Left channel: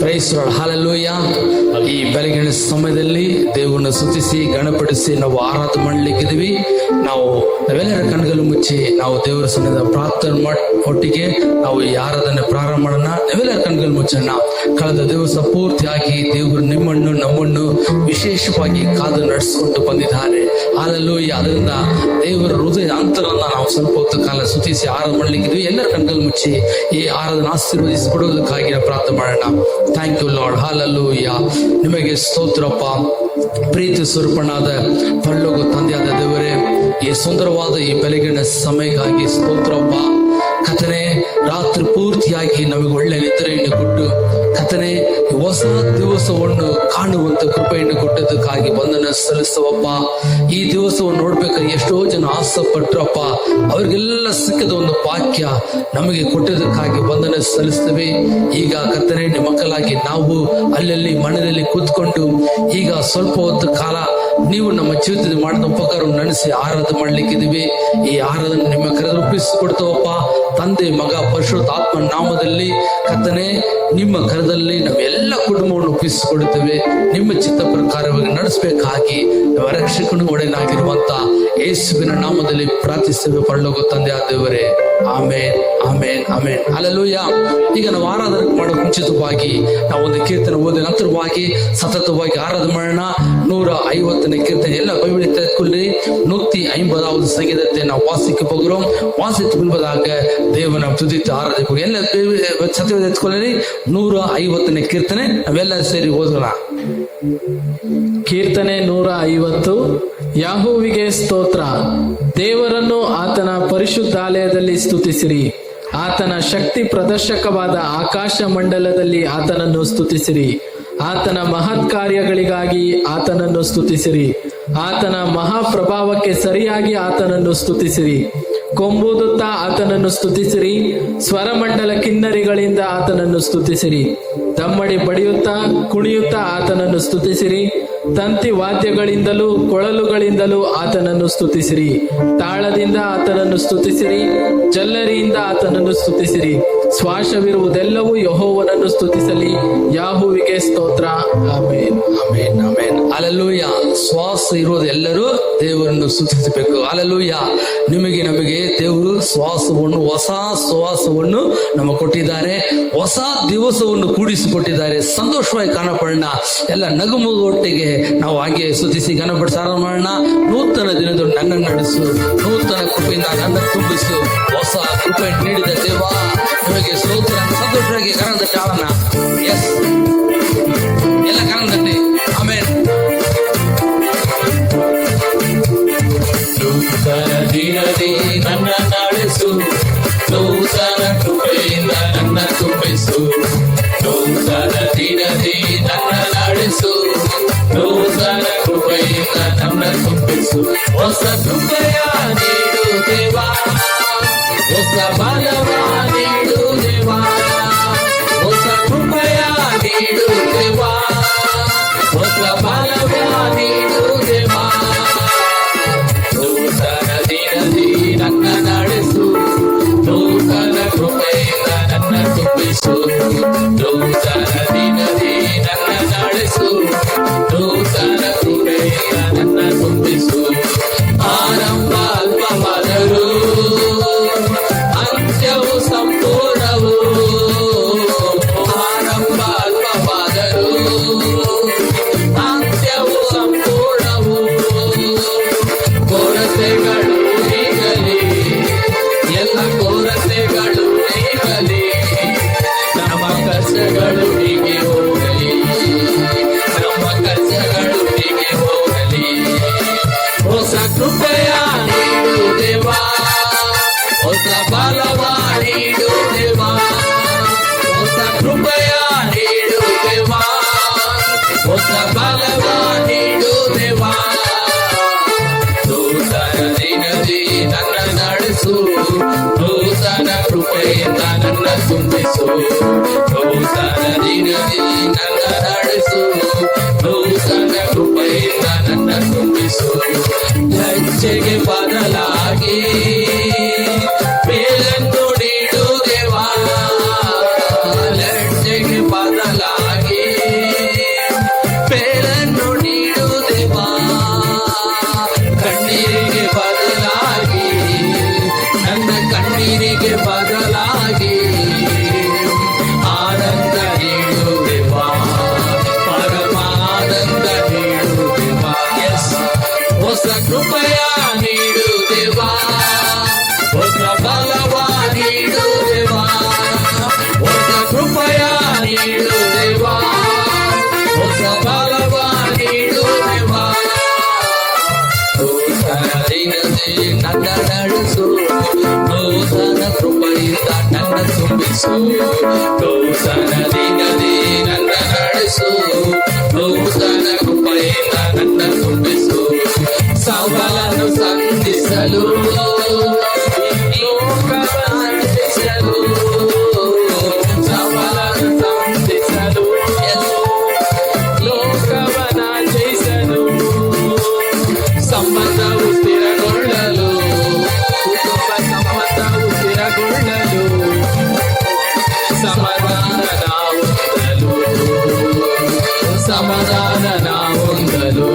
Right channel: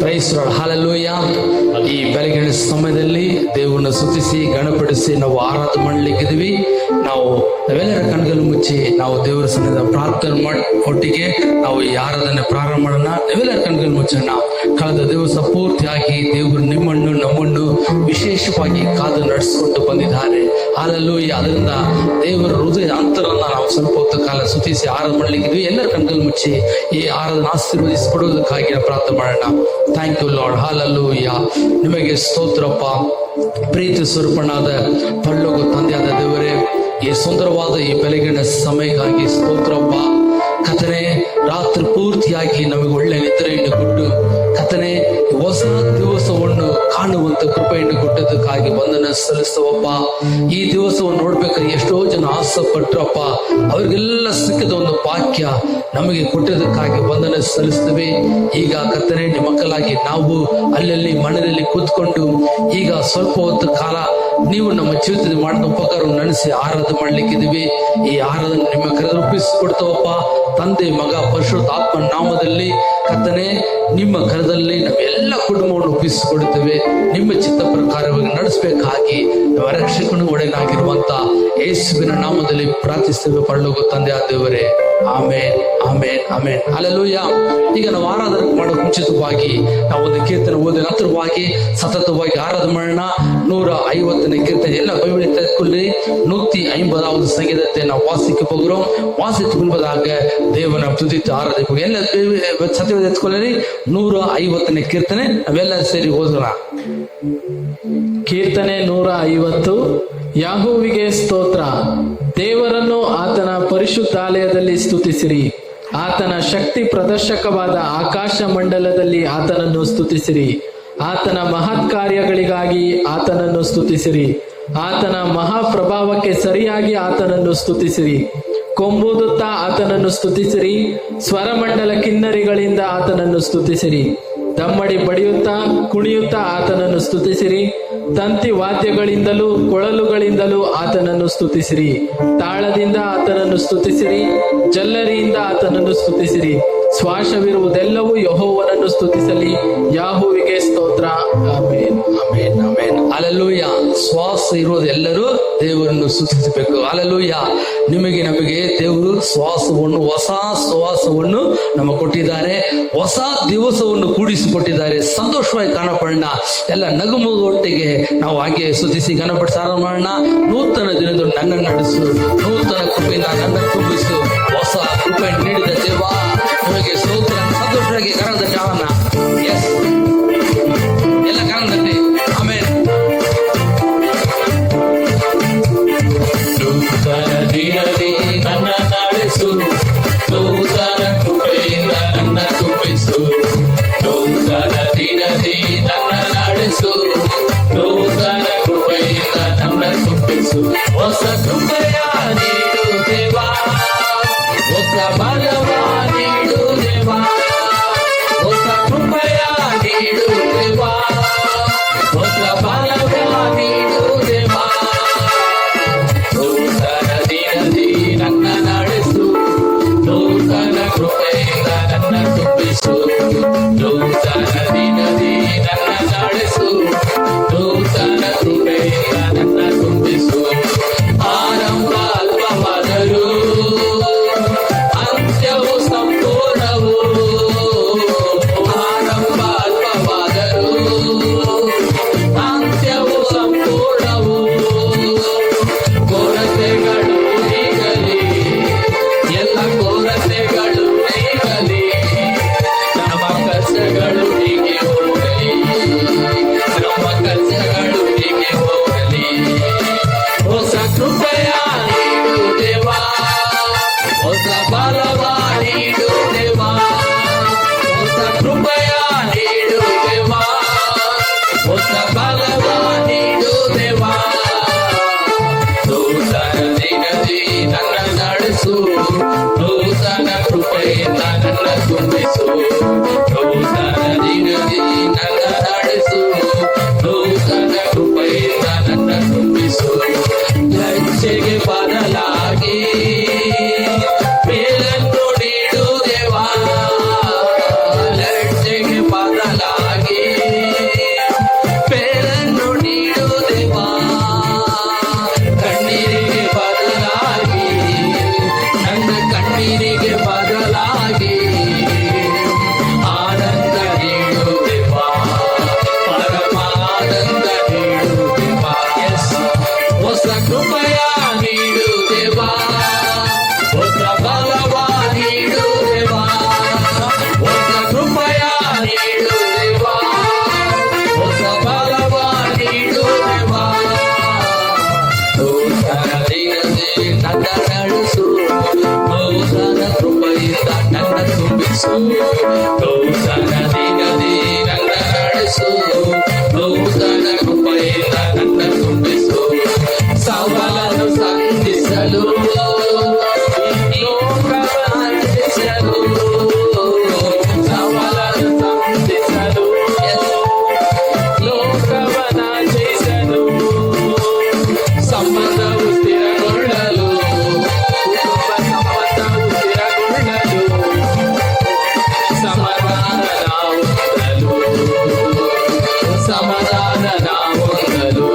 Price Lord, hallelujah. ಈ ಬೆಳಗಿನ ಸಮಯದಲ್ಲಿ ದೇವರನ್ನು ಸ್ತುತಿಸಿ ಗಣಪಡಿಸಿ ನಾವು ಆರಾಧನೆ ಮಾಡಲಿಕ್ಕಿದ್ವಿ. ನಾವೆಲ್ಲರ ಕಣ್ಗಳು ಮುಚ್ಚಿ ನಾವು ದೇವರ ಸನ್ನಿಧಿಯ ಪ್ರಾರ್ಥನೆ ಒಟ್ಟಿಗೆ ನಾವು ಈ ಆರಾಧನೆ ಪ್ರಾರಂಭ ಮಾಡೋಣ. ನಾವೆಲ್ಲರ ಕಣ್ಗಳು ಮುಚ್ಚೋಣ. ಕಳೆದ ದಿವಸ ಪೂರ್ತಿಯಾಗಿ ದೇವರು ನಿಮ್ಮನ್ನು ನಮ್ಮನ್ನು ವಿಶೇಷವಾಗಿ ಕಾದು ನಡೆಸಿಕೊಂಡು ಬಂದಿದ್ದಾರೆ. ಹಲ್ಲೆಲೂಯ. ಅದರಿಂದ ದೇವರ ಹೃದಯ ಅಂತರನ್ನ ನಾವು ಸ್ವಲ್ಪ ಹೊತ್ತು ಕಾಲ ಸ್ತುತಿಸಿ ಆರಾಧನೆ ಮಾಡಲಿಕ್ಕಿದ್ವಿ. ಎಲ್ಲರ ಕಣ್ಗಳು ಮುಚ್ಚಿ ಈ ಆರಾಧನೆ ಆಶೀರ್ವದಿಸಿಕೊಡುವುದಕ್ಕಾಗಿ ನಾವು ಪ್ರಾರ್ಥನೆ ಮಾಡೋಣ. Thank you Lord, hallelujah. ನಿಮಗೆ ಸ್ತೋತ್ರಪ್ಪ. ಪ್ರೀತಿ ಸ್ವರೂಪನಾದ ಪರಲೋಕ ತಂದೆಯಾದ ದೇವರೇ, ಈ ಸುಂದರವಾದ ಈ ಬೆಳಗಿನ ಸಮಯಕ್ಕಾಗಿ ಸ್ತೋತ್ರಪ್ಪ. ಕಥನೆ ರಾತ್ರಿ ಪೂರ್ತಿಯಾಗಿ ನಮಗೆ ಒಳ್ಳೆ ನಿದ್ರೆಯನ್ನು ಕೊಟ್ಟು ಕಥನೆ ಹೊಸ ದಿವಸವನ್ನು ಕಾಣುವಂತ ಕೃಪೆಯನ್ನು ಕೊಟ್ಟದಕ್ಕಾಗಿ ವಂದನೆ ಸಲ್ಲಿಸ್ತವಪ್ಪ. ಈ ದಿವಸವನ್ನು ನೋಡ್ಬೇಕಾದ್ರೆ ಎಷ್ಟೋ ಜನ ಆಸೆ ಪಟ್ರಪ್ಪ, ಅವ್ರಿಗೆಲ್ಲ ಸಿಕ್ಕದ ಒಂದು ವಾಕ್ಯ ನಮಗೆ ಕೊಟ್ಟದಕ್ಕಾಗಿ ವಂದನೆ ಸಲ್ಲಿಸ್ತೇವೆ. ಈಗ ಕರ್ತನೆ ನಿಮ್ಮ ಮಕ್ಕಳಾಗಿ ನಾವು ಅಲ್ಲಲ್ಲಿ ಮನೆಯಲ್ಲಿ ಕೂತ್ಕೊಂಡು ಈಗ ಸ್ವಲ್ಪ ಹೊತ್ತು ಕಾಲ ನೀವು ನಮ್ಮ ಜೀವಿತದಲ್ಲಿ ಮಾಡಿದ ಉಪಕಾರವನ್ನು ನೆನೆಸಿ ಆರಾಧನೆ ಮಾಡ್ಲಿಕ್ಕಿದ್ದೀವಿ. ಈ ಆರಾಧನೆ ನಿಮ್ಮ ಕರೆದು ಒಪ್ಪಿಸಿಕೊಡ್ತಾವಪ್ಪ. ತಂದೆ, ಮಗ, ಪರಿಶುದ್ಧಾತ್ಮ ನಾಮದಲ್ಲಿ ಕರ್ತನೆ ನಿಮ್ಮ ಕರದಲ್ಲಿ ನಾವೆಲ್ಲ ಕುಟುಂಬವನ್ನು ಒಪ್ಪಿಸಿಕೊಡುತ್ತೇವೆ. ನಿಮ್ಮ ಚಿತ್ತ ಪ್ರಕಾರವಾಗಿ ನಡೆಸಬೇಕಾಗಿ ನಮ್ಮ ರಕ್ಷಕನು ಒಡೆಯನಾಗಿರುವಂತ ಯೇಸುವಿನ ನಾಮದಲ್ಲಿ ಪ್ರಾರ್ಥಿಸುವ ಪರಲೋಕ ತಂದೆ ಆದವರೇ, ಆಮೇನ್, ಆಮೇನ್, ಆಮೇನ್, ಹಲ್ಲೆಲೂಯ. ಈಗ ನಾವು ಆರಾಧನೆ ಮಾಡೋ ಮುಂಚಿತವಾಗಿ ನಾವು ಒಂದು ಕೀರ್ತನೆ ಓದಿದ ನಂತರವಾಗಿ ಸತತವಾಗಿ ಆರಾಧನೆ ಮಾಡೋಣ. 150ನೇ ಕೀರ್ತನೆ ಎಲ್ಲ ಬೈಬಲ್ ತೆಗೆದುಕೊಳ್ಳಿ. 150வது ಸಂಗೀತத்தை ನಾವು வாசிக்க போகிறோம். வாசித்து முன்பதாக ದೇವನ ತುದಿತ ಆರಾಧನೆ ಎಲ್ಲ ಸತ್ಯ ಎತ್ಕೊಳ್ಳಿ. 150ನೇ ಕೀರ್ತನೆ ನಾವೆಲ್ಲ ಸೇರಿ ಓದೋಣ. ಕೀರ್ತನೆ 150. ಯಾಹೋವಿಗೆ ಸ್ತೋತ್ರ. ದೇವರನ್ನು ಆತನ ಪರಿಶುದ್ಧಾಲಯದಲ್ಲಿ ಸ್ತುತಿಸಿರಿ. ಆತನ ಶಕ್ತಿ ಪ್ರದರ್ಶಕವಾದ ಆಕಾಶ ಮಂಡಲದಲ್ಲಿ ಆತನನ್ನು ಸ್ತುತಿಸಿರಿ. ಆತನ ಮಹತ್ ಕಾರ್ಯಗಳಿಗಾಗಿ ಆತನನ್ನು ಸ್ತುತಿಸಿರಿ. ಆತನ ಮಹಾಪ್ರಭಾವಕ್ಕೆ ಸರಿಯಾಗಿ ಆತನನ್ನು ಸ್ತುತಿಸಿರಿ. ಕೊಂಬೂದುತ್ತಾ ಆತನನ್ನು ಸ್ತುತಿಸಿರಿ. ಸ್ವರಮಂಡಲ ಕಿನ್ನರಿಗಳಿಂದ ಆತನನ್ನು ಸ್ತುತಿಸಿರಿ. ದಮ್ಮಡಿ ಬಡಿಯುತ್ತಾ ಕುಣಿಯುತ್ತಾ ಆತನನ್ನು ಸ್ತುತಿಸಿರಿ. ತಂತಿ ವಾದ್ಯಗಳಿಂದಲೂ ಕೊಳಲುಗಳಿಂದಲೂ ಆತನನ್ನು ಸ್ತುತಿಸಿರಿ. ತಾಳದಿಂದ ಆತನನ್ನು ಸ್ತುತಿಸಿರಿ. ಜಲ್ಲರಿಯಿಂದ ಆತನನ್ನು ಸ್ತುತಿಸಿರಿ. ಶ್ವಾಸವಿರುವುದೆಲ್ಲವೂ ಯೆಹೋವನನ್ನು ಸ್ತುತಿಸಲಿ. ಯಾಹುವಿಗೆ ಸ್ತೋತ್ರ. ಆಮೇನ್, ಆಮೇನ್, ಆಮೇನ್, ಹಲ್ಲೆಲೂಯ. ಶ್ವಾಸ ಇರುವುದೆಲ್ಲರೂ ದೇವರನ್ನು ಸ್ತುತಿಸಬೇಕು. ಹಲ್ಲೆಲೂಯ. ನಿಮಗೆ ನಮಗೆ ದೇವರು ಶ್ವಾಸವನ್ನು, ಹೊಸ ಶ್ವಾಸವನ್ನು ನಮಗೆ ಕೊಟ್ಟಿದ್ದಾರೆ. ಹೊಸ ದಿವಸವನ್ನು ಕೂಡಿಸಿಕೊಟ್ಟಿದ್ದಾರೆ. ಸಂತೋಷವಾಗಿ ಕಾಣಪಡೋಣ. ಎಲ್ಲ ನಗುಮೊಟ್ಟಿಗೆ ನಾವು ಹಾಗೆ ಸ್ತುತಿಸಿ ಗಣಪತಿ ಆರಾಧನೆ ಮಾಡೋಣ. ನೂತನ ದಿನದಲ್ಲಿ ನನ್ನನ್ನು ನಡೆಸು, ನೂತನ ಕೃಪೆಯಿಂದ ನನ್ನ ತುಂಬಿಸು. ಹೊಸ ಕೃಪೆ ನೀಡಿದ ದೇವ ನಿಮಗೆ ಸ್ತೋತ್ರ. ಸಂತೋಷವಾಗಿ ಕನ್ನಡ ಜಾವನ. ಎಸ್, ಎಲ್ಲ ಕನ್ನಡದಲ್ಲಿ. ಆಮೇಲೆ ದಿನದಿ ನನ್ನ ನಡೆಸು, ನೂತನ ಕೃಪೆಯಿಂದ ನನ್ನ ತುಂಬಿಸು. ನೂತನ ದಿನದಿ ನನ್ನ ನಡೆಸು, ನೂತನ ಕೃಪೆಯಿಂದ ನನ್ನ ತುಂಬಿಸು. ಹೊಸ ಕೃಪೆಯ ನೀಡು ದೇವಾ, ಹೊಸ ಬಲವ ನೀಡು ದೇವಾ, ಹೊಸ ಸಮಾಧಾನ ಹೊಂದಲು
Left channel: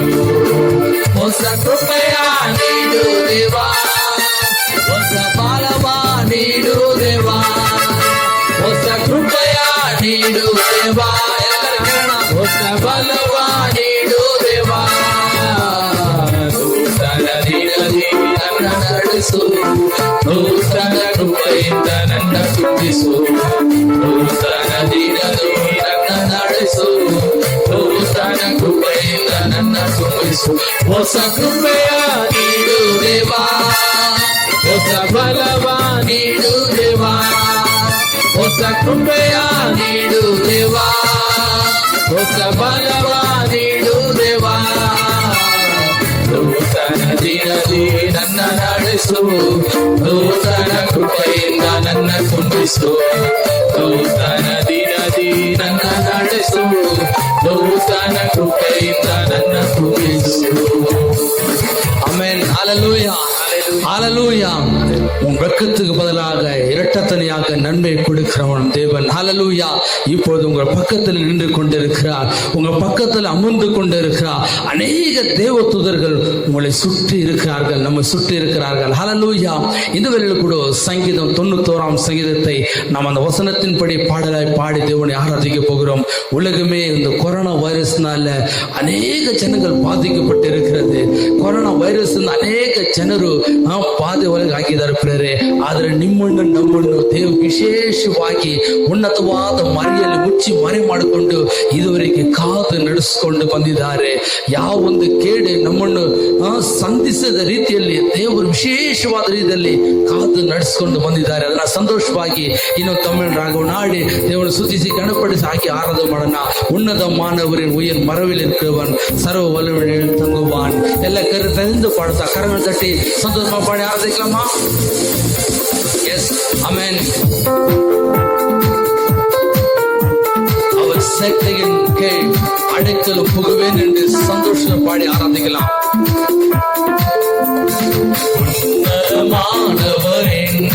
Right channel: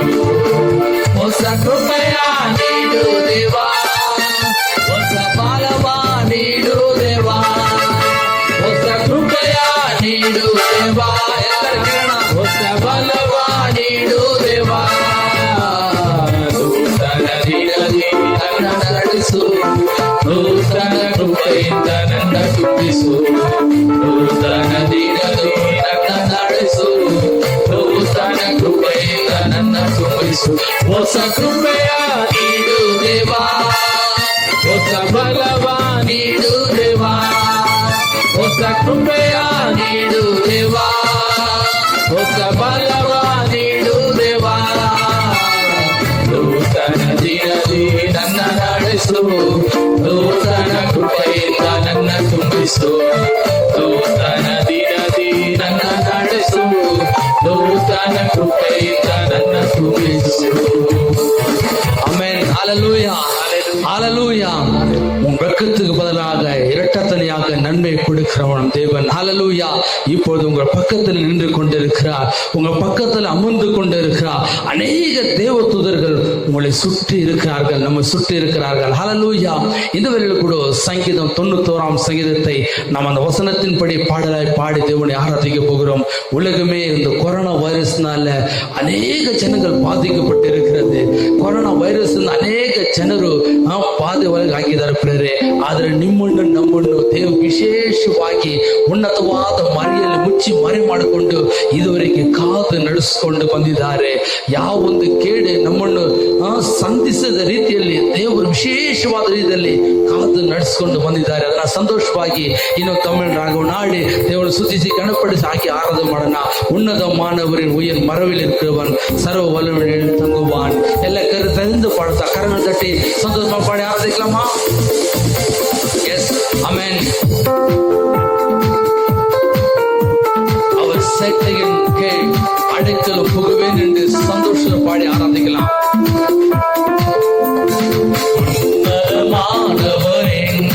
ಹೊಸ ಕೃಪೆಯ ನೀಡು ದೇವಾ, ಹೊಸ ಬಲವ ನೀಡು ದೇವಾ, ಹೊಸ ಕೃಪೆಯ ನೀಡು ದೇವಾ, ಹೊಸ ಬಲವ ನೀಡು ದೇವಾ. ನೂತನ ದಿನದಿ ನನ್ನ ನಡೆಸು, ನೂತನ ಕೃಪೆಯಿಂದ ನನ್ನ ತುಂಬಿಸು, ನೂತನ ದಿನದಿ ನನ್ನ ನಡೆಸು, ನೂತನ ಕೃಪೆಯಿಂದ ನನ್ನ ತುಂಬಿಸು. ಹೊಸ ಕೃಪೆಯ ನೀಡು ದೇವಾ, ಹೊಸ ಬಲವ ನೀಡು ದೇವಾ, ಹೊಸ ಕೃಪೆಯ ನೀಡು ದೇವಾ, ಹೊಸ ಬಲವ ನೀಡು ದೇವಾ. ನೂತನ ದಿನದಿ ನನ್ನ ನಡೆಸು, ನೂತನ ಕೃಪೆಯಿಂದ ನನ್ನ ತುಂಬಿಸು, ನೂತನ ದಿನದಿ ನನ್ನ ನಡೆಸು, ನೂತನ ಕೃಪೆಯಿಂದ ನನ್ನ ತುಂಬಿಸು. ஆமென். ஹalleluya, ஹalleluya. உன் வெட்கத்துக்கு பதிலாக இரட்டத்தனையாக நன்மை கொடுக்கிறவன் தேவன். ஹalleluya. இப்பொழுது உங்கள் பக்கத்தில் நின்று கொண்டிருக்கிறார், உங்கள் பக்கத்தில் அமர்ந்து கொண்டிருக்கிறார். அநேக தேவதூதர்கள் உங்களை சுற்றி இருக்கிறார்கள், நம்மை சுற்றி இருக்கிறார்கள். ஹalleluya. இந்த வேளையில் கூட சங்கீதம் 91 சங்கீதத்தை நாம் அந்த வசனத்தின்படி பாடலாய் பாடி தேவனை ஆராதிக்க போகிறோம். உலகமே இந்த கொரோனா வைரஸ்னால அநேக ஜனங்கள் பாதிக்கப்பட்டு இருக்கிறது. ಕೊರೋನಾ ವೈರಸ್ ಅನೇಕ ಜನರು ಬಾಧೆ ಒಳಗೆ ಆಗಿದ್ದಾರೆ ಪ್ರಿಯರೇ. ಆದರೆ ನಿಮ್ಮನ್ನು ನಮ್ಮನ್ನು ದೇವರು ವಿಶೇಷವಾಗಿ ಉನ್ನತವಾದ ಮರೆಯಲ್ಲಿ ಮುಚ್ಚಿ ಮರೆ ಮಾಡಿಕೊಂಡು ಇದುವರೆಗೆ ಕಾದು ನಡೆಸಿಕೊಂಡು ಬಂದಿದ್ದಾರೆ. ಯಾವ ಒಂದು ಕೇಡೆ ನಮ್ಮನ್ನು ಸಂಧಿಸದ ರೀತಿಯಲ್ಲಿ ದೇವರು ವಿಶೇಷವಾದ ರೀತಿಯಲ್ಲಿ ಕಾದು ನಡೆಸಿಕೊಂಡು ಬಂದಿದ್ದಾರೆ. ಅದನ್ನ ಸಂತೋಷವಾಗಿ ಇನ್ನು ತಮಿಳು ರಾಗವನ್ನು ಹಾಡಿ ದೇವರು ಸ್ತುತಿಸಿ ಗಣಪಡಿಸಿ ಹಾಕಿ ಆರಾಧನೆ ಮಾಡೋಣ. ಉನ್ನತ ಮಾನವரின் உயர் மரவில் இருக்கிறவன் சர்வ வல்லவன் தங்குவான். எல்லா கருத்து பாடுத்தா கரங்கள் தட்டி சந்தோஷமா பாடி ஆராதிக்கலாமா? எஸ், ஆமென். அவர் சேட்டையின் கீழ் அடைக்கலம் புகுவேன் என்று சந்தோஷத்தை பாடி ஆராதிக்கலாம். மாணவரின்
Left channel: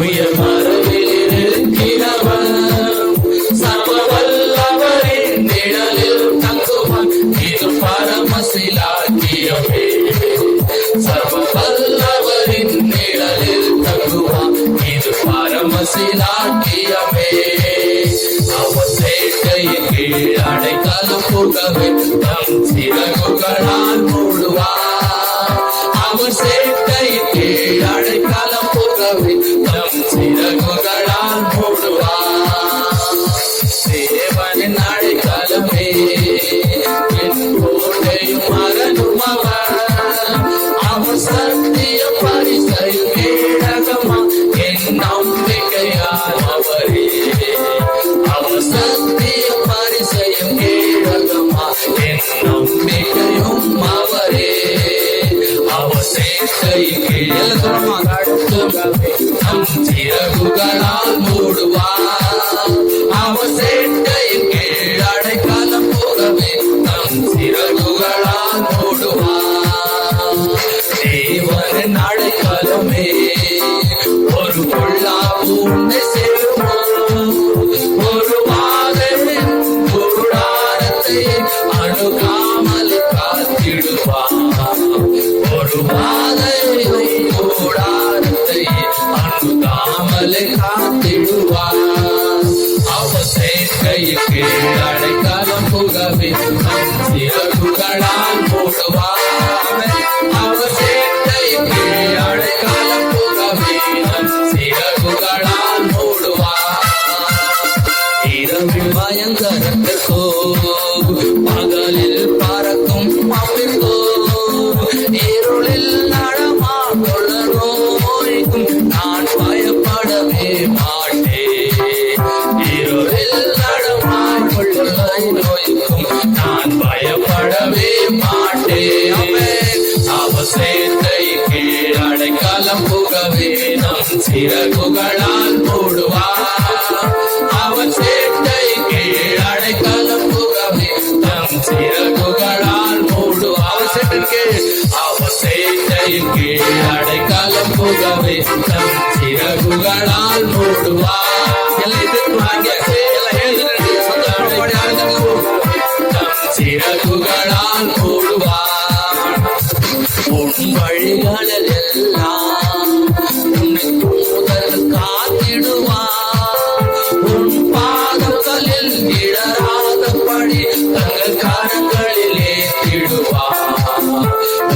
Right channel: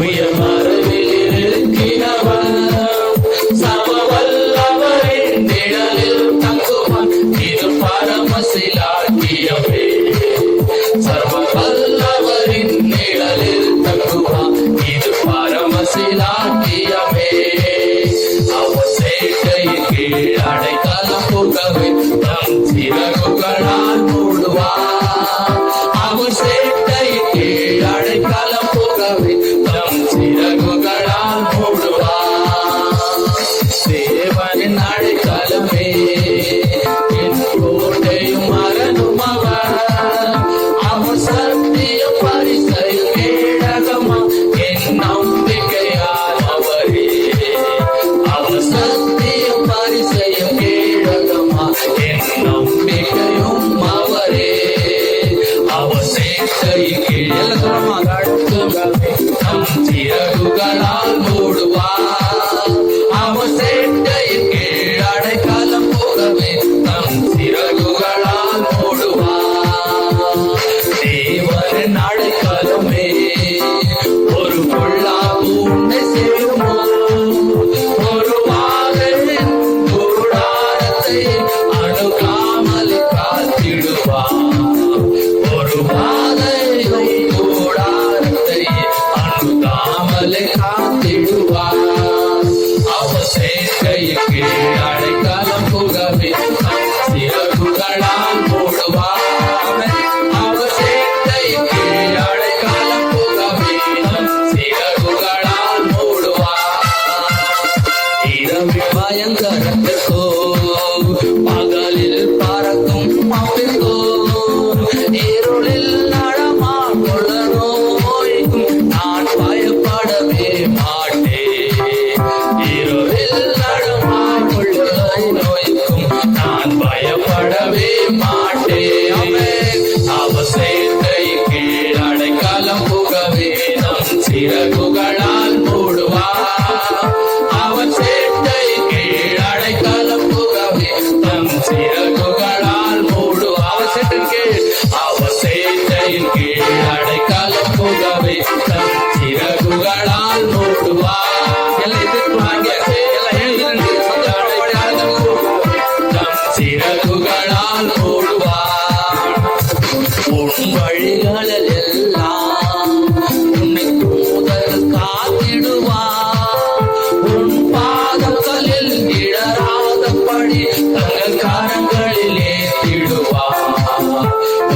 உயர் மரவில் இருக்கிறவன் சர்வ வல்லவரின் நிழலில் தங்குவான். இது பரமசிலாக்கியமே, சர்வ வல்லவரின் நிழலில் தங்குவான். இது பரமசிலாக்கியமே. அவர் சேட்டையின் கீழ் அடைக்கலம் புகவே தன் சிறகுகளால் மூடுவார். அவர் சேட்டையின் கீழ் அடைக்கலம் புகவே தன் சிறகுகளால் மூடுவார். தேவனின் அடைக்கலமே என் கோட்டையும் மகனும் அவர். அவர் சத்திய பரிசையும் கேடகமா என் நம்பிக்கையானவரே. அவர் சத்திய பரிசையும் கேடகமா என் நம்பிக்கையும் அவரே. அவர் சேட்டையின் கீழ் தம் சிறகுகளால் மூடுவார். அவர் சேட்டையின் கீழ் அடைக்கலம் புகவே தம் சிறகுகளால் மூடுவார். தேவனின் அடைக்கலமே ஒரு பொல்லாப்பு உன்னை சேருமோ? ஒரு வாதையின் கூடாரத்தை அணுகாமல் காத்திடுவார். ஒரு வாதையின் கூடாரத்தை அணுகாமல் காத்திடுவார். அவர் சேட்டையின் கீழ் அடைக்கலம் புகவே தம் சிறகுகளால் மூடுவார். அவர் சேட்டையின் கீழ் அடைக்கலம் புகவே தம் சிறகுகளால் மூடுவார். இரவில் பயங்கரத்திற்கோ பகலில் பறக்கும் பாம்பிற்கோ இருளில் நடமாட நோய்க்கும் நான் பயப்படவே மாட்டேன். இருளில் நடமாட நோய்க்கும் நான் பயப்படவே மாட்டேன். அவர் சேட்டையின் கீழ் அடைக்கலம் புகவே தம் சிறகுகளால் மூடுவார். அவர் சேட்டையின் கீழ் அடைக்கலம் புகவே இடராதபடி தங்கள் கரங்களிலே திடுவார்.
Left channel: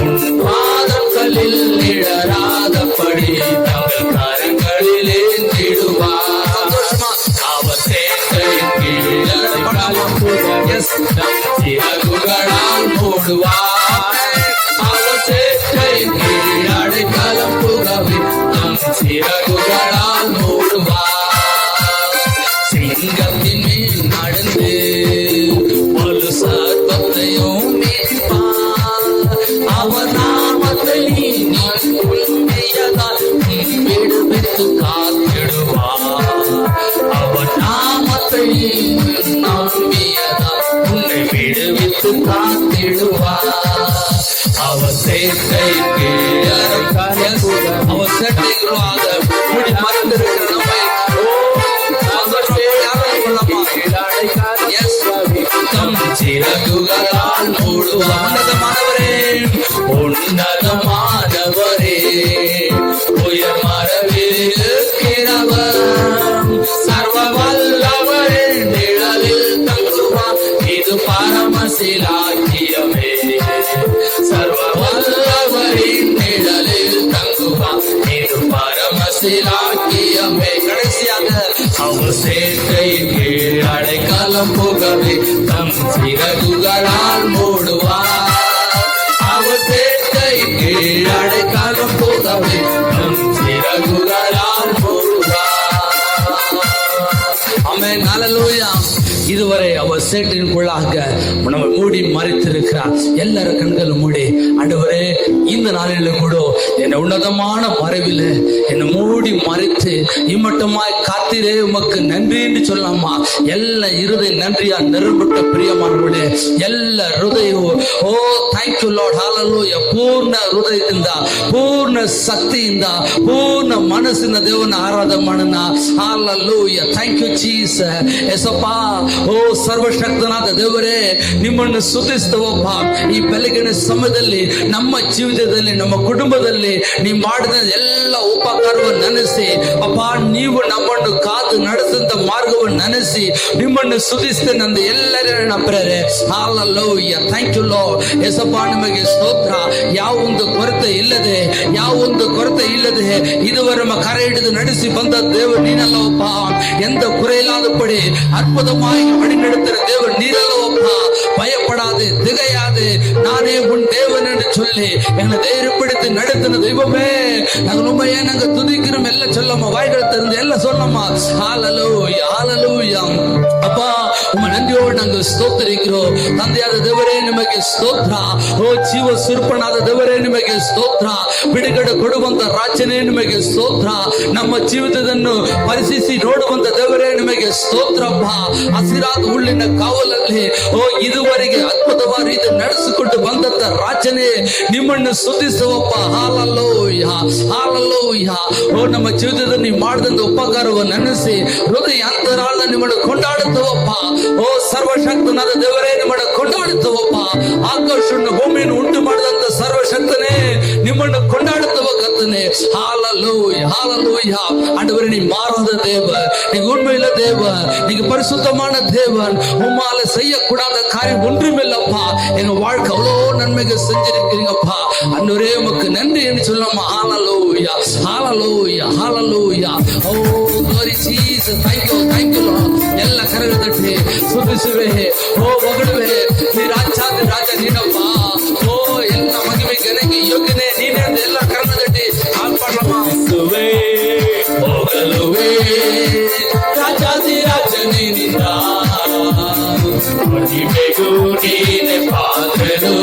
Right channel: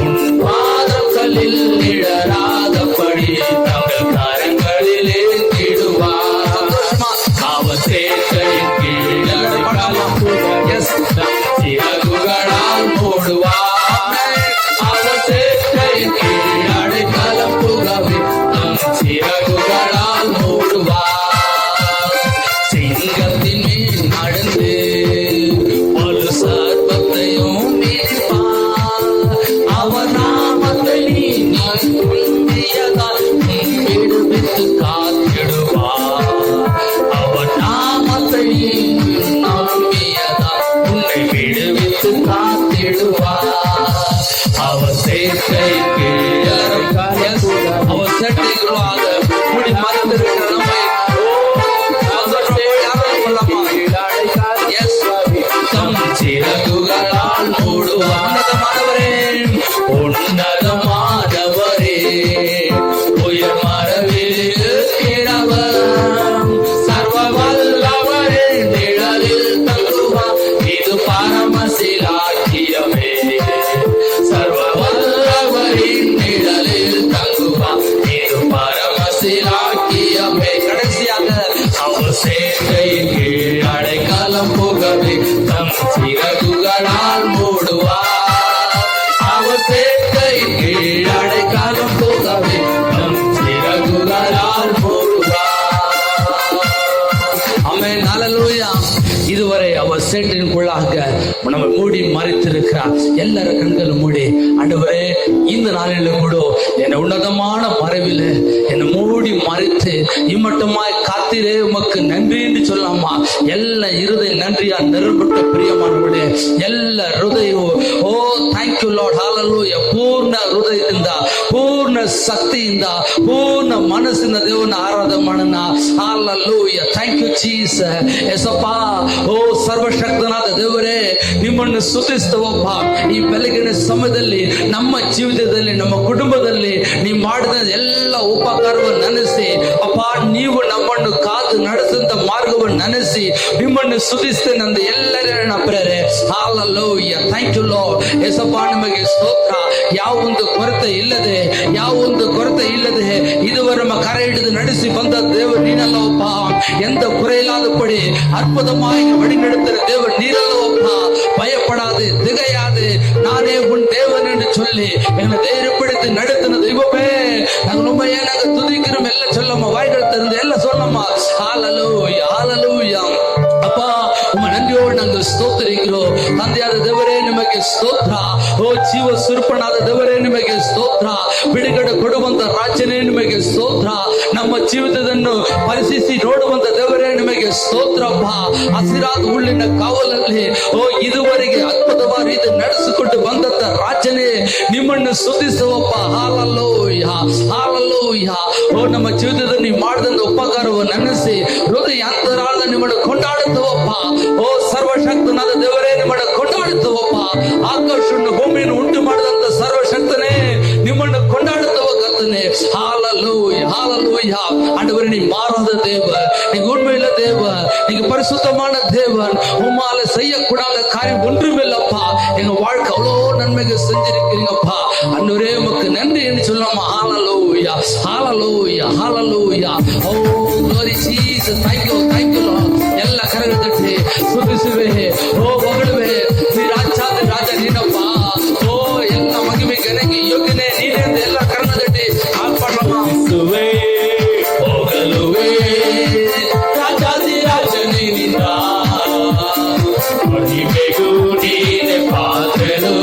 உன் பாதங்களில் இடராதபடி தங்கள் கரங்களிலே திடுவார். அவசேத்தையின் கீழ் அடைக்கலம் சிறகுகளால் மூடுவார். அவசேத்தையின் கீழ் அடைக்கலம் புகவே தம் சிறகுகளால் மூடுவார். சிங்கத்தின் மேல் நடந்து ஒரு சர்ப்பத்தையும் மீட்பார். அவர் நாமத்தை நம்பியதால் விடுவித்து காத்திடுவார். அவர் நாமத்தை நம்பியதால் உன்னை விடுவித்து காத்திடுவார். அவர் சேர்க்கை அவர் சட்டைகளாக முடி மறந்திருக்கிற நம்மை சிறகுகளால் மூடுவானதமானவரே, உன்னதமானவரே, உயர் மரவில் இருக்கிறவர், சர்வ வல்லவரே, நிழலில் தங்குவார். இது பரமசிலாக்கியமே. சர்வ வல்லவரின் நிழலில் தங்குவார். இது பரமசிலாக்கியமே. கடைசியாக அவர் சேர்க்கையின் கீழ் அடைக்கலம் புகவே தம் சிறகுகளால் மூடுவார். அவர் சேர்க்கையின் கீழ் அடைக்கலம் புகவே தம் சிறகுகளால் மூடுவார். ஆமென், ஹல்லேலூயா. இதுவரை அவர் சேற்றினுக்குள்ளாக நம்ம மூடி மறைத்திருக்கிறார். எல்லாரும் கண்களும் மூடி, ஆண்டவரே இந்த நாளிலும் கூட என்னை உன்னதமான மறைவில் என்னை மூடி மறைத்து இம்மட்டமாய் காத்திரே உமக்கு நன்றி என்று சொல்லாமா. எல்லா இருதய நன்றியா நிரப்பட்ட பிரியமானவர்களே, ಎಲ್ಲ ಹೃದಯವು ಓ ಥ್ಯಾಂಕ್ ಯು ಲಾರ್ಡ್ ಹಾಲೆಲೂಯಾ. ಪೂರ್ಣ ಹೃದಯದಿಂದ, ಪೂರ್ಣ ಶಕ್ತಿಯಿಂದ, ಪೂರ್ಣ ಮನಸ್ಸಿನ ದೇವನ ಆರಾಧನೆ ಮಾಡೋಣ. ಹಾಲೆಲೂಯಾ. Thank you Jesus. ಯೇಸಪ್ಪ, ಓ ಸರ್ವಶಕ್ತನಾದ ದೇವರೇ, ನಿಮ್ಮನ್ನು ಸ್ತುತಿಸ್ತೇವಪ್ಪ. ಈ ಬೆಳಗಿನ ಸಮಯದಲ್ಲಿ ನಮ್ಮ ಜೀವಿತದಲ್ಲಿ, ನಮ್ಮ ಕುಟುಂಬದಲ್ಲಿ ನೀವು ಮಾಡಿದ ಎಲ್ಲ ಉಪಕಾರವನ್ನು ನೆನೆಸಿ ಅಪ್ಪ, ನೀವು ನಮ್ಮನ್ನು ಕಾದು ನಡೆಸಿದ ಮಾರ್ಗವನ್ನು ನೆನೆಸಿ ನಿಮ್ಮನ್ನು ಸ್ತುತಿಸ್ತೇನೆ ಅಂದ ಎಲ್ಲರ ಪ್ರೇರೆ. ಹಾಲೆಲೂಯಾ. Thank you Lord. ಯೇಸಪ್ಪ, ನಿಮಗೆ ಸ್ತೋತ್ರ. ಯಾವೊಂದು ಕೊರತೆ ಇಲ್ಲದೆ, ಯಾವೊಂದು ಕೊರತೆ ಇಲ್ಲದೆ ಇದುವರೆ ನಮ್ಮ ಕರೆ ಹಿಡಿದು ನಡೆಸಿ ಬಂದ ದೇವರು ನೀನಲ್ಲವಪ್ಪ. ಎಂತ குறையில்லாத படி அற்புதமாய் வழி நடத்துகிற தேவன் நீரல்லவப்பா. பயப்படாது, திகையாது, நானே உன் தேவன் என்று சொல்லி என்னை தைரியப்படுத்தி நடத்தின தெய்வமே, நாங்க உண்மையா நாங்க துதிக்கிறோம். எல்லாம் சொல்லமா, வாய்கள் திறந்து எல்லாம் சொன்னோமா. ஹல்லேலூயா, ஹல்லேலூயா. அப்பா, உங்க நன்றியோடு நாங்கள் ಸ್ತೋತ್ರಿக்கிறோம். ತಂದೆಯಾದ ದೇವರೇ ನಿಮಗೆ ಸ್ತೋತ್ರ. ಓ ಜೀವ ಸ್ವರೂಪನಾದ ದೇವರೇ ನಿಮಗೆ ಸ್ತೋತ್ರ. ಬಿಡುಗಡೆ ಕೊಡುವಂತ ರಾಜನೇ ನಿಮಗೆ ಸ್ತೋತ್ರ. ನಮ್ಮ ಜೀವಿತವನ್ನು ಪರಿಶೀಲಿಸಿ ನೋಡುವಂತ ದೇವರೇ ನಿಮಗೆ ಸ್ತೋತ್ರಪ್ಪ. ಹಸಿರಾದ ಹುಲ್ಲಿನ ಕಾವಲಲ್ಲಿ ಓ ಇದುವರೆಗೆ ಅದ್ಭುತವಾದ ರೀತಿ ನಡೆಸಿಕೊಂಡು ಬಂದಂತ ರಾಜನೇ ನಿಮ್ಮನ್ನು ಸ್ತುತಿಸುವಪ್ಪ. Hallelujah, hallelujah. ಓ ನಮ್ಮ ಜೀವಿತದಲ್ಲಿ ಮಾಡಿದಂತ ಉಪಕಾರವನ್ನು ನೆನೆಸಿ ಹೃದಯ ಅಂತರಾಳ ನಿಮ್ಮನ್ನು ಕೊಂಡಾಡುತ್ತವಪ್ಪ. ಓ ಸರ್ವಶಕ್ತನಾದ ದೇವರೇ ನಿಮ್ಮನ್ನು ಕೊಂಡಾಡುತ್ತವಪ್ಪ. ಆಕಾಶವನ್ನು ಭೂಮಿಯನ್ನು ಉಂಟು ಮಾಡಿದಂತ ಸರ್ವಶಕ್ತನೇ ನಿಮ್ಮನ್ನು ಕೊಂಡಾಡುತ್ತವ ಕರ್ತನೆ. ஹalleluya, ஹalleluya. ஆண்டவரே, நீ மாறாத தேவன், நீ உண்மையுள்ள தேவன், நீங்க பரிசுத்தமான தேவன். உம்மால செய்யக்கூடாத காரியம் ஒன்றுமில்லப்பா. எங்க வாழ்க்கை அவ்வளோ நன்மைகள் செஞ்சிருக்கிறீங்கப்பா. ஆண்டவரே, உமக்கு நன்றி என்று சொல்லலாமா. ஹalleluya, ஹalleluya, ஹalleluya. ஓ glory Jesus. Thank you, thank you Lord. ಎಲ್ಲ ಕರಗಳು ತಟ್ಟಿ ಸ್ತುತಿಸುವೆ. ಓ ಹೊಗಳುವೆ. ನೀ ರಾಜಾದ ರಾಜ ನೀನಪ್ಪ. ಓ ಎಲ್ಲ ಮಹಿಮೆ ಘನಕ್ಕೆ ಯೋಗ್ಯನೇ ನೀನೇ ಅಂತ ಎಲ್ಲ ಕರಗಳು ತಟ್ಟಿ ಆತ್ಮಸುವೆ. ಹೋಗಲುವೆ ರಾಜಾದಿ ರಾಜ ನೀನಿಂದ ಮಹಿಮೆಗೂ ನೀನೆ ಪಾತ್ರರು.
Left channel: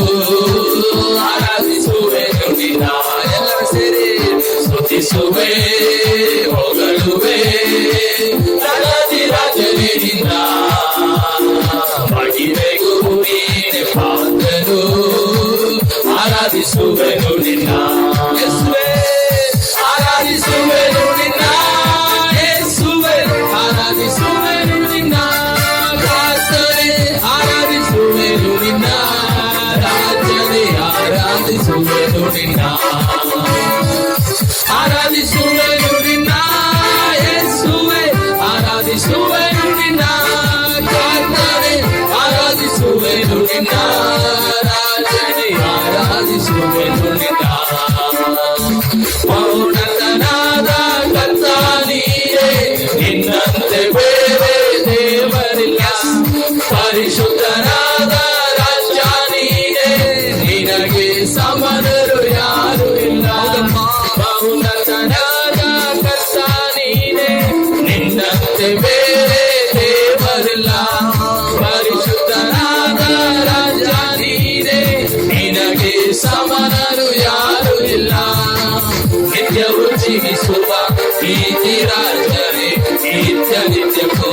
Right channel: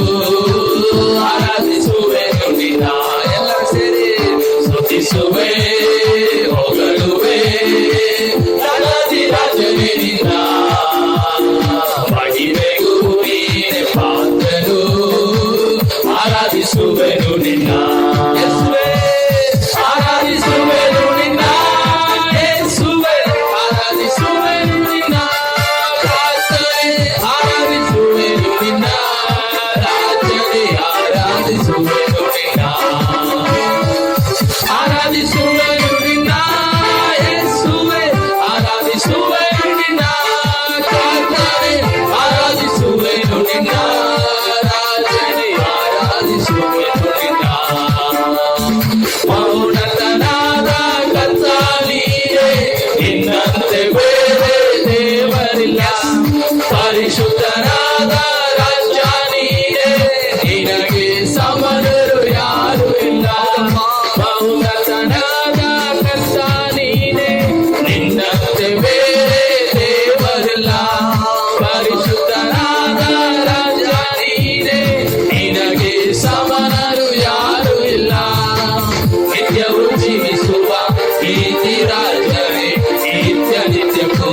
ಪರಿಶುದ್ಧನಾದ ರಾಜ ನೀನೇ, ನಿನಗೆ ಸಮನರು ಯಾರು ಇಲ್ಲ. ಬಹುರತನಾದ ಕರ್ತ ನೀನೇ, ನಿನ್ನಂತೆ ಬೇರೆ ದೇವರಿಲ್ಲ. ಪರಿಶುದ್ಧನಾದ ರಾಜ ನೀನೇ, ನಿನಗೆ ಸಮನರು ಯಾರು ಇಲ್ಲ. ನಿತ್ಯವು ಜೀವಿಸುವ ಪ್ರೀತಿ ರಾಜನೇ, ನಿತ್ಯ ನಿತ್ಯಕ್ಕೂ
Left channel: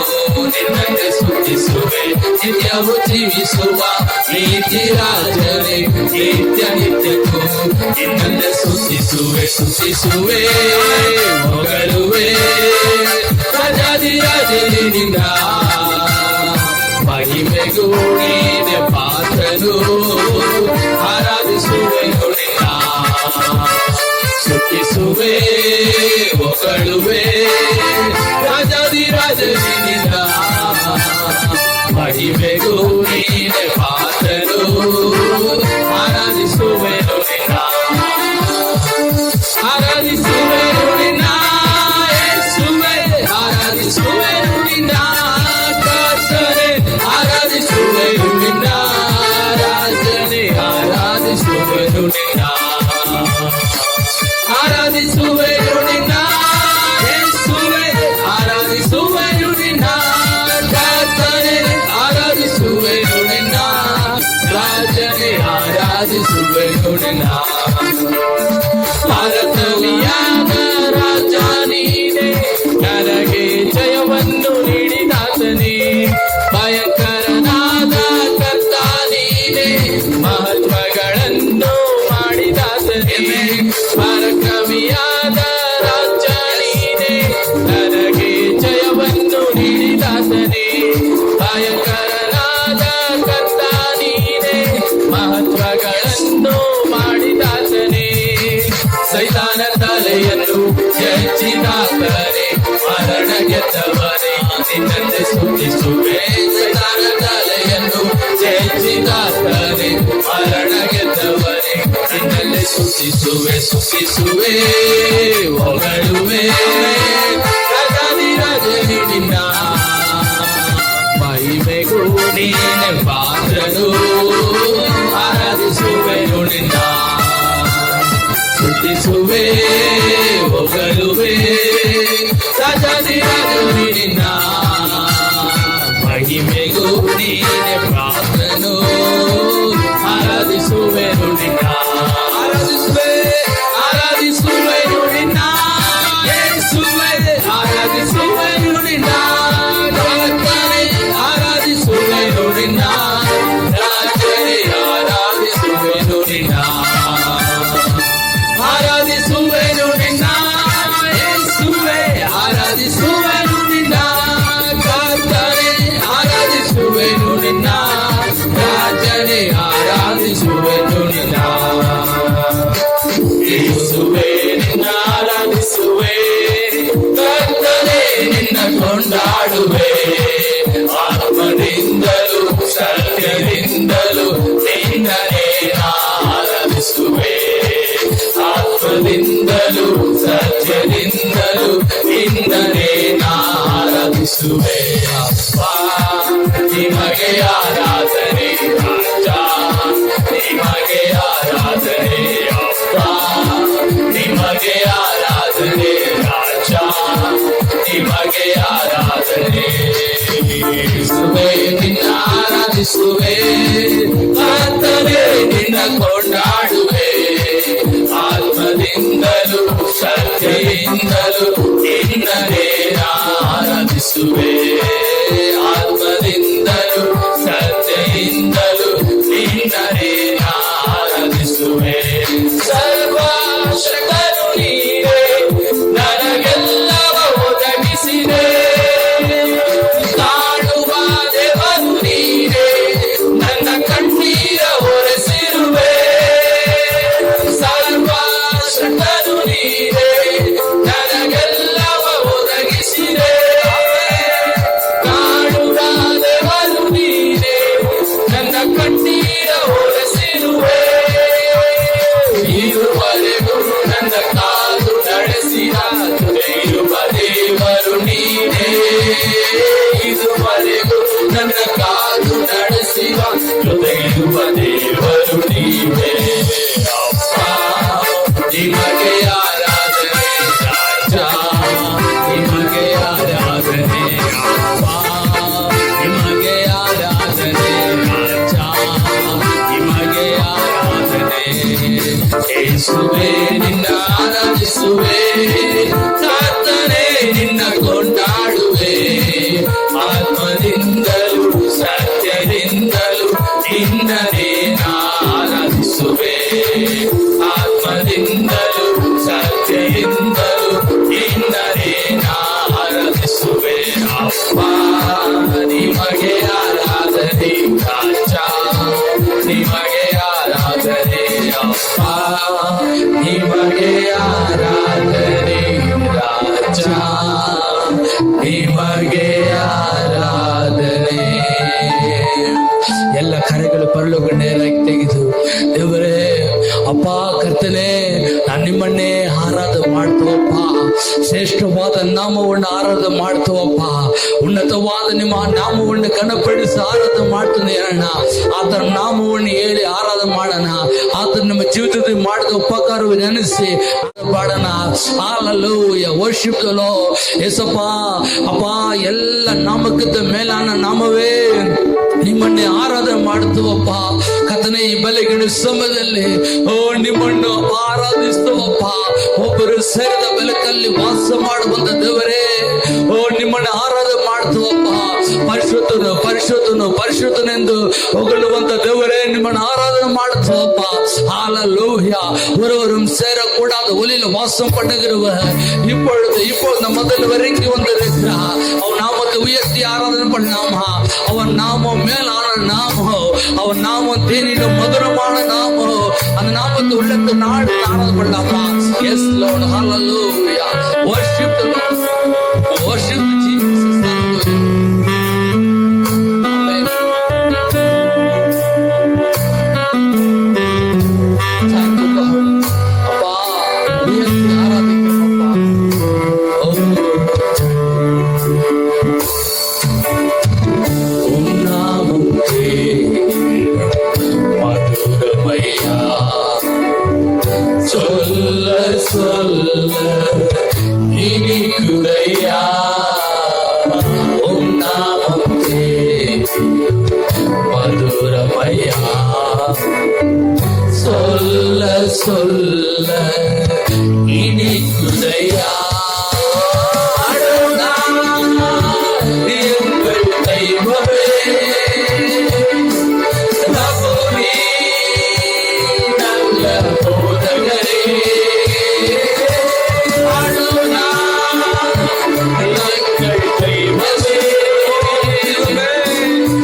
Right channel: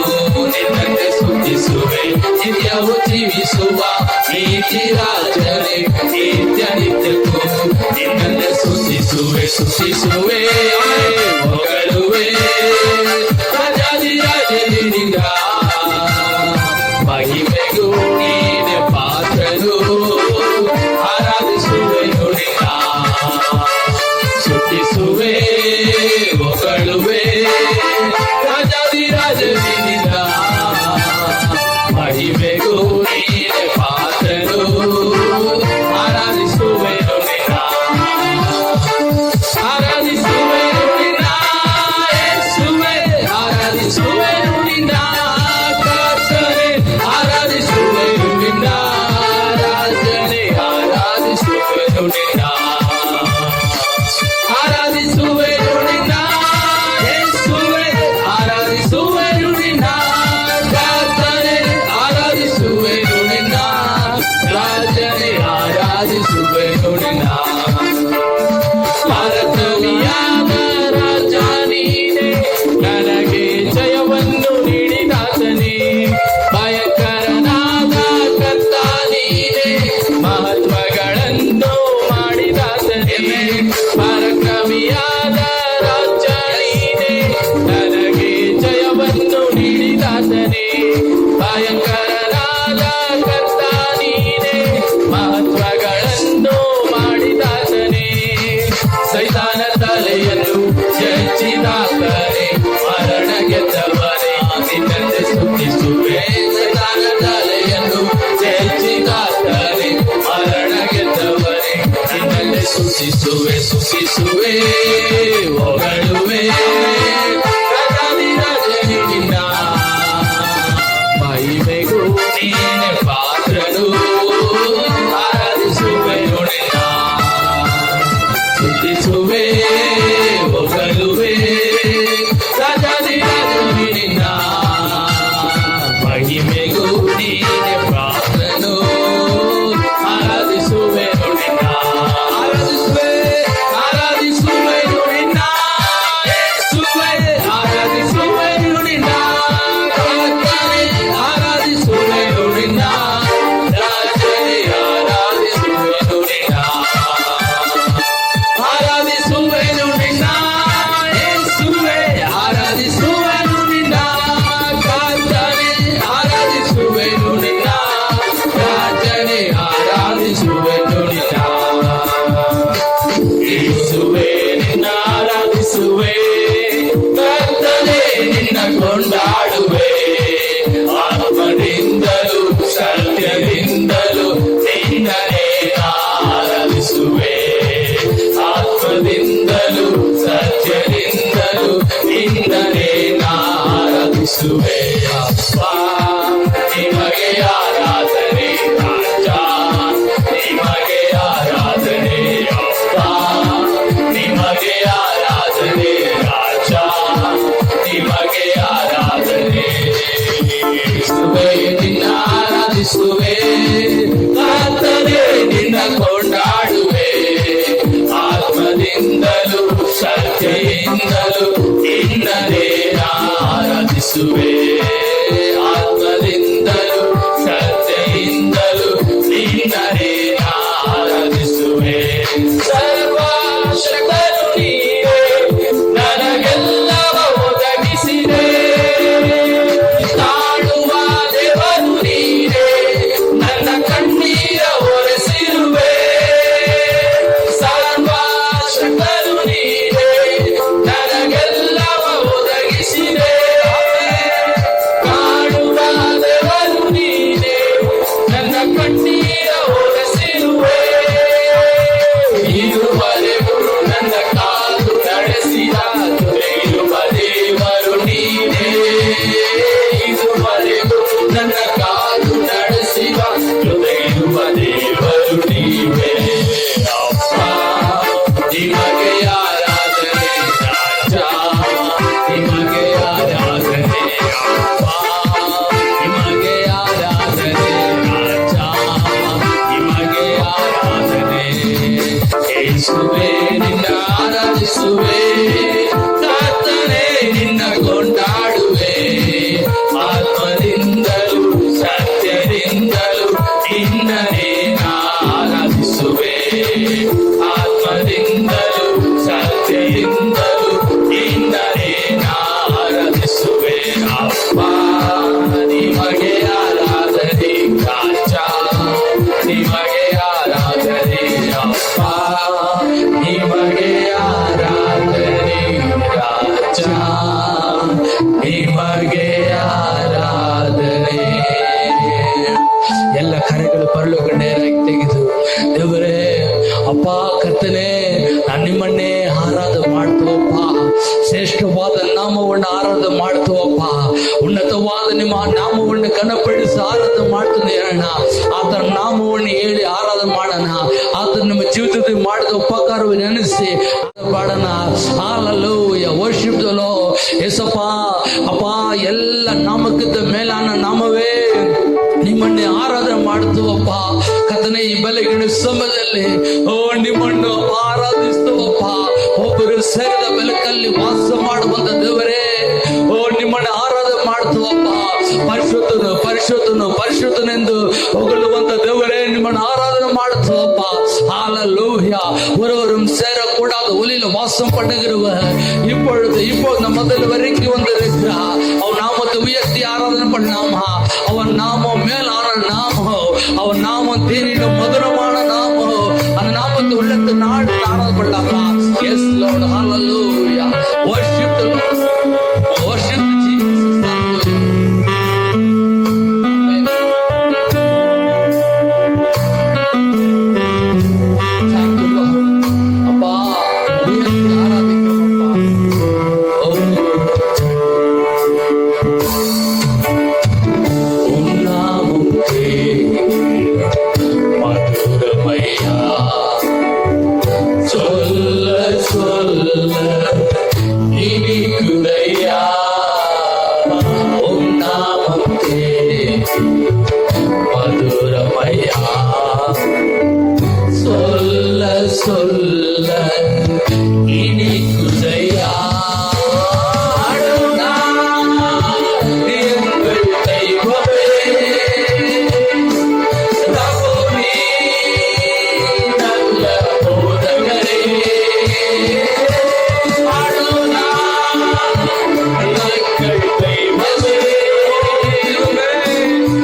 ನಿನ್ನನ್ನು ಸ್ತುತಿಸುವೆ. ನಿತ್ಯವು ಜೀವಿಸುವ ಪ್ರೀತಿ ರಾಜನೇ, ನಿತ್ಯ ನಿತ್ಯಕ್ಕೂ ನಿನ್ನನ್ನು ಸ್ತುತಿಸುವೆ. ಸ್ತುತಿಸುವೆ, ಹೊಗಳುವೆ ರಾಜಾಧಿರಾಜನಿಂದ. ಮಹಿಮೆಗೂ ನೀನೆ ಪಾತ್ರನು, ಆರಾಧಿಸುವೆನು ನಿನ್ನ. ಸ್ತುತಿಸುವೆ, ಹೊಗಳುವೆ ರಾಜಾಧಿರಾಜನಿಂದ. ಮಹಿಮೆಗೂ ನೀನೆ ಪಾತ್ರನು, ಆರಾಧಿಸುವೆನು ನಿನ್ನ. ಆರಾಧಿಸುವೆನು ನಿನ್ನ ಯೇಸುವೇ, ಆರಾಧಿಸುವೆನು ನಿನ್ನ ಕರ್ತನೇ, ಆರಾಧಿಸುವೆನು ನಿನ್ನ ರಾಜನೇ, ಆರಾಧಿಸುವೆನು ನಿನ್ನ. ಆರಾಧಿಸುವೆನು ನಿನ್ನ ಯೇಸುವೇ, ಆರಾಧಿಸುವೆನು ನಿನ್ನ ಕರ್ತನೇ, ಆರಾಧಿಸುವೆನು ನಿನ್ನ ರಾಜನೇ, ಆರಾಧಿಸುವೆನು ನಿನ್ನ. ಪರಕವಿಯಾದ ರಾಜ ನೀನೇ, ನನಗೆ ಜಯವನ್ನು ನೀಡಿದಾತನೇ. ಭಯಂಕರನಾದ ಕರ್ತ ನೀನೇ, ಮಹತ್ವಗಳನ್ನು ಮಾಡಿದಾತನೇ. ಪರಕವಿಯಾದ ರಾಜ ನೀನೇ, ನನಗೆ ಜಯವನ್ನು ನೀಡಿದಾತನೇ. ಭಯಂಕರನಾದ ಕರ್ತ ನೀನೇ, ಮಹತ್ವಗಳನ್ನು ಮಾಡಿದಾತನೇ. ಸೈತಾನ ತಲೆಯನ್ನು ಜಯಿಸಿದಾತನೇ, ಮರಣ ಗೆದ್ದವನೇ, ನಿನ್ನನ್ನು ಸ್ತುತಿಸುವೆ. ಸೈತಾನ ತಲೆಯನ್ನು ಜಯಿಸಿದಾತನೇ, ಮರಣ ಗೆದ್ದವನೇ, ನಿನ್ನನ್ನು ಸ್ತುತಿಸುವೆ. ಸ್ತುತಿಸುವೆ, ಹೊಗಳುವೆ ರಾಜಾಧಿರಾಜನಿಂದ. ಮಹಿಮೆಗೂ ನೀನೆ ಪಾತ್ರನು, ಆರಾಧಿಸುವೆನು ನಿನ್ನ. ಸ್ತುತಿಸುವೆ, ಹೊಗಳುವೆ ರಾಜಾಧಿರಾಜನಿಂದ. ಮಹಿಮೆಗೂ ನೀನೆ ಪಾತ್ರನು, ಆರಾಧಿಸುವೆನು ನಿನ್ನ. ಆರಾಧಿಸುವೆ, ಆರಾಧಿಸುವೆನು ನಿನ್ನ ಯೇಸುವೇ, ಆರಾಧಿಸುವೆನು ನಿನ್ನ ಕರ್ತನೇ, ಆರಾಧಿಸುವೆನು ನಿನ್ನ ರಾಜನೇ, ಆರಾಧಿಸುವೆನು ನಿನ್ನ. ಆರಾಧಿಸುವೆನು ನಿನ್ನ ಯೇಸುವೇ, ಆರಾಧಿಸುವೆನು ನಿನ್ನ ಕರ್ತನೇ, ಆರಾಧಿಸುವೆನು ನಿನ್ನ ರಾಜನೇ, ಆರಾಧಿಸುವೆನು ನಿನ್ನ. ಯೇಸುವೇ, ನಿನ್ನ ಆರಾಧಿಸುವೆ, ಕರ್ತನೇ, ನಿನ್ನ ಕೊಂಡಾಡುವೆ. ಆತ್ಮದಿಂದಲೂ ಸತ್ಯದಿಂದಲೂ ನಿನ್ನನೇ ಆರಾಧಿಸುವೆ. ಆತ್ಮದಿಂದಲೂ ಸತ್ಯದಿಂದಲೂ ನಿನ್ನನೇ ಆರಾಧಿಸುವೆ. ಅಪ್ಪ, ನಿಮಗೆ ಆರಾಧನೆ ರಾಜ, ನಿಮಗೆ ಆರಾಧನೆ ಅಪ್ಪ, ನಿಮಗೆ ಆರಾಧನೆ ರಾಜ, ನಿಮಗೆ ಆರಾಧನೆ. ಯೇಸುವೇ, ನಿನ್ನ ಆರಾಧಿಸುವೆ, ಕರ್ತನೇ, ನಿನ್ನ ಕೊಂಡಾಡುವೆ. ಆತ್ಮದಿಂದಲೂ ಸತ್ಯದಿಂದಲೂ ನಿನ್ನನೇ ಆರಾಧಿಸುವೆ. ಆತ್ಮದಿಂದಲೂ ಸತ್ಯದಿಂದಲೂ ನಿನ್ನನೇ ಆರಾಧಿಸುವೆ. ಸರ್ವಶಕ್ತನು ನೀನೇ, ನನಗೆಲ್ಲವ ಒದಗಿಸಿದೆ. ಕಾಣುವ ದೇವರು ನೀನೇ, ನನ್ನ ಕಣ್ಣಿಗೆ ಗಣಪಡಿಸಿ ಆರಾಧನೆ ಮಾಡ್ತಾನೆ ಅಣ್ಣ. ಆತನ ನಾಮವನ್ನು ಹೇಳಿ ಆರಾಧನೆ ಮಾಡೋಣ. ಆತನ ನಮ್ಮ ಜೀವಿತದಲ್ಲಿ ಮಾಡಿದ ಉಪಕಾರವನ್ನು ನೆನೆಸಿ ಪಾಡೋಣ. Hallelujah, worship the Lord. ಯೇಸಪ್ಪ ಅಪ್ಪ, ಎಲ್ಲ ನಾಮಕ್ಕಿಂತ ಮೇಲಾನ ನಾಮವೇ ನಿಮ್ಮನ್ನೇ ಆರಾಧನೆ ಮಾಡುತ್ತವಪ್ಪ. ಕರ್ತನೇ, ಈ ಬೆಳಗಿನ ಸಮಯದಲ್ಲಿ ನಿಮ್ಮನ್ನು ಆರಾಧಿಸ್ತವಪ್ಪ. ಒಬ್ಬರು ಸೇರಿದ ಬೆಳಕಲ್ಲಿ ವಾಸ ಮಾಡುವಂತ ದೇವರೇ, ನಿಮ್ಮನ್ನು ಆರಾಧನೆ ಮಾಡ್ತವಪ್ಪ. ಪರಿಶುದ್ಧನು ಪರಿಶುದ್ಧನು ಪರಿಶುದ್ಧನೆಂದು ಹೊಗಳುವಂತ ದೇವರೇ, ನಿಮ್ಮನ್ನು ಆರಾಧನೆ ಮಾಡ್ತವಪ್ಪ. ஹalleluya. ஒருவரும் சேரக்கூடாத ஒளியில் வாசம் பண்ணுகிறவர் இப்பொழுது நம்ம முதல் வரைக்கும் வந்திருக்கிறார். அவன் நாமத்தை உயர்த்தி ஆராதனை பண்ணாமா. அவன் நாமம் மேலான நாமம், அவன் நாமம் தேனிலும் மதுரமான நாமம். அந்த நாமத்தை உள்ளத்து நாடு ஆராதனை பண்ணாமா. Yes Lord, hallelujah. Worship the Lord. Worship Jesus. சொல்ல இனிக்குதையா எங்கள் தெய்வமே, ரபுனி நல்ல போதகரே, அருணா எங்கள் தெய்வமே, ரபுனி நல்ல போதகரே,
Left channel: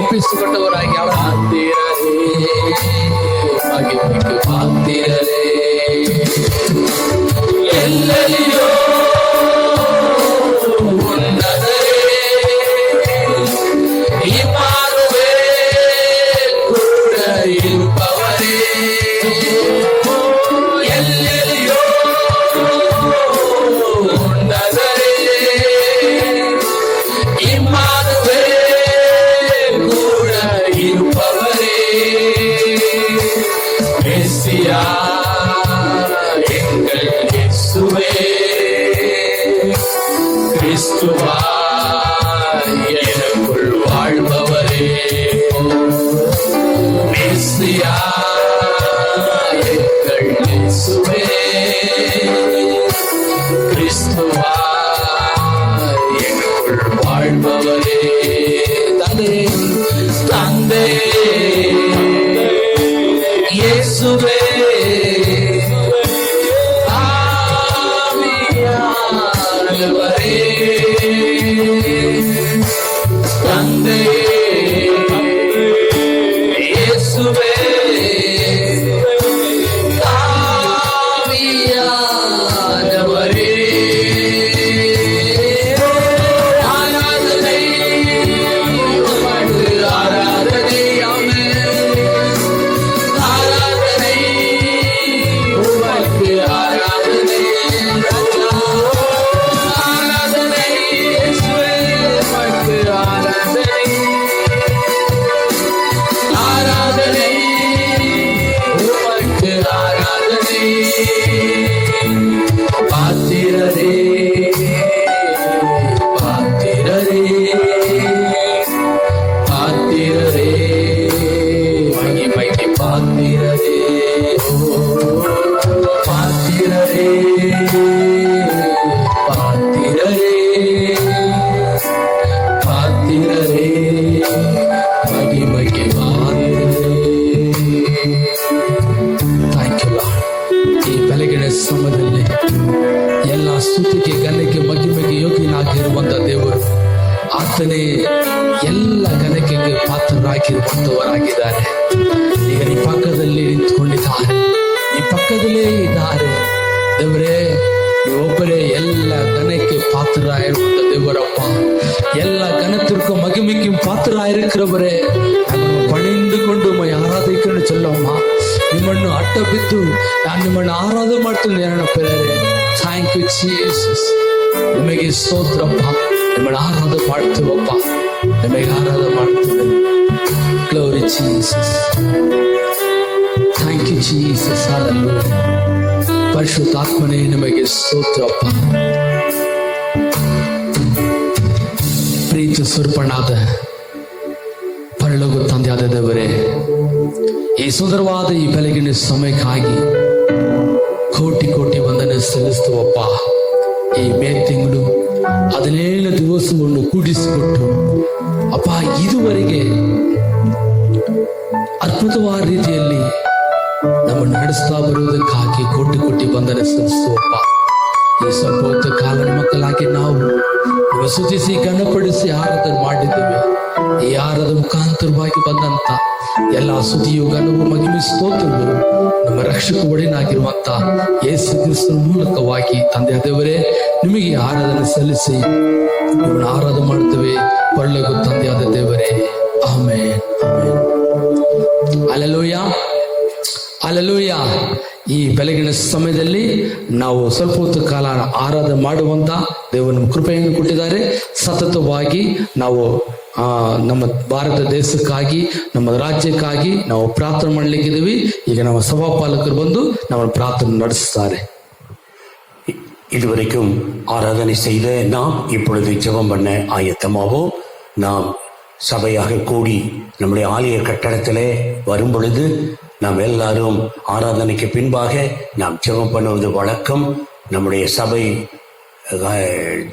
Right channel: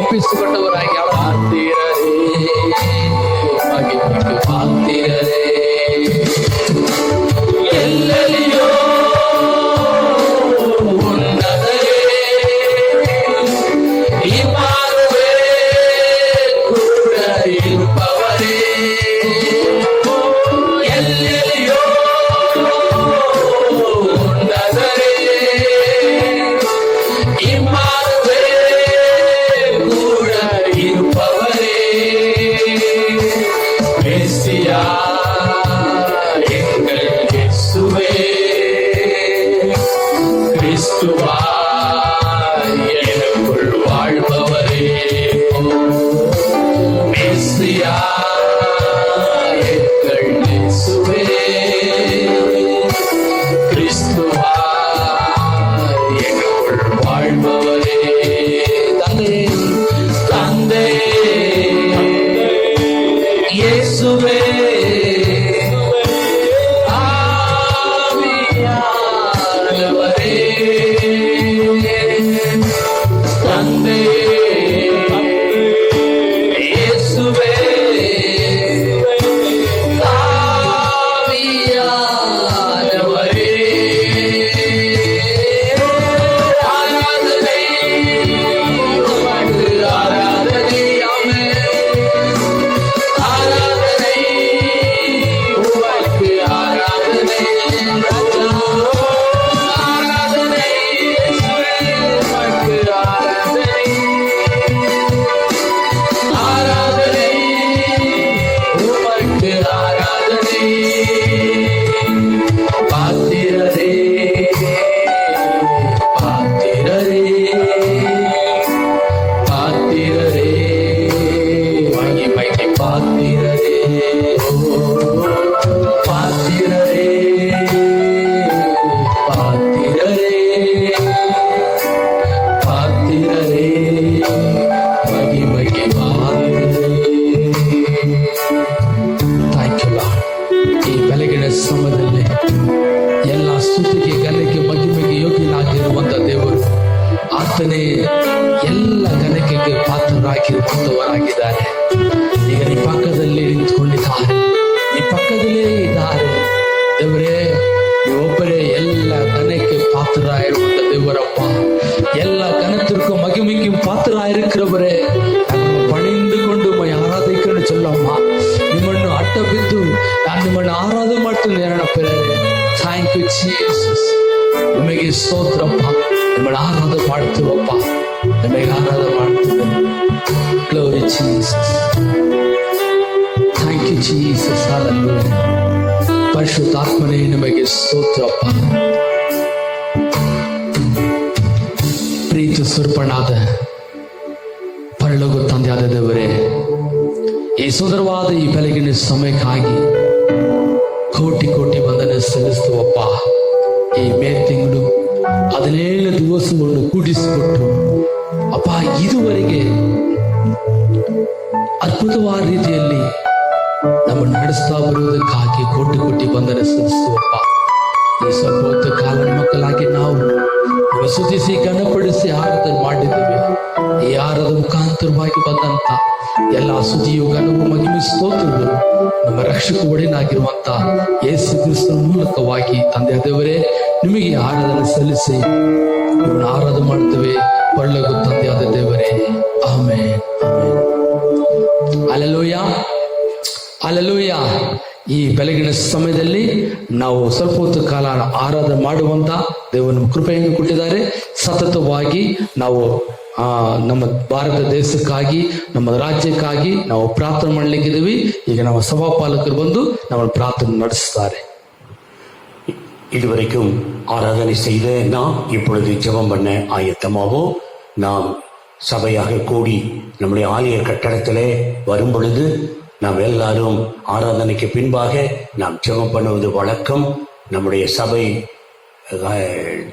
ಒಪ್ಪಿಸಿಕೊಂಡವರಾಗಿ ಪಾತ್ತಿರರೇ ಎಲ್ಲೆಲ್ಲಿಯೋ ಉನ್ನತರೇ, ಇಮಾನುವೇ ಕೂಡ ಇರುವವರೇ, ಎಲ್ಲೆಲ್ಲಿಯೋ ಉನ್ನತರೇ, ಇಮಾನುವೇ ಕೂಡ ಇರುವವರೇ, ಪ್ರಾಪ್ತವರಾಗಿದ್ದಾರೆ. ಈಗ ನಿಮ್ಮ ಪಕ್ಕದಲ್ಲಿ ನಿಂತ್ಕೊಂಡಿದ್ದಾರೆ, ನಿಮ್ಮ ಪಕ್ಕದಲ್ಲೇ ಇದ್ದಾರೆ. ದೇವರೇ, ನೀವೊಬ್ಬರೇ ಎಲ್ಲ ಘನಕ್ಕೆ ಪಾತ್ರರಾಗಿರುವಂತ ದೇವರಪ್ಪ, ಎಲ್ಲ ಘನத்திற்கு மகிமைக்கு பாத்திராயிருக்கிறவரே, பணிந்து கொண்டு ஆராதிக்கணும் சொல்லம்மா. ನಿಮ್ಮನ್ನು ಅಡ್ಡ ಬಿದ್ದು ನಾನು ನಿಮ್ಮನ್ನು ಆರಾಧನೆ ಮಾಡ್ತೀನಿ ನೆನಪರೇ. Thank you Jesus. ನಿಮಗೆ ಸ್ತೋತ್ರಪ್ಪ. ನಿಮ್ಮನ್ನು ಆರಾಧನೆ ಮಾಡ್ತೀವಪ್ಪ, ನಿಮಗೆ ಆರಾಧನೆ ಮಾಡ್ತೀವಿ. Glory Jesus. Thank you Jesus. Hallelujah. ಪರಿಶುದ್ಧಾತ್ಮನೇ ನಿಮಗೆ ಸ್ತೋತ್ರಪ್ಪ. ಪ್ರೀತಿ ಸ್ವರೂಪನಾದ ಪರಲೋಕ ತಂದೆಯಾದ ದೇವರೇ, ಈ ಸುಂದರವಾದ ಈ ಬೆಳಗಿನ ಸಮಯಕ್ಕಾಗಿ ಕೋಟಿ ಕೋಟಿ ವಂದನೆ ಸಲ್ಲಿಸುವಪ್ಪ. ಈ ಮೇ ತಿಂಗಳು 17 ದಿವಸಗಳನ್ನು ಕೂಡಿಸಿಕೊಟ್ಟು ಅಪ್ಪ, ಇದುವರೆಗೆ ಅದ್ಭುತವಾದ ರೀತಿಯಲ್ಲಿ ನಮ್ಮನ್ನು ನಡೆಸ್ತಾ ಬರುವುದಕ್ಕಾಗಿ ಕೋಟಿ ಕೋಟಿ ವಂದನೆ ಸಲ್ಲಿಸುವಪ್ಪ. ಈ ಸ್ವಲ್ಪ ಹೊತ್ತು ಕಾಲದ ಮಕ್ಕಳಾಗಿ ನಾವು ಸ್ತುತಿಸಿ ಘನಪಡಿಸಿ ಆರಾಧನೆ ಮಾಡಿದ್ದೇವೆ. ಈ ಆರಾಧನೆ ಮುಖಾಂತರವಾಗಿ ಬಂದಂತ ಎಲ್ಲ ಸ್ತುತಿಯು ಘನವು ಮಹಿಮೆ ಸ್ತೋತ್ರವು ನಮ್ಮ ರಕ್ಷಕ ಒಡೆಯನಾಗಿರುವಂತ ಯೇಸು ಕ್ರಿಸ್ತನ ಮೂಲಕವಾಗಿ ತಂದೆಯ ದೇವರೇ ನಿಮಗೆ ಆರಾಧನೆ ಸಲ್ಲಿಸಿ ನಿಮ್ಮನ್ನು ಆರಾಧನೆ ಮಾಡ್ತೇವೆ. ಒಳ್ಳೆಯ ತಂದೆಯಾದ ದೇವರೇ, ಆಮೆನ್. Hallelujah, hallelujah. ಈ ಬೆಳಗಿನ ಸಮಯದಲ್ಲಿ ನಾವು ಸ್ವಲ್ಪ ಹೊತ್ತು ಕಾಲ ಆರಾಧನೆ ಮಾಡುವಂತ ದೇವರ ಕೃಪೆಯನ್ನು ಕೊಟ್ಟಿದ್ದಾರೆ. ಸತತವಾಗಿ ನಾವು ನಮ್ಮ ಭಾರತ ದೇಶಕ್ಕಾಗಿ, ನಮ್ಮ ರಾಜ್ಯಕ್ಕಾಗಿ ನಾವು ಪ್ರಾರ್ಥನೆ ಮಾಡಲಿಕ್ಕಿದ್ದೀವಿ. ಈಗ ನಮ್ಮ ಸಭಾಪಾಲಕರು ಬಂದು நம்ம ಪ್ರಾರ್ಥನೆ ನಡೆಸುತ್ತಾರೆ. இதுவரைக்கும் ஆராதனை செய்த நாம் இப்பொழுது ஜெபம் பண்ண ஆயத்தமாவோம். நாம் சபையாக கூடி நம்முடைய ஆலய கட்டடத்திலே வரும் பொழுது நாம் எல்லாரும் ஆராதனைக்கு பின்பாக நாம் ஜெபம் பண்ணுவது வழக்கம். நம்முடைய சபை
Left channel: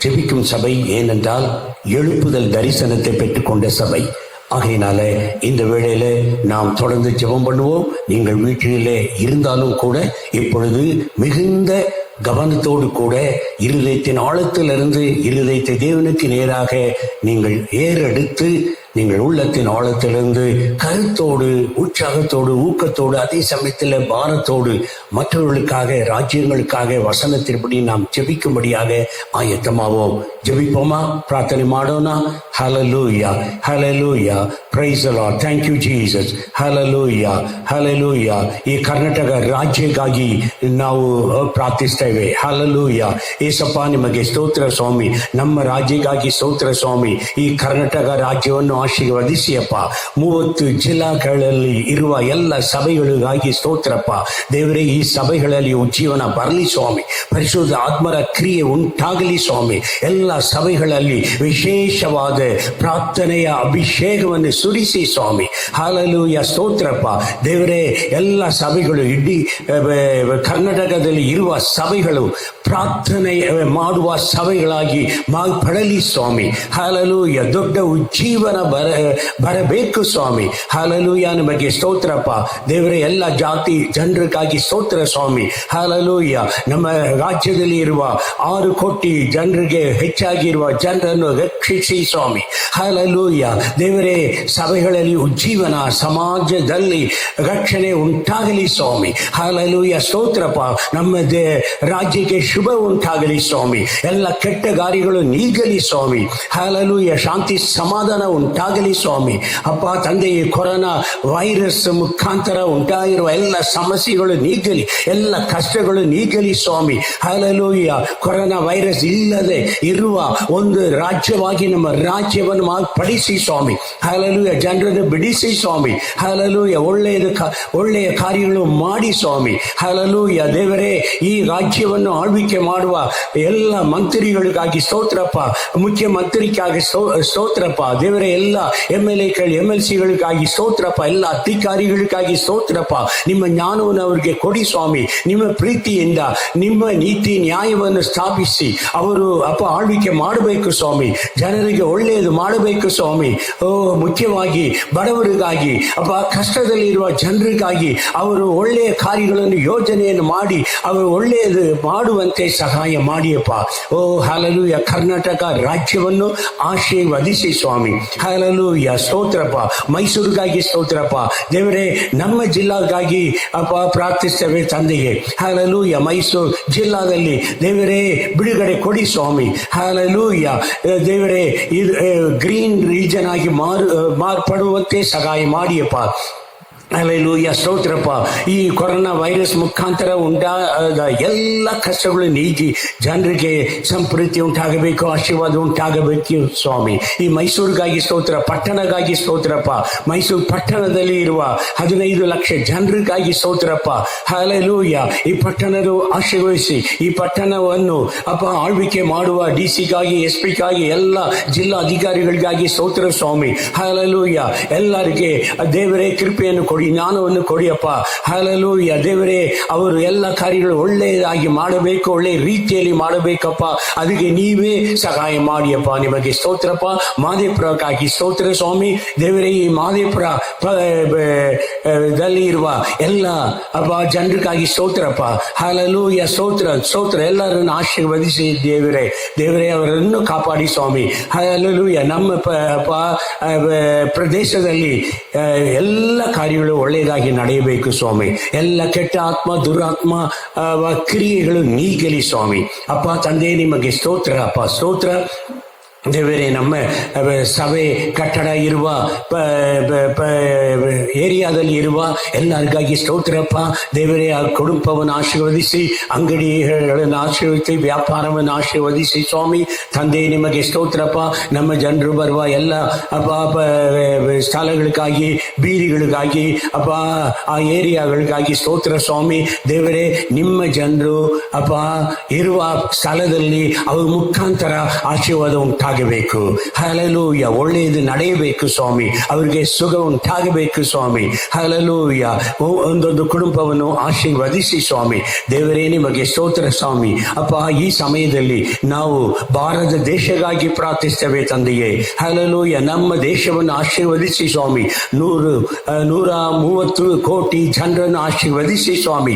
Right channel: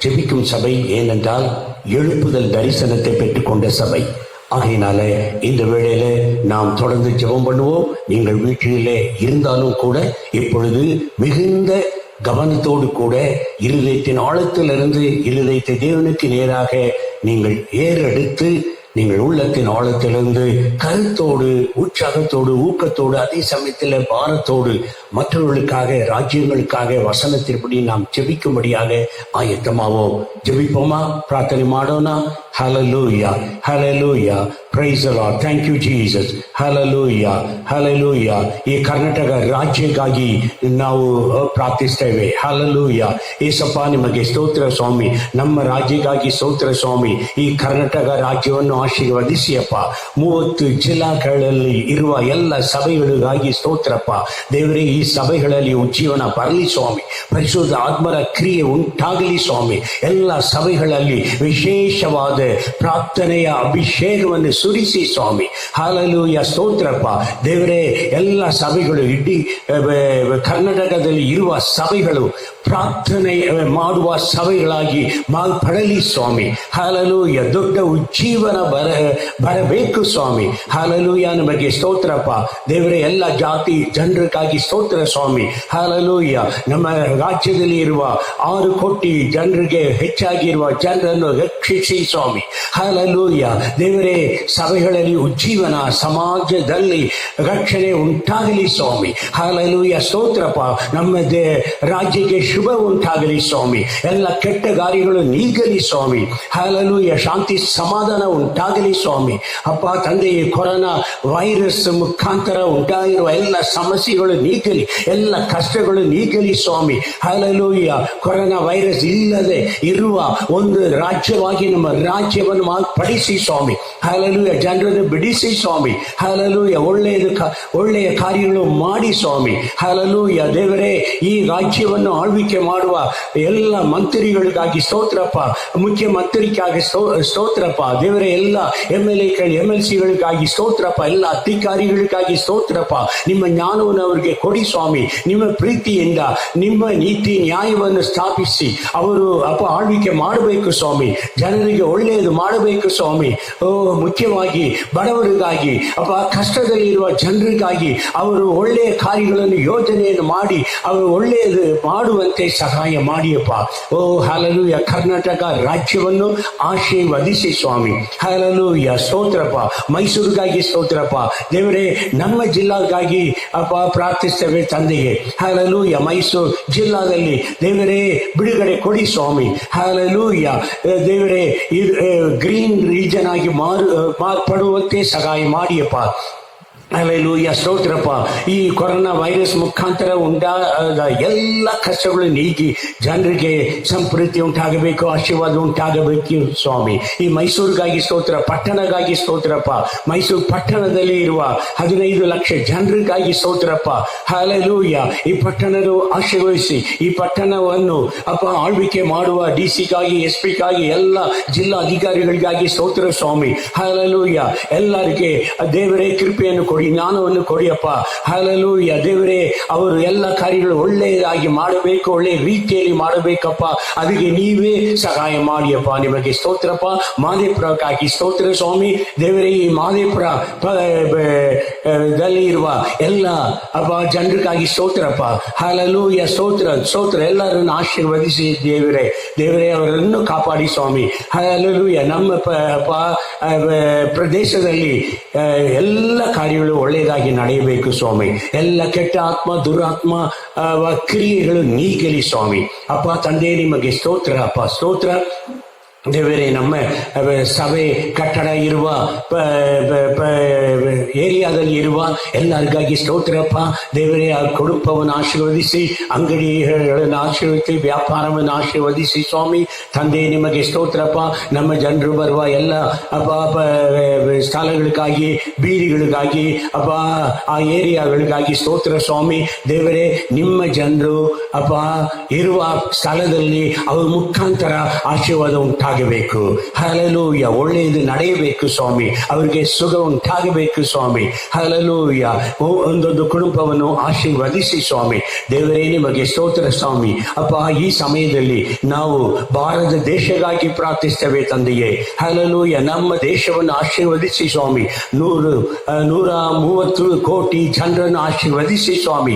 ஜெபிக்கும் சபை, ஏனென்றால் எழுப்புதல் தரிசனத்தை பெற்றுக்கொண்ட சபை. ஆகையினால இந்த வேளையில நாம் தொடர்ந்து ஜெபம் பண்ணுவோம். நீங்கள் வீட்டிலே இருந்தாலும் கூட இப்பொழுது மிகுந்த கவனத்தோடு கூட இருதயத்தின் ஆழத்திலிருந்து இருதயத்தை தேவனுக்கு நேராக நீங்கள் ஏறெடுத்து நீங்கள் உள்ளத்தின் ஆழத்திலிருந்து கருத்தோடு, உற்சாகத்தோடு, ஊக்கத்தோடு, அதே சமயத்தில் பாரத்தோடு மற்றவர்களுக்காக, ராஜ்யங்களுக்காக வசனத்தின்படி நாம் ஜெபிக்கும்படியாக ஆயத்தமாவோம். ஜெபிப்போமா? ಪ್ರಾರ್ಥನೆ ಮಾಡೋಣ. Hallelujah, hallelujah, praise the Lord. Thank you Jesus. Hallelujah, hallelujah. ಈ ಕರ್ನಾಟಕ ರಾಜ್ಯಕ್ಕಾಗಿ ನಾವು ಪ್ರಾರ್ಥಿಸ್ತೇವೆ. ಹಲ್ಲೆಲೂಯಾ. ಏಸಪ್ಪ, ನಿಮಗೆ ಸ್ತೋತ್ರ ಸ್ವಾಮಿ. ನಮ್ಮ ರಾಜ್ಯಕ್ಕಾಗಿ ಸ್ತೋತ್ರ ಸ್ವಾಮಿ. ಈ ಕರ್ನಾಟಕ ರಾಜ್ಯವನ್ನು ಆಶೀರ್ವದಿಸಿಯಪ್ಪ. 30 ಜಿಲ್ಲಾಗಳಲ್ಲಿ ಇರುವ ಎಲ್ಲ ಸಭೆಗಳಿಗಾಗಿ ಸ್ತೋತ್ರಪ್ಪ. ದೇವರೇ, ಈ ಸಭೆಗಳಲ್ಲಿ ಉಜ್ಜೀವನ ಬರಲಿ ಸ್ವಾಮಿ. ಪರಿಶುದ್ಧ ಆತ್ಮರ ಕ್ರಿಯೆ ಉಂಟಾಗಲಿ ಸ್ವಾಮಿ. ಎಲ್ಲ ಸಭೆಗಳಲ್ಲಿ ವಿಶೇಷವಾದ ಪ್ರಾರ್ಥನೆಯ ಅಭಿಷೇಕವನ್ನು ಸುರಿಸಿ ಸ್ವಾಮಿ. ಹಲ್ಲೆಲೂಯಾ, ಸ್ತೋತ್ರಪ್ಪ. ದೇವರೇ, ಎಲ್ಲ ಸಭೆಗಳು, ಇಡೀ ಕರ್ನಾಟಕದಲ್ಲಿ ಇರುವ ಸಭೆಗಳು ಪ್ರಾರ್ಥನೆ ಮಾಡುವ ಸಭೆಗಳಾಗಿ ಮಾರ್ಪಡಲಿ ಸ್ವಾಮಿ. ಹಲ್ಲೆಲೂಯಾ. ದೊಡ್ಡ ಉಜ್ಜೀವನ ಬರಬೇಕು ಸ್ವಾಮಿ. ಹಲ್ಲೆಲೂಯಾ, ನಿಮಗೆ ಸ್ತೋತ್ರಪ್ಪ. ದೇವರೇ, ಎಲ್ಲ ಜಾತಿ ಜನರಿಗಾಗಿ ಸ್ತೋತ್ರ ಸ್ವಾಮಿ. ಹಲ್ಲೆಲೂಯಾ. ನಮ್ಮ ರಾಜ್ಯದಲ್ಲಿ ಇರುವ 6 ಕೋಟಿ ಜನರಿಗೆ ಹೆಚ್ಚಾಗಿರುವ ಜನರನ್ನು ರಕ್ಷಿಸಿ ಸ್ವಾಮಿ. ಹಲ್ಲೆಲೂಯಾ. ದೇವರೇ, ಸಭೆಗಳಲ್ಲಿ ಉಜ್ಜೀವನ, ಸಮಾಜದಲ್ಲಿ ರಕ್ಷಣೆ ಉಂಟಾಗಲಿ ಸ್ವಾಮಿ. ಹಲ್ಲೆಲೂಯಾ, ಸ್ತೋತ್ರಪ್ಪ. ನಮ್ಮ ರಾಜ್ಯಕ್ಕೆ ಶುಭ ಉಂಟಾಗಲಿ ಸ್ವಾಮಿ. ಎಲ್ಲ ಕೆಟ್ಟ ಗಾರಿಗಳು ನೀಗಲಿ ಸ್ವಾಮಿ. ಹಲ್ಲೆಲೂಯಾ. ಶಾಂತಿ ಸಮಾಧಾನ ಉಂಟಾಗಲಿ ಸ್ವಾಮಿ. ಅಪ್ಪ ತಂದೆ, ಕೊರೋನಾ ವೈರಸ್ ಮುಖಾಂತರ ಉಂಟಾಗಿರುವ ಎಲ್ಲ ಸಮಸ್ಯೆಗಳು ನೀಗಲಿ, ಎಲ್ಲ ಕಷ್ಟಗಳು ನೀಗಲಿ ಸ್ವಾಮಿ. ಹಲ್ಲೆಲೂಯಾ. ಕೊರೋನಾ ವೈರಸ್ ಇಲ್ಲದೆ ಇರುವ ಒಂದು ರಾಜ್ಯವಾಗಿ ನಮ್ಮ ರಾಜ್ಯವನ್ನು ಮಾರ್ಪಡಿಸಿ ಸ್ವಾಮಿ. ಹಲ್ಲೆಲೂಯಾ. ಜನರನ್ನು ಬಿಡಿಸಿ ಸ್ವಾಮಿ. ಹಲ್ಲೆಲೂಯಾ. ಒಳ್ಳೆಯ ಕಾರ್ಯಗಳು ಮಾಡಿ ಸ್ವಾಮಿ. ಹಲ್ಲೆಲೂಯಾ. ದೇವರೇ, ಈ ರಾಜ್ಯವನ್ನು ಆಳ್ವಿಕೆ ಮಾಡುವ ಎಲ್ಲ ಮಂತ್ರಿಗಳಿಗಾಗಿ ಸ್ತೋತ್ರಪ್ಪ. ಮುಖ್ಯಮಂತ್ರಿಗಾಗಿ ಸ್ತೋತ್ರಪ್ಪ. ದೇವರೇ, ಎಲ್ಲ MLCಗಳಿಗಾಗಿ ಸ್ತೋತ್ರಪ್ಪ. ಎಲ್ಲ ಅಧಿಕಾರಿಗಳಿಗಾಗಿ ಸ್ತೋತ್ರಪ್ಪ. ನಿಮ್ಮ ಜ್ಞಾನವನ್ನು ಅವರಿಗೆ ಕೊಡಿ ಸ್ವಾಮಿ. ನಿಮ್ಮ ಪ್ರೀತಿಯಿಂದ ನಿಮ್ಮ ನೀತಿ ನ್ಯಾಯವನ್ನು ಸ್ಥಾಪಿಸಿ ಅವರು ಆಳ್ವಿಕೆ ಮಾಡಬೇಕು ಸ್ವಾಮಿ. ಜನರಿಗೆ ಒಳ್ಳೆಯದು ಮಾಡಬೇಕು ಸ್ವಾಮಿ. ಮುಖ್ಯವಾಗಿ ಬಡ ಬಡವರಿಗಾಗಿ ಅಪ್ಪ, ಕಷ್ಟದಲ್ಲಿ ಇರುವ ಜನರಿಗಾಗಿ ಅವರು ಒಳ್ಳೆಯ ಕಾರ್ಯಗಳನ್ನು ಯೋಜನೆಯನ್ನು ಮಾಡಿ ಅವರು ಒಳ್ಳೆಯದು ಮಾಡುವಂತೆ ಸಹಾಯ ಮಾಡಿಯಪ್ಪ. ಓ ಹಲ್ಲೆಲೂಯಾ. ಕರ್ನಾಟಕ ರಾಜ್ಯವನ್ನು ಆಶೀರ್ವದಿಸಿ ಸ್ವಾಮಿ. ಹಲ್ಲೆಲೂಯಾ. ಸ್ತೋತ್ರಪ್ಪ. ಮೈಸೂರಿಗಾಗಿ ಸ್ತೋತ್ರಪ್ಪ ದೇವರೇ. ನಮ್ಮ ಜಿಲ್ಲಾಗಾಗಿ ಅಪ್ಪ ಪ್ರಾರ್ಥಿಸ್ತೇವೆ ತಂದೆಗೆ. ಹಲ್ಲೆಲೂಯಾ. ಮೈಸೂರು ಜಿಲ್ಲಾದಲ್ಲಿ ದೇವರೇ ಬಿಡುಗಡೆ ಕೊಡಿ ಸ್ವಾಮಿ. ಹಲ್ಲೆಲೂಯಾ. ದೇವರೇ ಗ್ರೀನ್ ರೀಜನ್ ಆಗಿ ಮಾರ್ಪಡುವಂತೆ ಸಹಾಯ ಮಾಡಿಯಪ್ಪ. ಹಲ್ಲೆಲೂಯಾ. ಸ್ತೋತ್ರಪ್ಪ. ಈ ಕೊರೋನಾ ವೈರಸ್ ಮುಖಾಂತರ ಉಂಟಾದ ಎಲ್ಲ ಕಷ್ಟಗಳು ನೀಗಿ ಜನರಿಗೆ ಸಂಪ್ರೀತಿ ಉಂಟಾಗಬೇಕು, ಆಶೀರ್ವಾದ ಉಂಟಾಗಬೇಕು ಸ್ವಾಮಿ. ಈ ಮೈಸೂರಿಗಾಗಿ ಸ್ತೋತ್ರ, ಪಟ್ಟಣಗಾಗಿ ಸ್ತೋತ್ರಪ್ಪ. ಮೈಸೂರು ಪಟ್ಟಣದಲ್ಲಿ ಇರುವ 15 ಲಕ್ಷ ಜನರಿಗಾಗಿ ಸ್ತೋತ್ರಪ್ಪ. ಹಲ್ಲೆಲೂಯಾ. ಈ ಪಟ್ಟಣದ ಆಶೀರ್ವದಿಸಿ ಈ ಪಟ್ಟಣವನ್ನು ಅಪ್ಪ ಆಳ್ವಿಕೆ ಮಾಡುವ ಡಿಸಿಗಾಗಿ, ಎಸ್ಪಿಗಾಗಿ, ಎಲ್ಲ ಜಿಲ್ಲಾ ಅಧಿಕಾರಿಗಳಿಗಾಗಿ ಸ್ತೋತ್ರ ಸ್ವಾಮಿ. ಹಲ್ಲೆಲೂಯಾ. ಎಲ್ಲರಿಗೆ ದೇವರೇ ಕೃಪೆಯನ್ನು ಕೊಡಿ, ಜ್ಞಾನವನ್ನು ಕೊಡಿಯಪ್ಪ. ಹಲ್ಲೆಲೂಯಾ. ದೇವರೇ ಅವರು ಎಲ್ಲ ಕಾರ್ಯಗಳು ಒಳ್ಳೆಯದಾಗಿ ಮಾಡಬೇಕು, ಒಳ್ಳೆಯ ರೀತಿಯಲ್ಲಿ ಮಾಡಬೇಕಪ್ಪ. ಅದಕ್ಕೆ ನೀವೇ ಸಹಾಯ ಮಾಡಿಯಪ್ಪ. ನಿಮಗೆ ಸ್ತೋತ್ರಪ್ಪ. ಮಾದೇಪುರಕ್ಕಾಗಿ ಸ್ತೋತ್ರ ಸ್ವಾಮಿ. ದೇವರೇ ಈ ಮಾದೇಪುರ ದಲ್ಲಿ ಇರುವ ಎಲ್ಲ ಅಪ್ಪ ಜನರಿಗಾಗಿ ಸ್ತೋತ್ರಪ್ಪ. ಹಲ್ಲೆಲೂಯಾ. ಸ್ತೋತ್ರ. ಎಲ್ಲರನ್ನು ಆಶೀರ್ವದಿಸಿ ದೇವರೇ. ಅವರನ್ನು ಕಾಪಾಡಿ ಸ್ವಾಮಿ. ಹಲ್ಲೆಲೂಯಾ. ನಮ್ಮ ಪ್ರದೇಶದಲ್ಲಿ ಎಲ್ಲ ಕಾರ್ಯಗಳು ಒಳ್ಳೆಯದಾಗಿ ನಡೆಯಬೇಕು ಸ್ವಾಮಿ. ಎಲ್ಲ ಕೆಟ್ಟ ಆತ್ಮ, ದುರಾತ್ಮ ಕ್ರಿಯೆಗಳು ನೀಗಲಿ ಸ್ವಾಮಿ. ಅಪ್ಪ ತಂದೆ ನಿಮಗೆ ಸ್ತೋತ್ರ ಅಪ್ಪ. ಸ್ತೋತ್ರ ದೇವರೇ. ನಮ್ಮ ಸಭೆ ಕಟ್ಟಡ ಇರುವ ಏರಿಯಾದಲ್ಲಿ ಇರುವ ಎಲ್ಲರಿಗಾಗಿ ಸ್ತೋತ್ರಪ್ಪ ದೇವರೇ. ಆ ಕುಟುಂಬವನ್ನು ಆಶೀರ್ವದಿಸಿ, ಅಂಗಡಿಗಳನ್ನು ಆಶೀರ್ವದಿಸಿ, ವ್ಯಾಪಾರವನ್ನು ಆಶೀರ್ವದಿಸಿ ಸ್ವಾಮಿ. ತಂದೆ ನಿಮಗೆ ಸ್ತೋತ್ರಪ್ಪ. ನಮ್ಮ ಜನರು ಬರುವ ಎಲ್ಲ ಸ್ಥಳಗಳಿಗಾಗಿ, ಬೀದಿಗಳಿಗಾಗಿ ಅಪ್ಪ, ಆ ಏರಿಯಾಗಳಿಗಾಗಿ ಸ್ತೋತ್ರ ಸ್ವಾಮಿ. ದೇವರೇ ನಿಮ್ಮ ಜನರು ಅಪ್ಪ ಇರುವ ಸ್ಥಳದಲ್ಲಿ ಅವ್ರ ಮುಖಾಂತರ ಆಶೀರ್ವಾದ ಉಂಟಾಗಬೇಕು. ಹಲ್ಲೆಲೂಯಾ. ಒಳ್ಳೆಯದು ನಡೆಯಬೇಕು ಸ್ವಾಮಿ. ಅವರಿಗೆ ಸುಖ ಉಂಟಾಗಬೇಕು ಸ್ವಾಮಿ. ಹಲ್ಲೆಲೂಯಾ. ಒಂದೊಂದು ಕುಟುಂಬವನ್ನು ಆಶೀರ್ವದಿಸಿ ಸ್ವಾಮಿ. ದೇವರೇ ನಿಮಗೆ ಸ್ತೋತ್ರ ಸ್ವಾಮಿ. ಅಪ್ಪ ಈ ಸಮಯದಲ್ಲಿ ನಾವು ಭಾರತ ದೇಶಕ್ಕಾಗಿ ಪ್ರಾರ್ಥಿಸ್ತೇವೆ ತಂದೆಯೇ. ಹಲ್ಲೆಲೂಯಾ. ನಮ್ಮ ದೇಶವನ್ನು ಆಶೀರ್ವದಿಸಿ ಸ್ವಾಮಿ. 130 ಕೋಟಿ ಜನರನ್ನು ಆಶೀರ್ವದಿಸಿ ಸ್ವಾಮಿ.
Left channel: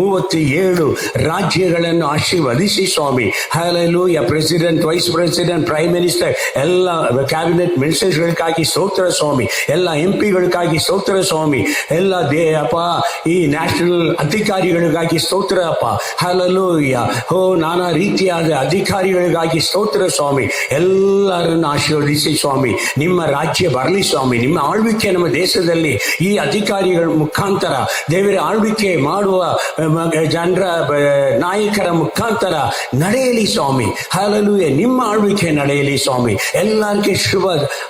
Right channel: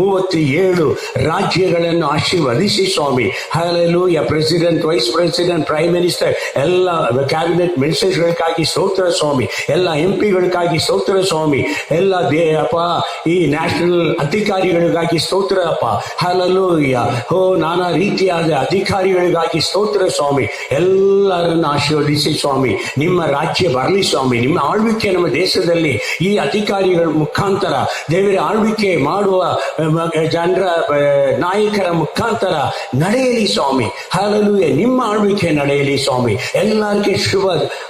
37 ರಾಜ್ಯಗಳನ್ನು ಆಶೀರ್ವದಿಸಿ ಸ್ವಾಮಿ. Hallelujah. President, vice president, prime minister, ಎಲ್ಲ ಕ್ಯಾಬಿನೆಟ್ ಮಿನಿಸ್ಟರ್ಗಳಿಗಾಗಿ ಸ್ತೋತ್ರ ಸ್ವಾಮಿ. ಎಲ್ಲ ಎಂಪಿಗಳಿಗಾಗಿ ಸ್ತೋತ್ರ ಸ್ವಾಮಿ. ಎಲ್ಲ ಅಪ್ಪ ಈ ನ್ಯಾಷನಲ್ ಅಧಿಕಾರಿಗಳಿಗಾಗಿ ಸ್ತೋತ್ರ ಅಪ್ಪ. ಹಲ್ಲೆಲೂಯಾ. ನಾನಾ ರೀತಿಯಾದ ಅಧಿಕಾರಿಗಳಿಗಾಗಿ ಸ್ತೋತ್ರ ಸ್ವಾಮಿ. ಎಲ್ಲರನ್ನು ಆಶೀರ್ವದಿಸಿ ಸ್ವಾಮಿ. ನಿಮ್ಮ ರಾಜ್ಯ ಬರಲಿ ಸ್ವಾಮಿ. ನಿಮ್ಮ ಆಳ್ವಿಕೆ ನಮ್ಮ ದೇಶದಲ್ಲಿ ಈ ಅಧಿಕಾರಿಗಳ ಮುಖಾಂತರ ದೇವರ ಆಳ್ವಿಕೆ ಮಾಡುವ ಜನರ ನಾಯಕರ ಮುಖಾಂತರ ನಡೆಯಲಿ ಸ್ವಾಮಿ. ಹಲ್ಲೆಲೂಯಾ. ನಿಮ್ಮ ಆಳ್ವಿಕೆ ನಡೆಯಲಿ ಸ್ವಾಮಿ. ಎಲ್ಲರಿಗೆ ಶುಭ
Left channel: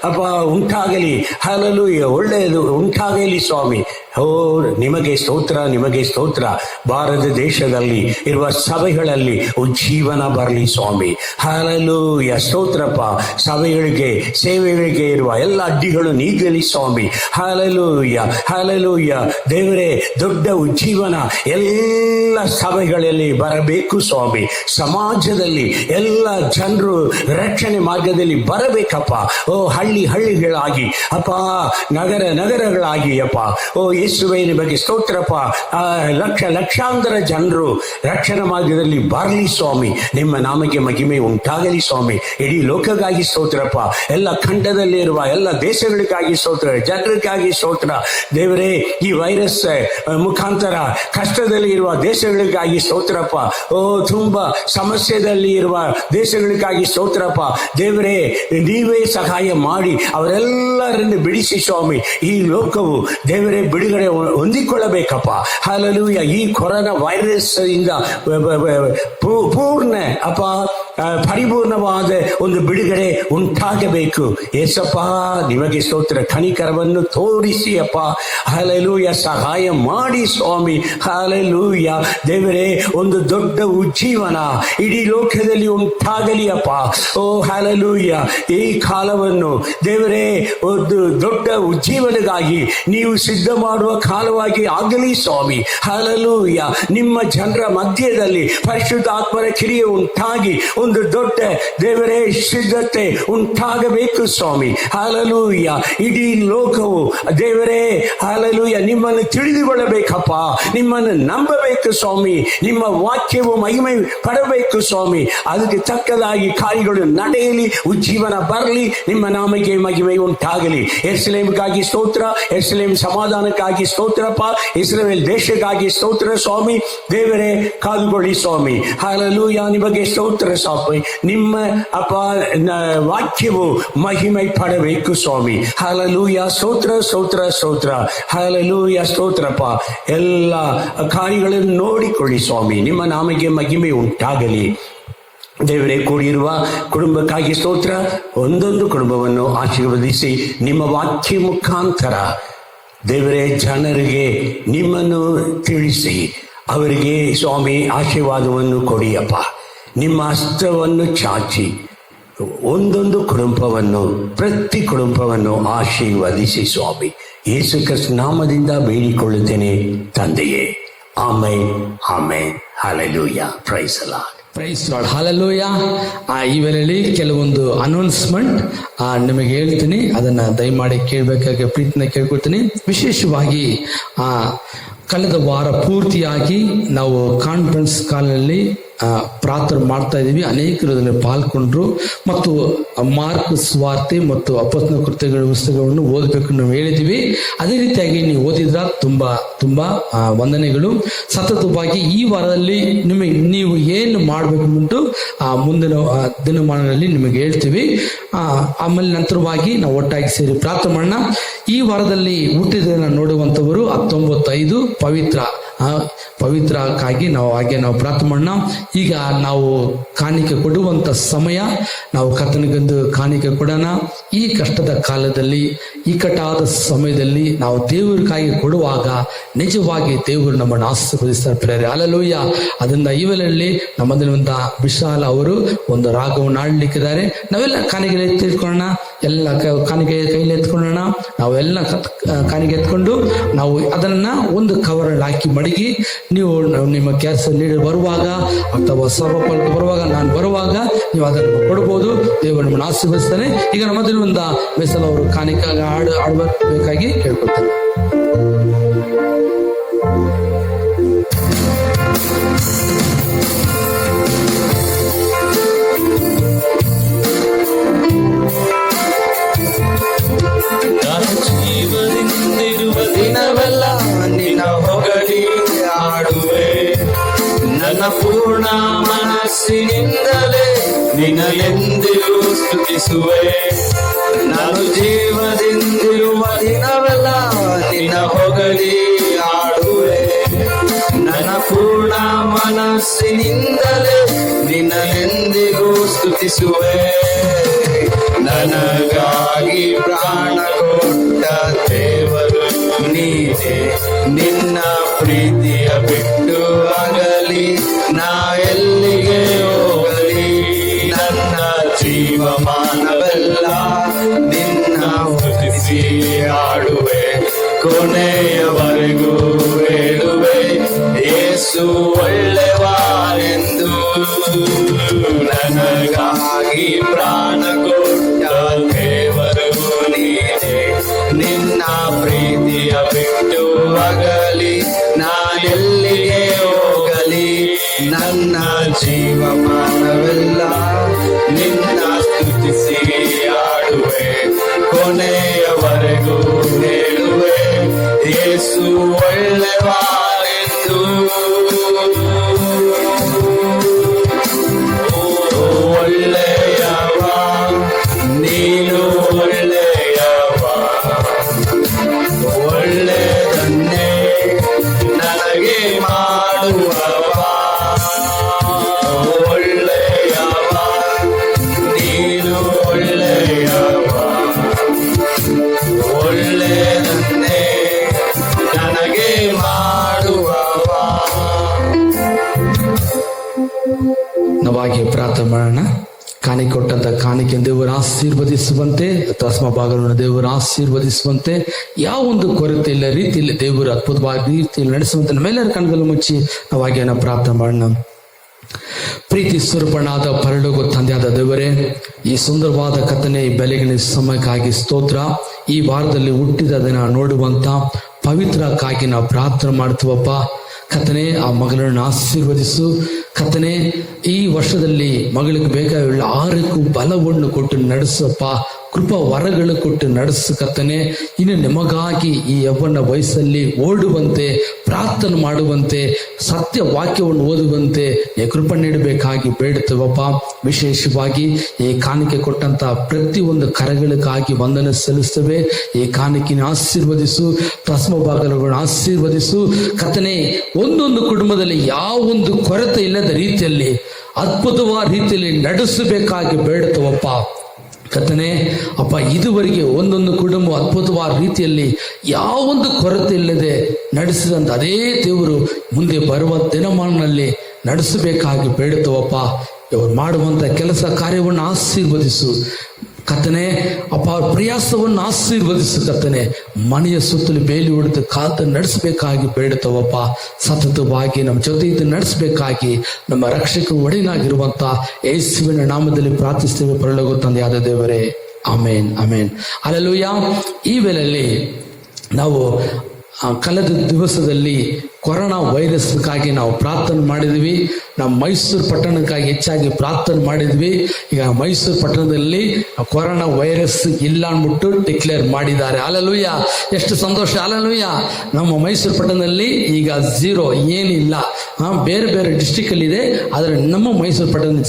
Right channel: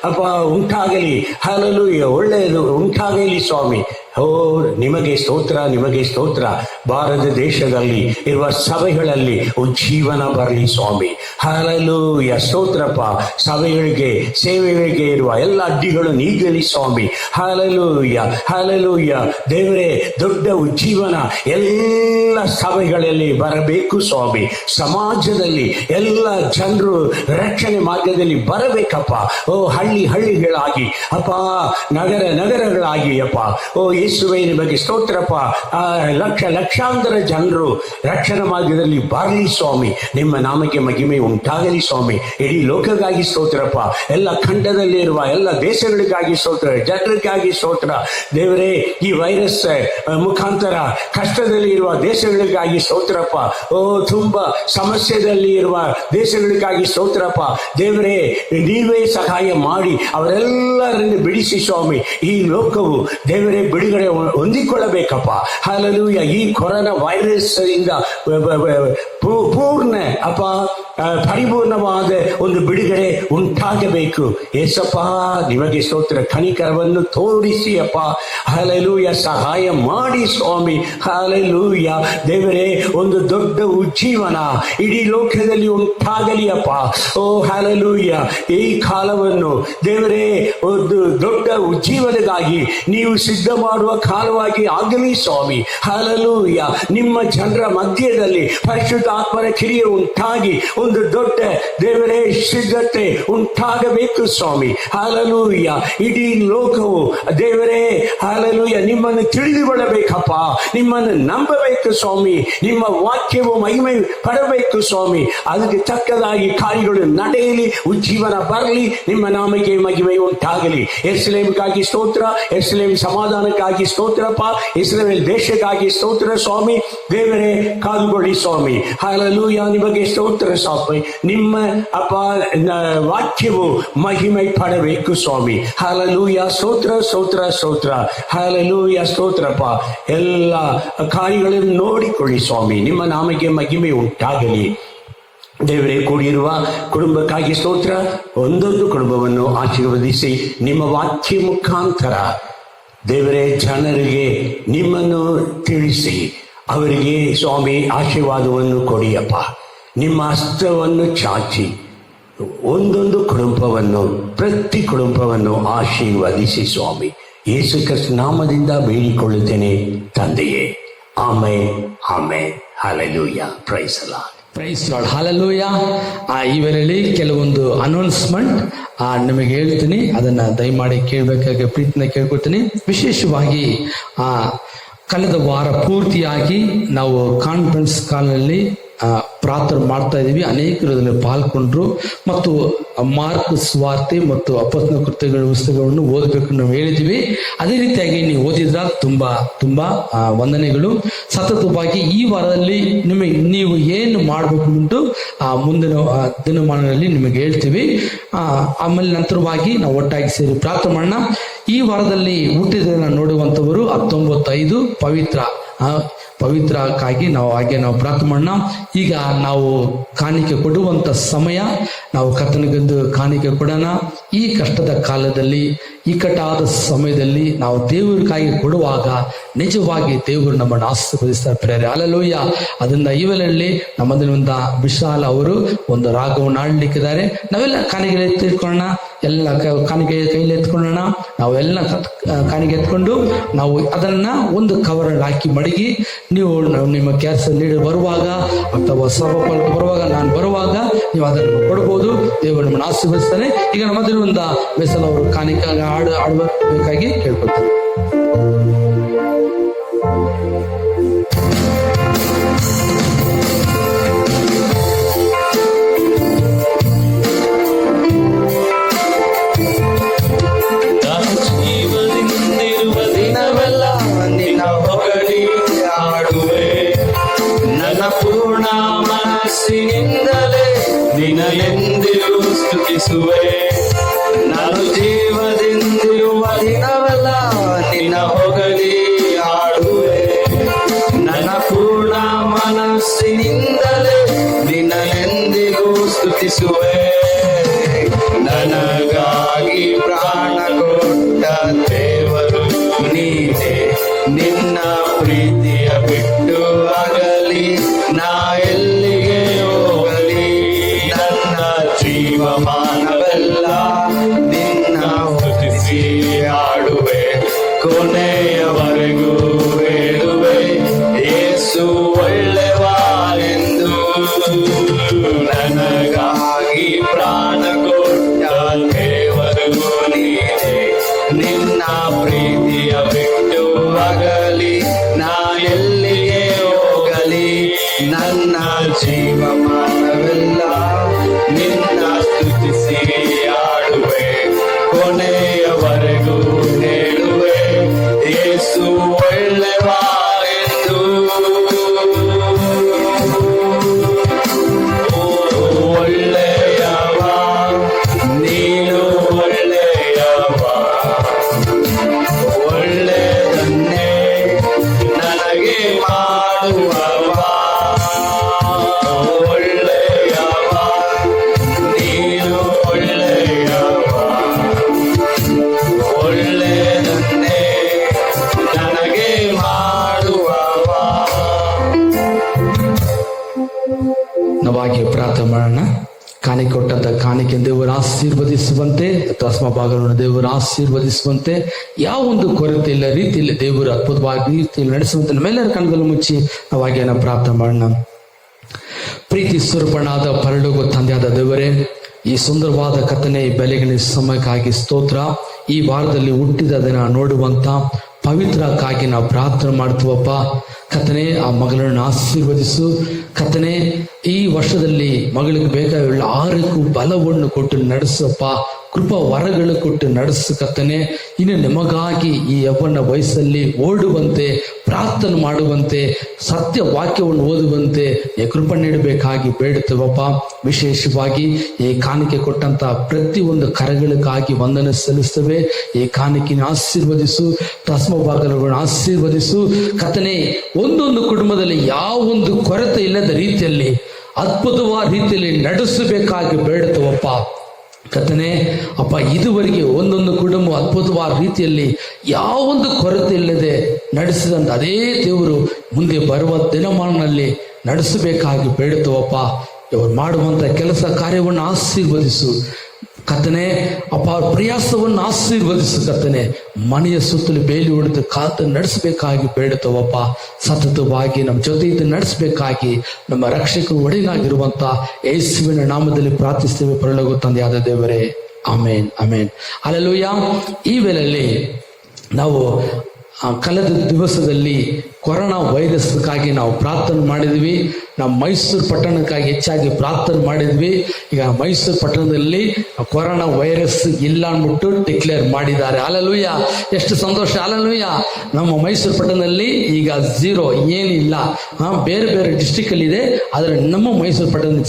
ಅಪ್ಪ ಉಂಟಾಗಲಿ. ಹಲ್ಲೆಲೂಯಾ. ಒಳ್ಳೆಯದು ಉಂಟಾಗಲಿ ಸ್ವಾಮಿ. ನಿಮಗೆ ಸ್ತೋತ್ರ, ನಿಮಗೆ ಸ್ತೋತ್ರ. ಭಾರತ ದೇಶದಲ್ಲಿ ಇರುವ ಸಭೆಗಳಲ್ಲಿ ಉಜ್ಜೀವನ ಬರಲಿ ಸ್ವಾಮಿ. ಹಲ್ಲೆಲೂಯಾ. ಸ್ತೋತ್ರಪ್ಪ. ಸಭೆಗಳಿಗೆ, ಸೇವೆಗಳಿಗೆ ಇರುವ ಎಲ್ಲ ಅಡ್ಡಿಗಳು ನೀಗಲಿ ಸ್ವಾಮಿ. ಹಲ್ಲೆಲೂಯಾ. ಹಲ್ಲೆಲೂಯಾ. ದೇವರೇ ದೊಡ್ಡ ಉಜ್ಜೀವನ ಎಲ್ಲ ಸಭೆಗಳಲ್ಲಿ ಬರಬೇಕು ಸ್ವಾಮಿ. ಸಮಾಜದಲ್ಲಿ ಎಲ್ಲ ಜನರು ರಕ್ಷಣೆ ಮಾರ್ಗದಲ್ಲಿ ಬರಬೇಕಪ್ಪ. ಹಳ್ಳಿಗಳಾಗಿ ಅಪ್ಪ, ನಗರಗಳಾಗಿ ಅಪ್ಪ. ಯೇಸುವೇ ನಿಮಗೆ ಸ್ತೋತ್ರಪ್ಪ. ಲಕ್ಷಾಂತರ ಜನರು ರಕ್ಷಣಾ ಮಾರ್ಗದಲ್ಲಿ ಬರಲಿ ಸ್ವಾಮಿ. ನಿಮ್ಮ ನಾಮಕ್ಕೆ ಮಹಿಮೆ ಉಂಟಾಗಲಿ ಸ್ವಾಮಿ. ಇಡೀ ಲೋಕಕ್ಕಾಗಿ ಸ್ತೋತ್ರಪ್ಪ. ಎಲ್ಲ ಖಂಡದಲ್ಲಿ ಇರುವ ಎಲ್ಲ ದೇಶಗಳಿಗಾಗಿ ಸ್ತೋತ್ರ, ಜನರಿಗಾಗಿ ಸ್ತೋತ್ರ ದೇವರೇ. ಈ ವೈರಸ್ ಮುಖಾಂತರ ಕಷ್ಟದಲ್ಲಿ ಇರುವ ದೇಶಗಳಿಗಾಗಿ ಸ್ತೋತ್ರಪ್ಪ. ತುಂಬಾ ಸಮಸ್ಯೆದಲ್ಲಿ ಇರುವ ದೇಶಗಳಿಗಾಗಿ ಸ್ತೋತ್ರಪ್ಪ ದೇವರೇ. ನೀವೇ ಸಹಾಯ ಮಾಡಿ ಅವರೆಲ್ಲರನ್ನು ಬಿಡಿಸಿ ಸ್ವಾಮಿ. ಈ ಲೋಕವು ದೇವರೇ ಬಿಡುಗಡೆ ಹೊಂದಿಕೊಳ್ಳಬೇಕಪ್ಪ. ಹಲ್ಲೆಲೂಯಾ. ಈ ಕೊರೋನಾ ವೈರಸ್ ಇಂದ ಪೂರ್ಣ ಅಪ್ಪ ಪರಿಪೂರ್ಣವಾದ ಒಂದು ಬಿಡುಗಡೆ ಉಂಟಾಗಬೇಕು. ಏಸಪ್ಪ ನಿಮಗೆ ಸ್ತೋತ್ರ. ಕನಿಕರವನ್ನು ತೋರಿಸಿ ಅಪ್ಪ. ಹಲ್ಲೆಲೂಯಾ. ಸಹಾಯ ಮಾಡಿ ಸ್ವಾಮಿ. ಹಲ್ಲೆಲೂಯಾ. ದೇವರೇ ಒಂದು ದೊಡ್ಡ ಉಜ್ಜೀವನ ಇಡೀ ಲೋಕದಲ್ಲಿ ಉಂಟಾ ಉಂಟಾಗಲಿ ಅಪ್ಪ. ಓ ಹಲ್ಲೆಲೂಯ. ಈ ಕಾಲವನ್ನು ದೇವರೇ ಒಂದು ದೊಡ್ಡ ಉಜ್ಜೀವನಗಾಗಿ ನೀವು ಸಿದ್ಧ ಮಾಡುವ ಕಾಲವಾಗಿ ಆಗಲಿ ಸ್ವಾಮಿ. ಹಲ್ಲೆಲೂಯ. ನಿಮ್ಮ ಜನರ ಮಧ್ಯದಲ್ಲಿ ಪರಿಶುದ್ಧ ಆತ್ಮನ ಕ್ರಿಯೆ ಉಂಟಾಗಿ ಒಂದು ದೊಡ್ಡ ದೇವರೇ ಸಿದ್ಧತೆ ಉಂಟಾಗಬೇಕು ಸ್ವಾಮಿ. ಹಲ್ಲೆಲೂಯ. ಇಡೀ ಲೋಕವು ದೇವರೇ ಹಲ್ಲೆಲೂಯ ನಿಮ್ಮನ್ನು ತಿಳಿದುಕೊಳ್ಳಬೇಕಪ್ಪ, ನಿಮ್ಮನ್ನು ನಂಬಬೇಕು ಸ್ವಾಮಿ, ನಿಮ್ಮ ವಾಕ್ಯವು ಮಹಿಮೆ ಪಡಬೇಕು ಸ್ವಾಮಿ. ಅದಕ್ಕೆ ತಕ್ಕದಾಗಿ ಕಾರ್ಯಗಳು ನಡೆಯಲಿ, ಉಜ್ಜೀವನ ಬರಲಿ, ನಿಮ್ಮ ನಾಮಕ್ಕೆ ಮಹಿಮೆ ಉಂಟಾಗಲಿ. ಯೆರೂಸಲೇಮಿಗಾಗಿ ಸ್ತೋತ್ರ, ಯೆರೂಸಲೇಮ್ ಸಮಾಧಾನಕ್ಕಾಗಿ ಸ್ತೋತ್ರಪ್ಪ, ಇಸ್ರಾಯೇಲ್ ದೇಶಕ್ಕಾಗಿ ಸ್ತೋತ್ರ ಸ್ವಾಮಿ. ದೇವರೇ ಕಾದುಕೊಳ್ಳಿ ಸ್ವಾಮಿ. ಹಲ್ಲೆಲೂಯ. ನಿಮಗೆ ಸ್ತೋತ್ರ ಸ್ವಾಮಿ. ನಿಮ್ಮ ಅಪ್ಪ ವಾಕ್ಯವು ಮಹಿಮೆ ಪಡಬೇಕು ಸ್ವಾಮಿ. ಹಲ್ಲೆಲೂಯ. ಸ್ತೋತ್ರ ಸ್ತೋತ್ರ ಸ್ತೋತ್ರ. ಹಲ್ಲೆಲೂಯ. ಸ್ತೋತ್ರಪ್ಪ. ಎಲ್ಲ ಕಾರ್ಯಗಳನ್ನು ನೋಡಿಕೊಳ್ಳಿ ಸ್ವಾಮಿ. ನಿಮ್ಮ ನಾಮಕ್ಕೆ ಮಹಿಮೆ ಉಂಟಾಗಲಿ. ದೇವರೇ, ಕೂಡಿರುವ ಕುಟುಂಬಕ್ಕಾಗಿ ಸ್ತೋತ್ರ. ಒಂದೊಂದು ಕುಟುಂಬವನ್ನು ಆಶೀರ್ವದಿಸಿ ನಿಮ್ಮ ವಾಕ್ಯ ಮುಖಾಂತರ ದೇವರೇ ಜನರಿಗೆ ನಿಮ್ಮನ್ನು ತಿಳಿಸಿ ಅವರಿಗೆ ಸ್ವಾಮಿ ಆಶೀರ್ವಾದವನ್ನು ಕೊಡಿಯಪ್ಪ. ನಿಮ್ಮ ಹಸ್ತವನ್ನು ಚಾಚಿ ಒಂದೊಂದು ಕುಟುಂಬವನ್ನು, ಪ್ರತಿ ಕುಟುಂಬವನ್ನು ಆಶೀರ್ವದಿಸಿ ಸ್ವಾಮಿ. ಯೇಸು ಕ್ರಿಸ್ತ ನಾಮದಿಂದ ಬೇಡಿಕೊಳ್ಳುತ್ತೇನೆ ತಂದೆಯೇ. Amen, amen. Hallelujah. Praise the Lord. Praise Lord. Hallelujah. ಈ ವೇಳೆಯಲ್ಲಿ ಕೆಲವೊಂದು ಅನೌನ್ಸ್ಮೆಂಟ್ ನಿಮಗೆ ಹೇಳ್ತೀನಿ, ಅದನ್ನ ದಯಮಾಡಿ ಕೇಳಬೇಕಾಗಿ ಪ್ರೀತಿನ ಕೇಳ್ಕೊಳ್ತೀನಿ. ವಿಶೇಷವಾಗಿ ಕಳೆದ ವಾರ ಪೂರ್ತಿಯಾಗಿ ನಾವು ಕಾನ್ಫರೆನ್ಸ್ ಕಾಲ್ನಲ್ಲಿ ಪ್ರಾರ್ಥನೆ ಮಾಡ್ತಾ ಇದ್ದೀವಿ. ಅನೇಕರು ಅದರಲ್ಲಿ ಪಾಲ್ಗೊಂಡ್ರು ಮತ್ತು ಮಾರ್ಕ್ ಸುವಾರ್ತೆ ಮತ್ತು ಅಪೊಸ್ತಲರ ಕೃತ್ಯಗಳ ಪುಸ್ತಕಗಳನ್ನು ಓದಬೇಕು ನಾವು ಹೇಳಿದ್ದೀವಿ. ಅದೇ ರೀತಿಯಾಗಿ ನೀವು ಓದಿದ್ರ ತುಂಬಾ ವಂದನೆಗಳು. ಸತತವಾಗಿ ಈ ವಾರದಲ್ಲಿ ನೀವು ಏನು ಮಾಡಬೇಕು ಅಂತ ಮುಂದಿನ ದಿನಮಾನಗಳಲ್ಲಿ ನಿಮಗೆ ಹೇಳ್ತೀವಿ. ಆಮೇಲೆ ನಂತರವಾಗಿ ನಾವು ಒಟ್ಟಾಗಿ ಸೇರಿ ಪ್ರಾರ್ಥನೆ ಮಾಡೋಣ. ಈ ವಾರದಲ್ಲಿ ಹುಟ್ಟಿದ ನೋಡುವಂತವರು 19/5 ಪವಿತ್ರಕ್ಕಾಗಿ ನಾವು ಪ್ರಾರ್ಥನೆ ಮಾಡೋಣ. ಈಗ ನಾವು ಕಾಣಿಕೆ ಕೊಡುವಂತ ಸಮಯ. ನಾವು ಕರ್ತನಿಗೊಂದು ಕಾಣಿಕೆ ಕೊಡೋಣ. ಈ ಕಷ್ಟದ ಕಾಲದಲ್ಲಿ, ಇಕ್ಕಟ್ಟಾದ ಸಮಯದಲ್ಲಿ ನಾವು ದೇವರಿಗಾಗಿ ಕೊಡುವಾಗ ನಿಜವಾಗಿ ದೇವರು ನಮ್ಮನ್ನು ಆಶೀರ್ವದಿಸ್ತಾರೆ. ಹಲ್ಲೆಲೂಯ. ಅದರಿಂದ ಈ ವೇಳೆಯಲ್ಲಿ ನಮ್ಮದರಿಂದ ವಿಶಾಲ ಅವರು ಒಂದು ರಾಗವನ್ನು ಆಡ್ಲಿಕ್ಕಿದ್ದಾರೆ. ನಾವೆಲ್ಲ ಕಾಣಿಕೆ ಎತ್ತಿಟ್ಕೊಳ್ಳೋಣ. ಎಲ್ಲ ಕಾಣಿಕೆ ಕೈಲಿ ಎತ್ಕೊಳ್ಳೋಣ. ನಾವೆಲ್ಲ ಕಾಣಿಕೆ ಎತ್ಕೊಂಡು ನಾವು ಅದನ್ನ ಒಂದು ಕವರಲ್ಲಿ ಹಾಕಿ ಮಡಗಿ, ನೀವು ನಿಮ್ಮ ಕೆಲಸ ಲೀಡರ್ ಬರುವಾಗ ಅಥವಾ ಸರ್ವಪಾಲಕ ಬರುವಾಗ, ನಾನು ಬರುವಾಗ ನೀವು ಅದನ್ನು ಕೊಡಬಹುದು. ದೇವರು ನಮ್ಮನ್ನು ಆಶೀರ್ವದಿಸ್ತಾನೆ. ಈಗ ನಮ್ಮದಲ್ಲಿ ಒಂದು ಮೆಸಲ್ ಅವರು ಕಾಣಿಕೆ ಆಡಬೇಕಾಗಿ ಕೇಳ್ಕೊಳ್ತಾರೆ. ನಾನು ಜೀವದಿಂದಿರುವ ದಿನವೆಲ್ಲ ನಿನ್ನ ಹೊಗಳಿ ಆಡುವೆ. ನನ್ನ ಪೂರ್ಣ ಮನಸ್ಸಿನಿಂದಲೇ ನಿನ್ನ ಎಂದಿಗೂ ಸ್ತುತಿಸುವೆ. ನನಗಾಗಿ ಪ್ರಾಣ ಕೊಟ್ಟ ದೇವರು ನೀನೇ. ನಿನ್ನ ಪ್ರೀತಿಯ ಬಿಟ್ಟು ಆಗಲಿ ನಾ ಎಲ್ಲಿಗೆ ಹೋಗಲಿ. ನನ್ನ ಜೀವಮಾನವೆಲ್ಲ ನಿನ್ನ ಸ್ತುತಿಸಿ ಆಡುವೆ. ಕೊನೆಯವರೆಗೂ ಹೇಳುವೆ, ಯೇಸು ಒಳ್ಳೆಯವನೆಂದು. ನನಗಾಗಿ ಪ್ರಾಣ ಕೊಟ್ಟ ದೇವರು ನೀನೇ. ನಿನ್ನ ಪ್ರೀತಿಯ ಬಿಟ್ಟು ಆಗಲಿ ನಾ ಎಲ್ಲಿಗೆ ಹೋಗಲಿ. ನನ್ನ ಜೀವಮಾನವೆಲ್ಲ ನಿನ್ನ ಸ್ತುತಿಸಿ ಆಡುವೆ. ಕೊನೆಯವರೆಗೂ ಹೇಳುವೆ, ಯೇಸು ಒಳ್ಳೆಯವನೆಂದು. ಒಳ್ಳೆಯವ ನೀನು, ಒಳ್ಳೆಯವ, ಒಳ್ಳೆಯದನ್ನೇ ನನಗೆ ಮಾಡುವವ. ಒಳ್ಳೆಯವ ಕಾಣಿಕೆಯನ್ನು ದೇವರು ಆಶೀರ್ವದಿಸುವಂತೆ, ದಶಮ ಭಾಗವನ್ನು ದೇವರು ಆಶೀರ್ವದಿಸುವಂತೆ, ಯಾವ ಒಂದು ಕೊರತೆ ಇಲ್ಲ ರೀತಿಯಲ್ಲಿ ದೇವರು ಅದ್ಭುತವಾಗಿ ರೀತಿಯಲ್ಲಿ ನಡೆಸುವಂತೆ ನಮ್ಮೆಲ್ಲರ ಕಣ್ಗಳು ಮುಚ್ಚಿ ನಾವು ಹಾಗೆ ಪ್ರಾರ್ಥನೆ ಮಾಡೋಣ. ಪ್ರೀತಿ ಸ್ವರೂಪನಾದ ಪರಲೋಕ ತಂದೆಯಾದ ದೇವರೇ, ಈ ಸುಂದರವಾದ ಕಥನೆ ಬೆಲೆಗಿನ ಸಮಯಕ್ಕಾಗಿ ಸ್ತೋತ್ರ. ಈ ವಾರದಲ್ಲಿ ಹುಟ್ಟಿದ ದಿನ ನೋಡುವಂತ ಪವಿತ್ರಕ್ಕಾಗಿ ನಾವು ಪ್ರಾರ್ಥನೆ ಮಾಡ್ತೀವಪ್ಪ. ಕಥನೆ ಆ ಮಗಳನ್ನು ಆಶೀರ್ವದಿಸು. ಕಥನೆ ಈ ವರ್ಷದಲ್ಲಿ ಮಗಳಿಗೆ ಬೇಕಾಗಿಲ್ಲ ಆರೋಗ್ಯ ಬಲವನ್ನು ಕೊಟ್ಟು ನಡೆಸಪ್ಪ. ಕೃಪಾ ವರಗಳು ಕೊಟ್ಟು ನಡೆಸು ಕರ್ತನೆ. ಇನ್ನು ನಿಮಗಾಗಿ ಈ ಯೌವನ ವಯಸ್ಸಲ್ಲಿ ಓಡುವಂತೆ, ಪ್ರಾರ್ಥನೆ ಮಾಡುವಂತೆ, ಸತ್ಯ ವಾಕ್ಯವನ್ನು ಓದುವಂತೆ ಕೃಪೆ ನೀಡಬೇಕಾಗಿ ಬೇಡುತ್ತೇವಪ್ಪ. ವಿಶೇಷವಾಗಿ ಈ ಕಾಣಿಕೆ ಕೊಟ್ಟಂತ ಪ್ರತಿಯೊಂದು ಕರೆಗಳಿಗಾಗಿ ವಂದನೆ ಸಲ್ಲಿಸ್ತೇವೆ. ಈ ಕಾಣಿಕೆನ ಆಶೀರ್ವದಿಸು, ದಶಮ ಭಾಗಗಳನ್ನು ಆಶೀರ್ವದಿಸು ಕರ್ತನೆ. ಒಂದೊಂದು ಕುಟುಂಬದಲ್ಲಿ ಯಾವೊಂದು ಕೊರತೆ ಇಲ್ಲದ ರೀತಿಯಲ್ಲಿ ಅದ್ಭುತವಾದ ರೀತಿಯಲ್ಲಿ ನಡೆಸಬೇಕಾಗಿ ಬೇಡುತ್ತೇವಪ್ಪ. ಕರ್ತನೆ ಅಪ್ಪ, ಇದುವರೆಗೆ ಒಂದೊಂದು ಕುಟುಂಬ ಅದ್ಭುತವಾದ ರೀತಿಯಲ್ಲಿ ಯಾವೊಂದು ಕೊರತೆ ಇಲ್ಲದೆ ನಡೆಸಿದಂತ ಅದೇ ದೇವರು ಮುಂದೆ ಬರುವ ದಿನಮಾನದಲ್ಲಿ ನಡೆಸಬೇಕಾಗಿ ಬೇಡುತ್ತವಪ್ಪ. ಇವರು ಮಾಡುವಂತ ಕೆಲಸ ಕಾರ್ಯವನ್ನು ಆಶೀರ್ವದಿಸು ಕರ್ತನೆ ಅಪ್ಪ. ಪ್ರಯಾಸವನ್ನು ಆಶೀರ್ವದಿಸು ಕರ್ತನೆ. ಮನೆಯ ಸುತ್ತಲೂ ಬೇಲಿ ಹೊಡೆದು ಕಾತು ನಡೆಸಬೇಕಾಗಿ ಬೇಡುತ್ತವಪ್ಪ. ಸತತವಾಗಿ ನಮ್ಮ ಜೊತೆ ಇದು ನಡೆಸಬೇಕಾಗಿ ನಮ್ಮ ರಕ್ಷಕ ಒಡೆಯನಾಗಿರುವಂತ ಯೇಸುವಿನ ನಾಮದಲ್ಲಿ ಪ್ರಾರ್ಥಿಸ್ತೇವೆ ಪರಲೋಕ ತಂದೆಯಾದ ದೇವರೇ. ಆಮೇನ್, ಆಮೇನ್, ಹಲ್ಲೆಲೂಯಾ. ಈ ವೇಳೆಯಲ್ಲಿ ನಾವು ಕಳೆದ ದಿವಸದಲ್ಲಿ ಕೊರೋನಾ ವೈರಸ್ಗಾಗಿ ನಾವು ಪ್ರಾರ್ಥನೆ ಮಾಡಿದ್ವಿ. ನಾವು ಮೈಸೂರು ಪಟ್ಟಣಕ್ಕಾಗಿ ಹೆಚ್ಚಾಗಿ ಪ್ರಾರ್ಥನೆ ಮಾಡಿದ್ವಿ. ಈಗ ಮೈಸೂರು ಪಟ್ಟಣದಲ್ಲಿ ಕೊರೋನಾ ವೈರಸ್ ಇಲ್ಲ ಅಂದ್ಬಿಟ್ಟು ಡಿಕ್ಲೇರ್ ಮಾಡಿದ್ದಾರೆ. ಹಲ್ಲೆಲೂಯಾ, ಎಷ್ಟು ಸಂತೋಷ. ಹಲ್ಲೆಲೂಯಾ. ನಮ್ಮ ಮೈಸೂರು ಪಟ್ಟಣದಲ್ಲಿ ಈಗ ಝೀರೋ, ಏನಿಲ್ಲ. ಬೇರೆ ಬೇರೆ ಡಿಸ್ಟಿಕ್ ಅಲ್ಲಿ ಇದೆ, ಆದರೆ ನಮ್ಮ ಮೈಸೂರು ಪಟ್ಟಣ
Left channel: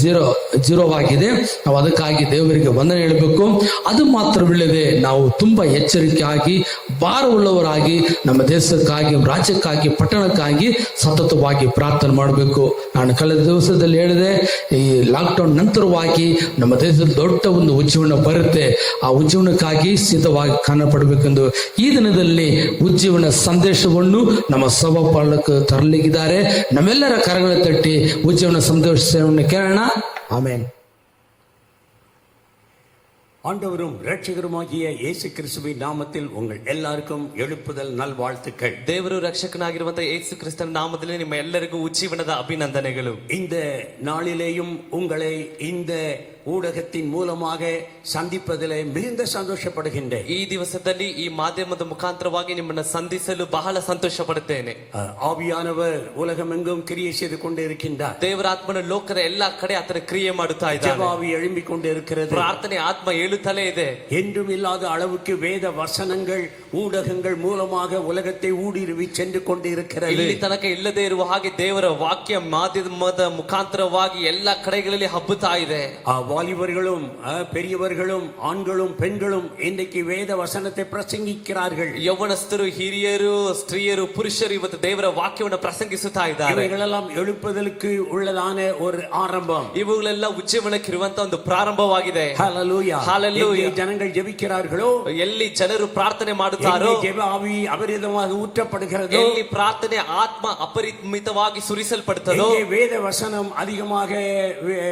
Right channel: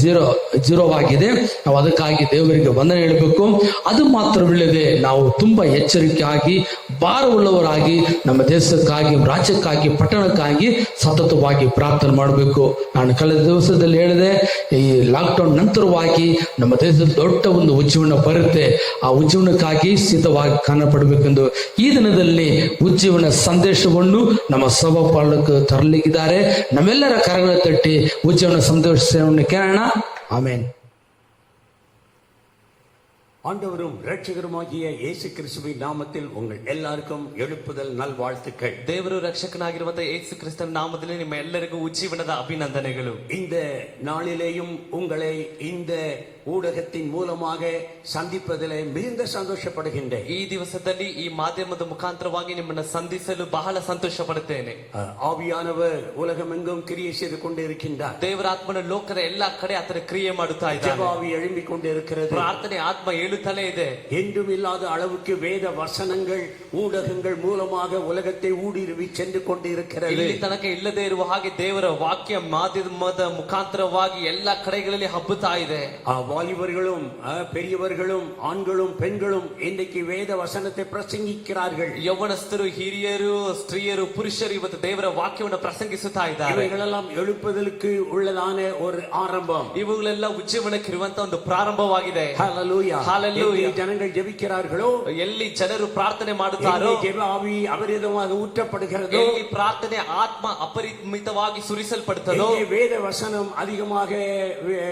ಝೀರೋ ಆಗಿದೆ. ನಾವು ಅದಕ್ಕಾಗಿ ದೇವರಿಗೆ ವಂದನೆ ಹೇಳಬೇಕು. ಅದು ಮಾತ್ರವಿಲ್ಲದೆ ನಾವು ತುಂಬಾ ಎಚ್ಚರಿಕೆಯಾಗಿ ಭಾರವುಳ್ಳವರಾಗಿ ನಮ್ಮ ದೇಶಕ್ಕಾಗಿ, ರಾಜ್ಯಕ್ಕಾಗಿ, ಪಟ್ಟಣಕ್ಕಾಗಿ ಸತತವಾಗಿ ಪ್ರಾರ್ಥನೆ ಮಾಡಬೇಕು. ನಾನು ಕಳೆದ ದಿವಸದಲ್ಲಿ ಹೇಳಿದೆ, ಈ ಲಾಕ್ಡೌನ್ ನಂತರವಾಗಿ ನಮ್ಮ ದೇಶದಲ್ಲಿ ದೊಡ್ಡ ಒಂದು ಉಜ್ಜೀವನ ಬರುತ್ತೆ. ಆ ಉಜ್ಜೀವನಕ್ಕಾಗಿ ಸಿದ್ಧವಾಗಿ ಕಾಣಪಡಬೇಕೆಂದು ಈ ದಿನದಲ್ಲಿ ಉಜ್ಜೀವನ ಸಂದೇಶವನ್ನು ನಮ್ಮ ಸಭಾಪಾಲಕರು ತರಲಿದ್ದಾರೆ. ನಮ್ಮೆಲ್ಲರ ಕರಗಳ ತಟ್ಟಿ ಉಜ್ಜೀವನ ಸಂದೇಶವನ್ನು ಕೇಳೋಣ. ಆಮೇನ್. ஆண்டவரும் ரட்சகருமாகிய இயேசு கிறிஸ்துவின் நாமத்தில் உங்கள் எல்லாருக்கும் எழுப்புதல் நல்வாழ்த்துக்கள். ದೇವರು ರಕ್ಷಕನಾಗಿರುವಂತಹ ಯೇಸು ಕ್ರಿಸ್ತನ ನಾಮದಲ್ಲಿ ನಿಮ್ಮ ಎಲ್ಲರಿಗೂ ಉಜ್ಜೀವನದ ಅಭಿನಂದನೆಗಳು. இந்த நாளிலேயும் உங்களை இந்த ஊடகத்தின் மூலமாக சந்திப்பதிலே மிகுந்த சந்தோஷப்படுகின்றேன். ಈ ದಿವಸದಲ್ಲಿ ಈ ಮಾಧ್ಯಮದ ಮುಖಾಂತರವಾಗಿ ನಿಮ್ಮನ್ನು ಸಂಧಿಸಲು ಬಹಳ ಸಂತೋಷ ಪಡುತ್ತೇನೆ. ஆவியானவர் உலகமெங்கும் கிரியை செய்து கொண்டிருக்கின்றார். ದೇವರ ಆತ್ಮನ ಲೋಕದ ಎಲ್ಲಾ ಕಡೆ ಆತನ ಕ್ರಿಯೆ ಮಾಡುತ್ತಾ ಇದ್ದಾನೆ. ஜெபாவி எழும்பிக் கொண்டிருக்கிறது. ಪ್ರಾರ್ಥನೆ ಆತ್ಮ ಏಳುತ್ತಲೇ ಇದೆ. என்றும் இல்லாத அளவுக்கு வேத வசனங்கள் ஊடகங்கள் மூலமாக உலகத்தை ஊடுருவி சென்று கொண்டிருக்கிறது. ಇಲ್ಲಿ ತನಕ ಇಲ್ಲದೆ ಇರುವ ಹಾಗೆ ದೇವರ ವಾಕ್ಯ ಮಾಧ್ಯಮದ ಮುಖಾಂತರವಾಗಿ ಎಲ್ಲಾ ಕಡೆಗಳಲ್ಲಿ ಹಬ್ಬುತ್ತಾ ಇದೆ. வாலிபர்களும் பெரியவர்களும் ஆண்களும் பெண்களும் இன்றைக்கு வேத வசனத்தை பிரசங்கிக்கிறார்கள். ಯೌವನಸ್ಥರು, ಹಿರಿಯರು, ಸ್ತ್ರೀಯರು, ಪುರುಷರು ಇವತ್ತು ದೇವರ ವಾಕ್ಯವನ್ನು ಪ್ರಸಂಗಿಸುತ್ತಾ ಇದ್ದಾರೆ. இவைகளெல்லாம் எழுப்புதலுக்கு உள்ளதான ஒரு ஆரம்பம். ಇವುಗಳೆಲ್ಲ ಉಜ್ಜೀವನಕ್ಕಿರುವಂತಹ ಒಂದು ಪ್ರಾರಂಭವಾಗಿದೆ. ஹல்லேலூயா. ஹல்லேலூயா. ஜனங்கள் ஜெபிக்கிறார்களோ, ಎಲ್ಲಿ ಜನರು ಪ್ರಾರ್ಥನೆ ಮಾಡುತ್ತಾರೋ, ஜெப ஆவி அபரிதமாக ஊற்றப்படுகிறதோ, ಎಲ್ಲಿ ಪ್ರಾರ್ಥನೆ ಆತ್ಮ ಅಪರಿಮಿತವಾಗಿ ಸುರಿಸಲ್ಪಡುತ್ತದೋ, வேத வசனம் அதிகமாக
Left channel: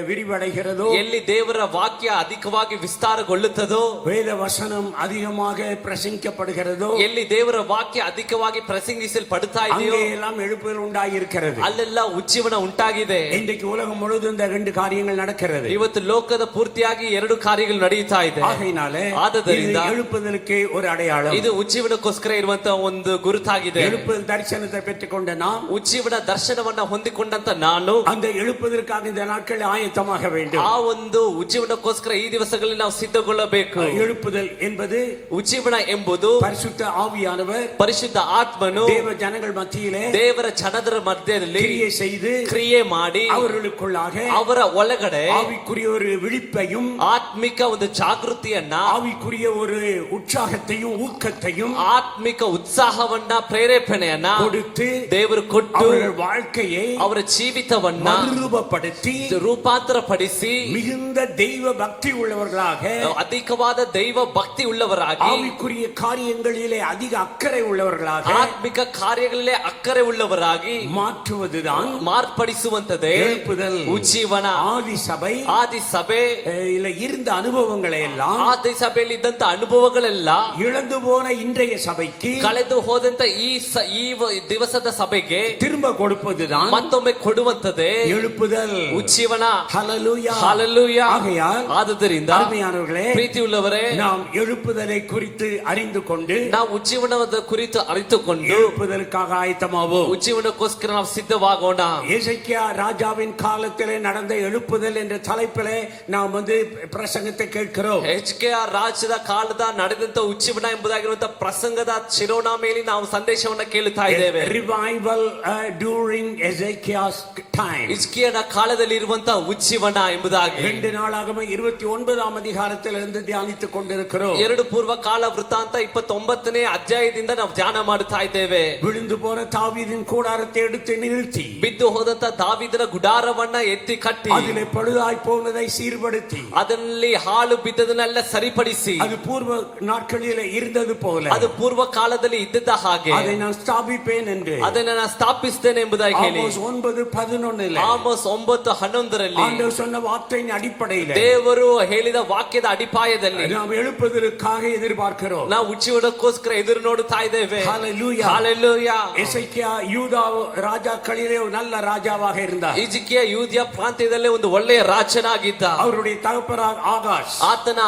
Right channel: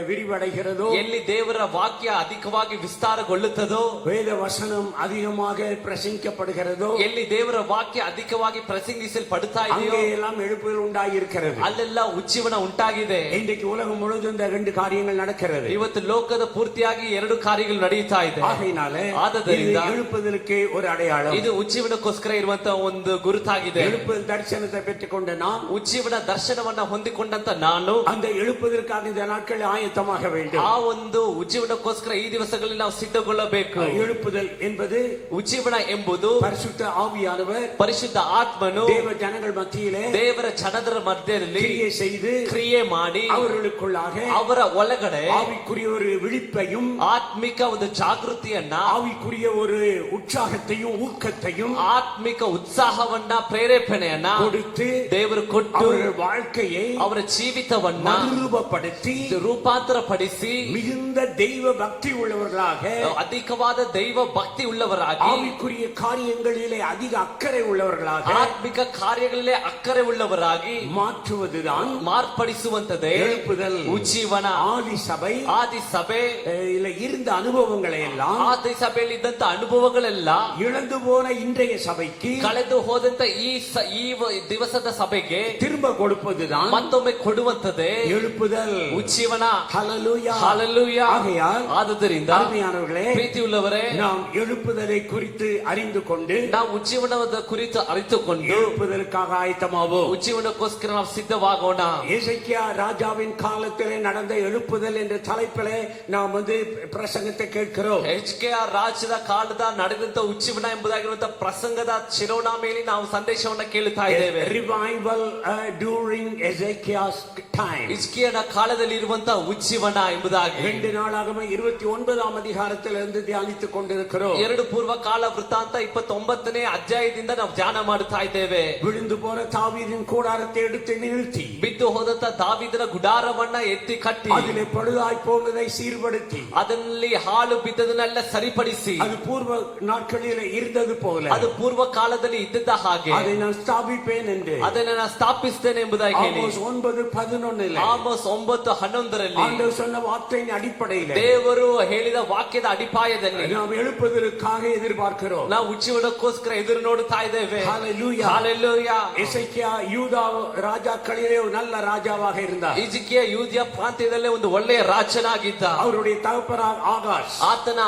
விரிவடைகிறதோ, ಎಲ್ಲಿ ದೇವರ ವಾಕ್ಯ ಅಧಿಕವಾಗಿ ವಿಸ್ತಾರಗೊಳ್ಳುತ್ತದೋ, வேத வசனம் அதிகமாக பிரசங்கிக்கப்படுகிறதோ, ಎಲ್ಲಿ ದೇವರ ವಾಕ್ಯ ಅಧಿಕವಾಗಿ ಪ್ರಸಂಗಿಸಲ್ಪಡುತ್ತಾ ಇದೆಯೋ, எல்லாம் எழுப்புதல் உண்டாகியிருக்கிறது. ಅಲ್ಲೆಲ್ಲ ಉಜ್ಜೀವನ ಉಂಟಾಗಿದೆ. இன்றைக்கு உலகம் முழுவதும் இந்த ரெண்டு காரியங்கள் நடக்கிறது. ಇವತ್ತು ಲೋಕದ ಪೂರ್ತಿಯಾಗಿ ಎರಡು ಕಾರ್ಯಗಳು ನಡೆಯುತ್ತಾ ಇದೆ. ಆದ್ದರಿಂದ எழுப்புதலுக்கு ஒரு அடையாளம். ಇದು ಉಜ್ಜೀವನಕ್ಕೋಸ್ಕರ ಇರುವಂತಹ ಒಂದು ಗುರುತಾಗಿದೆ. எழுப்புதல் தரிசனத்தை பெற்றுக்கொண்ட நாம், ಉಜ್ಜೀವನ ದರ್ಶನವನ್ನ ಹೊಂದಿಕೊಂಡಂತ ನಾನು, அந்த எழுப்புதலுக்காக இந்த நாட்கள் ஆயத்தமாக வேண்டும். ಆ ಒಂದು ಉಜ್ಜೀವನಕ್ಕೋಸ್ಕರ ಈ ದಿವಸಗಳಲ್ಲಿ ನಾವು ಸಿದ್ಧಗೊಳ್ಳಬೇಕು. எழுப்புதல் என்பது, ಉಜ್ಜೀವನ ಎಂಬುದು பரிசுத்த ஆவியானவர் ಪರಿಶುದ್ಧ ಆತ್ಮನು தேவ ஜனங்கள் மத்தியிலே ದೇವರ ಜನರ ಮಧ್ಯದಲ್ಲಿ கிரியை செய்து ಕ್ರಿಯೆ ಮಾಡಿ அவர்களுக்குள்ளாக ಅವರ ಒಳಗಡೆ ஆவிக்குரிய ஒரு விழிப்பையும் ಆತ್ಮಿಕ ಒಂದು ಜಾಗೃತಿಯನ್ನ ஆவிக்குரிய ஒரு உற்சாகத்தையும் ஊக்கத்தையும் ಆತ್ಮಿಕ ಉತ್ಸಾಹವನ್ನ ಪ್ರೇರೇಪಣೆಯನ್ನ கொடுத்து ದೇವರು ಕೊಟ್ಟು அவர்கள் வாழ்க்கையை ಅವರ ಜೀವಿತವನ್ನ மறுரூபப்படுத்தி ರೂಪಾಂತರ ಪಡಿಸಿ மிகுந்த தெய்வ பக்தி உள்ளவர்களாக ಅಧಿಕವಾದ ದೈವ ಭಕ್ತಿ ಉಳ್ಳವರಾಗಿ ஆவிக்குரிய காரியங்களிலே அதிக அக்கறை உள்ளவர்களாக ಆತ್ಮಿಕ ಕಾರ್ಯಗಳಲ್ಲೇ ಅಕ್ಕರೆ ಉಳ್ಳವರಾಗಿ மாற்றுவதுதான் ಮಾರ್ಪಡಿಸುವಂತದೇ எழுப்புதல். ಉಜ್ಜೀವನ. ஆதி சபை ಆದಿ ಸಭೆ இல்ல இருந்த அனுபவங்களை எல்லாம் ಆದಿ ಸಭೆಯಲ್ಲಿ ಇದ್ದಂತ ಅನುಭವಗಳೆಲ್ಲ இழந்து போன இன்றைய சபைக்கு ಕಳೆದು ಹೋದಂತ ಈ ದಿವಸದ ಸಭೆಗೆ திரும்ப கொடுப்பதுதான் ಮತ್ತೊಮ್ಮೆ ಕೊಡುವಂತದೇ எழுப்புதல். ಉಜ್ಜೀವನ. ஹல்லேலூயா. ಹಾಲೆಲೂಯಾ. ஆகையால் ಆದುದರಿಂದ அருமையானவர்களே, ಪ್ರೀತಿ ಉಳ್ಳವರೇ, நாம் எழுப்புதலை குறித்து அறிந்து கொண்டு ನಾವು ಉಜ್ಜೀವನದ ಕುರಿತು ಅರಿತುಕೊಂಡು எழுப்புதலுக்காக ஆயத்தமாவோம். ಉಜ್ಜೀವನಕ್ಕೋಸ್ಕರ ನಾವು ಸಿದ್ಧವಾಗೋಣ. எசேக்கியா ராஜாவின் காலத்திலே நடந்த எழுப்புதல் என்ற தலைப்பிலே நாம் பிரசங்கத்தை கேட்கிறோம். HKR ರಾಜ್ಯದ ಕಾಲದ ನಡೆದಂತ ಉಜ್ಜೀವನ ಎಂಬುದಾಗಿರುವಂತಹ ಪ್ರಸಂಗದ ಶಿರೋನಾಮೆಯಲ್ಲಿ ನಾವು ಸಂದೇಶವನ್ನ ಕೇಳುತ್ತಾ ಇದ್ದೇವೆ. Revival during Ezekias time. ಹಿಜ್ಕೀಯನ ಕಾಲದಲ್ಲಿ ಇರುವಂತಹ ಉಜ್ಜೀವನ ಎಂಬುದಾಗಿ 2 நாளாகம 29ஆம் அதிகாரத்திலிருந்து தியானித்துக் கொண்டிருக்கிறோம். 2 ಪೂರ್ವ ಕಾಲ ವೃತ್ತಾಂತ 29ನೇ ಅಧ್ಯಾಯದಿಂದ ನಾವು ಧ್ಯಾನ ಮಾಡುತ್ತಾ ಇದ್ದೇವೆ. விழுந்து போன தாவீதின் கூடாரத்தை எடுத்து நிறுத்தி, ಬಿದ್ದು ಹೋದಂತ ದಾವೀದನ ಗುಡಾರವನ್ನ ಎತ್ತಿ ಕಟ್ಟಿ, அதிலே பழுதாய் போனதை சீர்படுத்தி, ಅದರಲ್ಲಿ ಹಾಳು ಬಿದ್ದದನ್ನೆಲ್ಲ ಸರಿಪಡಿಸಿ, அது பூர்வ நாட்களிலே இருந்தது போல ಅದು ಪೂರ್ವ ಕಾಲದಲ್ಲಿ ಇದ್ದದ ಹಾಗೆ அதை நான் ஸ்தாபிப்பேன் என்று ಅದನ್ನ ನಾನು ಸ್ಥಾಪಿಸ್ತೇನೆ ಎಂಬುದಾಗಿ ಹೇಳಿ ஆமோஸ் 9:11 ಆಮೋಸ್ 9:11 ஆண்டவர் சொன்ன வார்த்தையின் அடிப்படையில் ದೇವರು ಹೇಳಿದ ವಾಕ್ಯದ ಅಡಿಪಾಯದಲ್ಲಿ நாம் எழுப்புதலுக்காக எதிர்பார்க்கிறோம். ನಾವು ಉಜ್ಜೀವನಕ್ಕೋಸ್ಕರ ಎದುರು ನೋಡುತ್ತಾ ಇದ್ದೇವೆ. ஹல்லேலூயா. ಹಾಲೆಲೂಯಾ. எசேக்கியா யூதா ராஜாக்களிலே ஒரு நல்ல ராஜாவாக இருந்தார். ಹಿಜ್ಕೀಯ ಯೂದ್ಯ ಪ್ರಾಂತ್ಯದಲ್ಲೇ ಒಂದು ಒಳ್ಳೆಯ ರಾಜನಾಗಿದ್ದ. அவருடைய தகப்பனார் ஆகாஸ், ಆತನ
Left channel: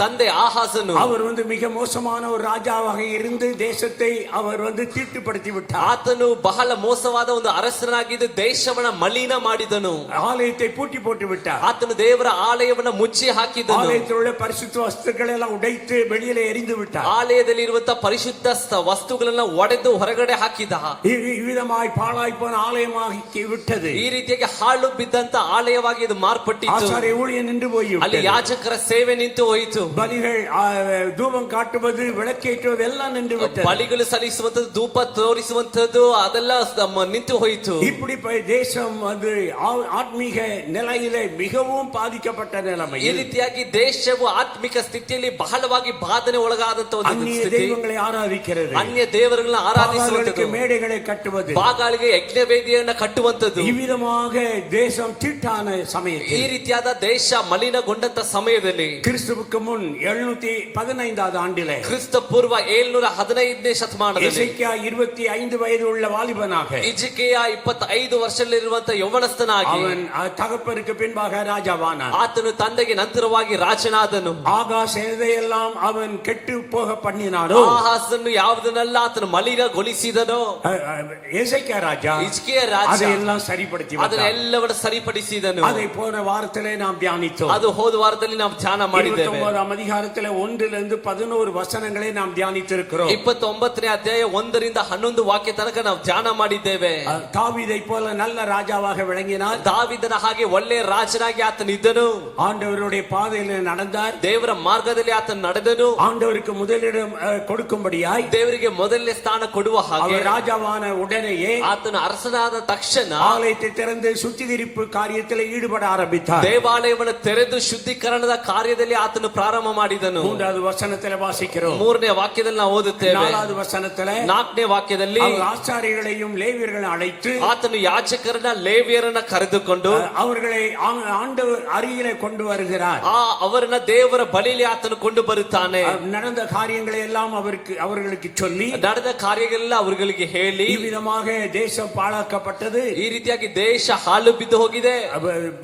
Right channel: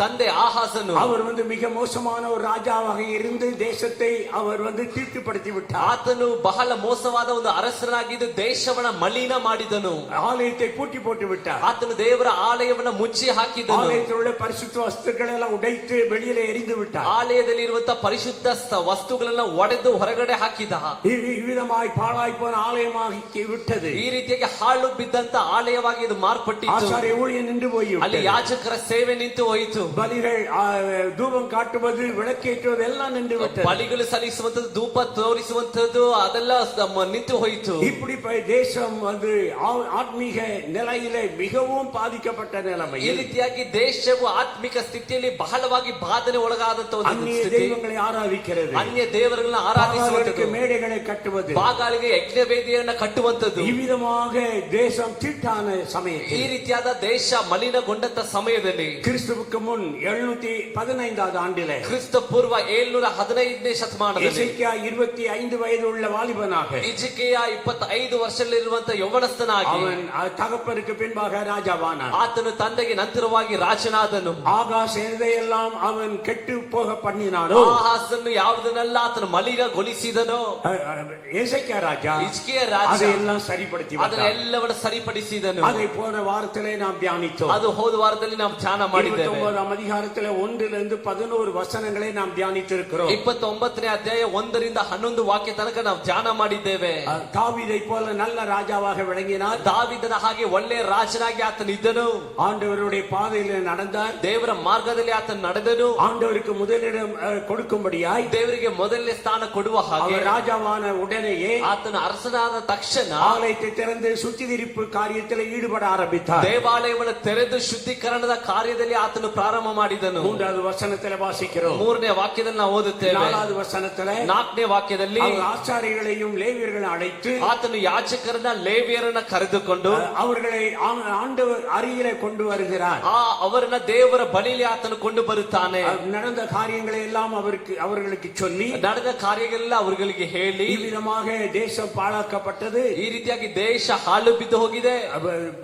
ತಂದೆ ಆಹಾಸನು, அவர் மிக மோசமான ஒரு ராஜாவாக இருந்து தேசத்தை அவர் தீட்டுப்படுத்தி விட்டார். ಆತನು ಬಹಳ ಮೋಸವಾದ ಒಂದು ಅರಸನಾಗಿದ್ದು ದೇಶವನ್ನ ಮಲಿನ ಮಾಡಿದನು. ஆலயத்தை பூட்டி போட்டு விட்டார். ಆತನು ದೇವರ ಆಲಯವನ್ನ ಮುಚ್ಚಿ ಹಾಕಿದನು. ஆலயத்தில் உள்ள பரிசுத்த வஸ்துக்களை எல்லாம் உடைத்து வெளியிலே எறிந்து விட்டார். ಆಲಯದಲ್ಲಿ ಇರುವಂತಹ ಪರಿಶುದ್ಧ ವಸ್ತುಗಳನ್ನ ಒಡೆದು ಹೊರಗಡೆ ಹಾಕಿದ. இவ்விதமாய் பாழாய் போன ஆலயமாகி விட்டது. ಈ ರೀತಿಯಾಗಿ ಹಾಳು ಬಿದ್ದಂತ ಆಲಯವಾಗಿ ಇದು ಮಾರ್ಪಟ್ಟಿತು. ஆசாரிய ஊழியம் நின்று போய்விட்டது. ಅಲ್ಲಿ ಯಾಜಕರ ಸೇವೆ ನಿಂತು ಹೋಯಿತು. பலிகள் தூபம் காட்டுவது விளக்கேற்றுவது எல்லாம் நின்று விட்டது. ಬಲಿಗಳು ಸಲ್ಲಿಸುವಂತದ್ದು, ಧೂಪ ತೋರಿಸುವಂತದ್ದು ಅದೆಲ್ಲ ನಿಂತು ಹೋಯಿತು. இப்படி தேசம் ஆத்மீக நிலையிலே மிகவும் பாதிக்கப்பட்ட நிலைமை. ಈ ರೀತಿಯಾಗಿ ದೇಶವು ಆತ್ಮಿಕ ಸ್ಥಿತಿಯಲ್ಲಿ ಬಹಳವಾಗಿ ಬಾಧನೆ ಒಳಗಾದಂತ ಒಂದು அந்நிய ಸ್ಥಿತಿ. தெய்வங்களை ஆராதிக்கிறது, ಅನ್ಯ ದೇವರುಗಳನ್ನ ಆರಾಧಿಸುವಂತದ್ದು, மேடைகளை கட்டுவது, ಬಾಗಾಲಿಗೆ ಯಜ್ಞವೇದಿಯನ್ನ ಕಟ್ಟುವಂತದ್ದು. இவ்விதமாக தேசம் தீட்டான ಈ சமயத்தில், ರೀತಿಯಾದ ದೇಶ ಮಲಿನಗೊಂಡಂತ ಸಮಯದಲ್ಲಿ, கிறிஸ்துவுக்கு முன் 715 ஆண்டிலே, ಕ್ರಿಸ್ತ ಪೂರ್ವ 715ನೇ ಶತಮಾನದಲ್ಲಿ, எசேக்கியா 25 வயது உள்ள வாலிபனாக, ಹಿಜ್ಕೀಯ 25 ವರ್ಷದಲ್ಲಿರುವಂತ ಯೌವನಸ್ಥನಾಗಿ அவன் தகப்பனுக்கு பின்பாக ராஜாவானான். ಆತನು ತಂದೆಗೆ ನಂತರವಾಗಿ ರಾಜನಾದನು. ஆகாஸ் எதையெல்லாம் அவன் கெட்டு போக பண்ணினானோ, ಆಹಾಸನ್ನು ಯಾವುದನ್ನೆಲ್ಲ ಆತನು ಮಲಿನಗೊಳಿಸಿದನೋ, எசேக்கியா ராஜா ಹಿಜ್ಕೀಯ ರಾಜ அதையெல்லாம் சரிப்படுத்தி விட்டான். ಅದನ್ನೆಲ್ಲವನ್ನು ಸರಿಪಡಿಸಿದನು. அதை போன வாரத்திலே நாம் தியானித்தோம். ಅದು ಹೋದ ವಾರದಲ್ಲಿ ನಾವು ಧ್ಯಾನ ಮಾಡಿದ್ದೇವೆ. 29ஆம் அதிகாரத்திலே 1 to 11 வசனங்களை நாம் தியானித்திருக்கிறோம். 29ನೇ ಅಧ್ಯಾಯ 1 ರಿಂದ 11 ವಾಕ್ಯ ತನಕ ನಾವು ಧ್ಯಾನ ಮಾಡಿದ್ದೇವೆ. தாவீதை போல நல்ல ராஜாவாக விளங்கினார். ದಾವೀದನ ಹಾಗೆ ಒಳ್ಳೆಯ ರಾಜನಾಗಿ ಆತನು ಇದ್ದನು. ஆண்டவருடைய பாதையிலே நடந்தார். ದೇವರ ಮಾರ್ಗದಲ್ಲಿ ಆತನು ನಡೆದನು. ஆண்டவருக்கு முதலிடம் கொடுக்கும்படியாய், ದೇವರಿಗೆ ಮೊದಲನೇ ಸ್ಥಾನ ಕೊಡುವ ಹಾಗೆ, ராஜாவான உடனேயே ಆತನು ಅರಸನಾದ ತಕ್ಷಣ ஆலயத்தை திறந்து சுத்திகரிப்பு காரியத்தில் ஈடுபட ஆரம்பித்தார். ದೇವಾಲಯವನ್ನು ತೆರೆದು ಶುದ್ಧೀಕರಣದ ಕಾರ್ಯದಲ್ಲಿ ಆತನು ಪ್ರಾರಂಭ ಮಾಡಿದನು. 3வது வசனத்தில் வாசிக்கிறோம். 3ನೇ ವಾಕ್ಯದಲ್ಲಿ ನಾವು ಓದುತ್ತೇವೆ. 4வது வசனத்தில் 4ನೇ ವಾಕ್ಯದಲ್ಲಿ ஆசாரியர்களையும் லேவியர்களையும் அழைத்து ಆತನು ಯಾಜಕರನ್ನ ಲೇವಿಯರನ್ನ ಕರೆದುಕೊಂಡು அவர்களை ஆண்டவர் அருகிலே கொண்டு வருகிறார். ಅವರನ್ನ ದೇವರ ಬಳಿಯಲ್ಲಿ ಆತನು ಕೊಂಡು ಬರುತ್ತಾನೆ. நடந்த காரியங்களை எல்லாம் அவர்களுக்கு சொல்லி, ನಡೆದ ಕಾರ್ಯಗಳೆಲ್ಲ ಅವರಿಗೆ ಹೇಳಿ, விதமாக தேசம் பாழாக்கப்பட்டது. ಈ ರೀತಿಯಾಗಿ ದೇಶ ಹಾಳು ಬಿದ್ದು ಹೋಗಿದೆ,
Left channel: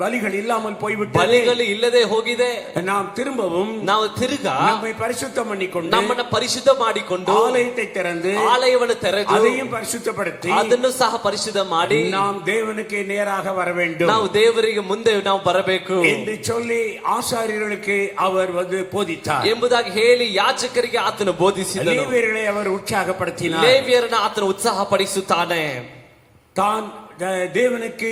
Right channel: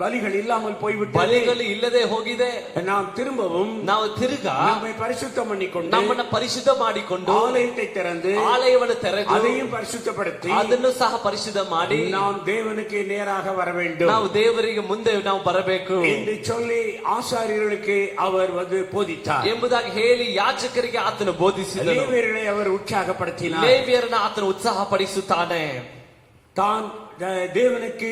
பலிகள் இல்லாமல் போய்விட்டது, ಬಲಿಗಳು ಇಲ್ಲದೆ ಹೋಗಿದೆ. நாம் திரும்பவும் ನಾವು ತಿರುಗಾ நம்மை பரிசுத்தம் பண்ணிக்கொண்டு, ನಮ್ಮನ್ನ ಪರಿಶುದ್ಧ ಮಾಡಿಕೊಂಡು, ஆலயத்தை திறந்து ಆಲಯವನ್ನು ತೆರೆದು அதையும் பரிசுத்தப்படுத்தி, ಅದನ್ನು ಸಹ ಪರಿಶುದ್ಧ ಮಾಡಿ நாம் தேவனுக்கு நேராக வர வேண்டும். ನಾವು ದೇವರಿಗೆ ಮುಂದೆ ನಾವು ಬರಬೇಕು என்று சொல்லி ஆசாரியர்களுக்கு அவர் போதித்தார் ಎಂಬುದಾಗಿ ಹೇಳಿ ಯಾಜಕರಿಗೆ ಆತನು ಬೋಧಿಸಿದನು. ಲೇವಿಯர்களை அவர் உற்சாகப்படுத்தினார். ಲೇವಿಯರನ್ನ ಆತನು ಉತ್ಸಾಹ ಪಡಿಸುತ್ತಾನೆ. தான் தேவனுக்கு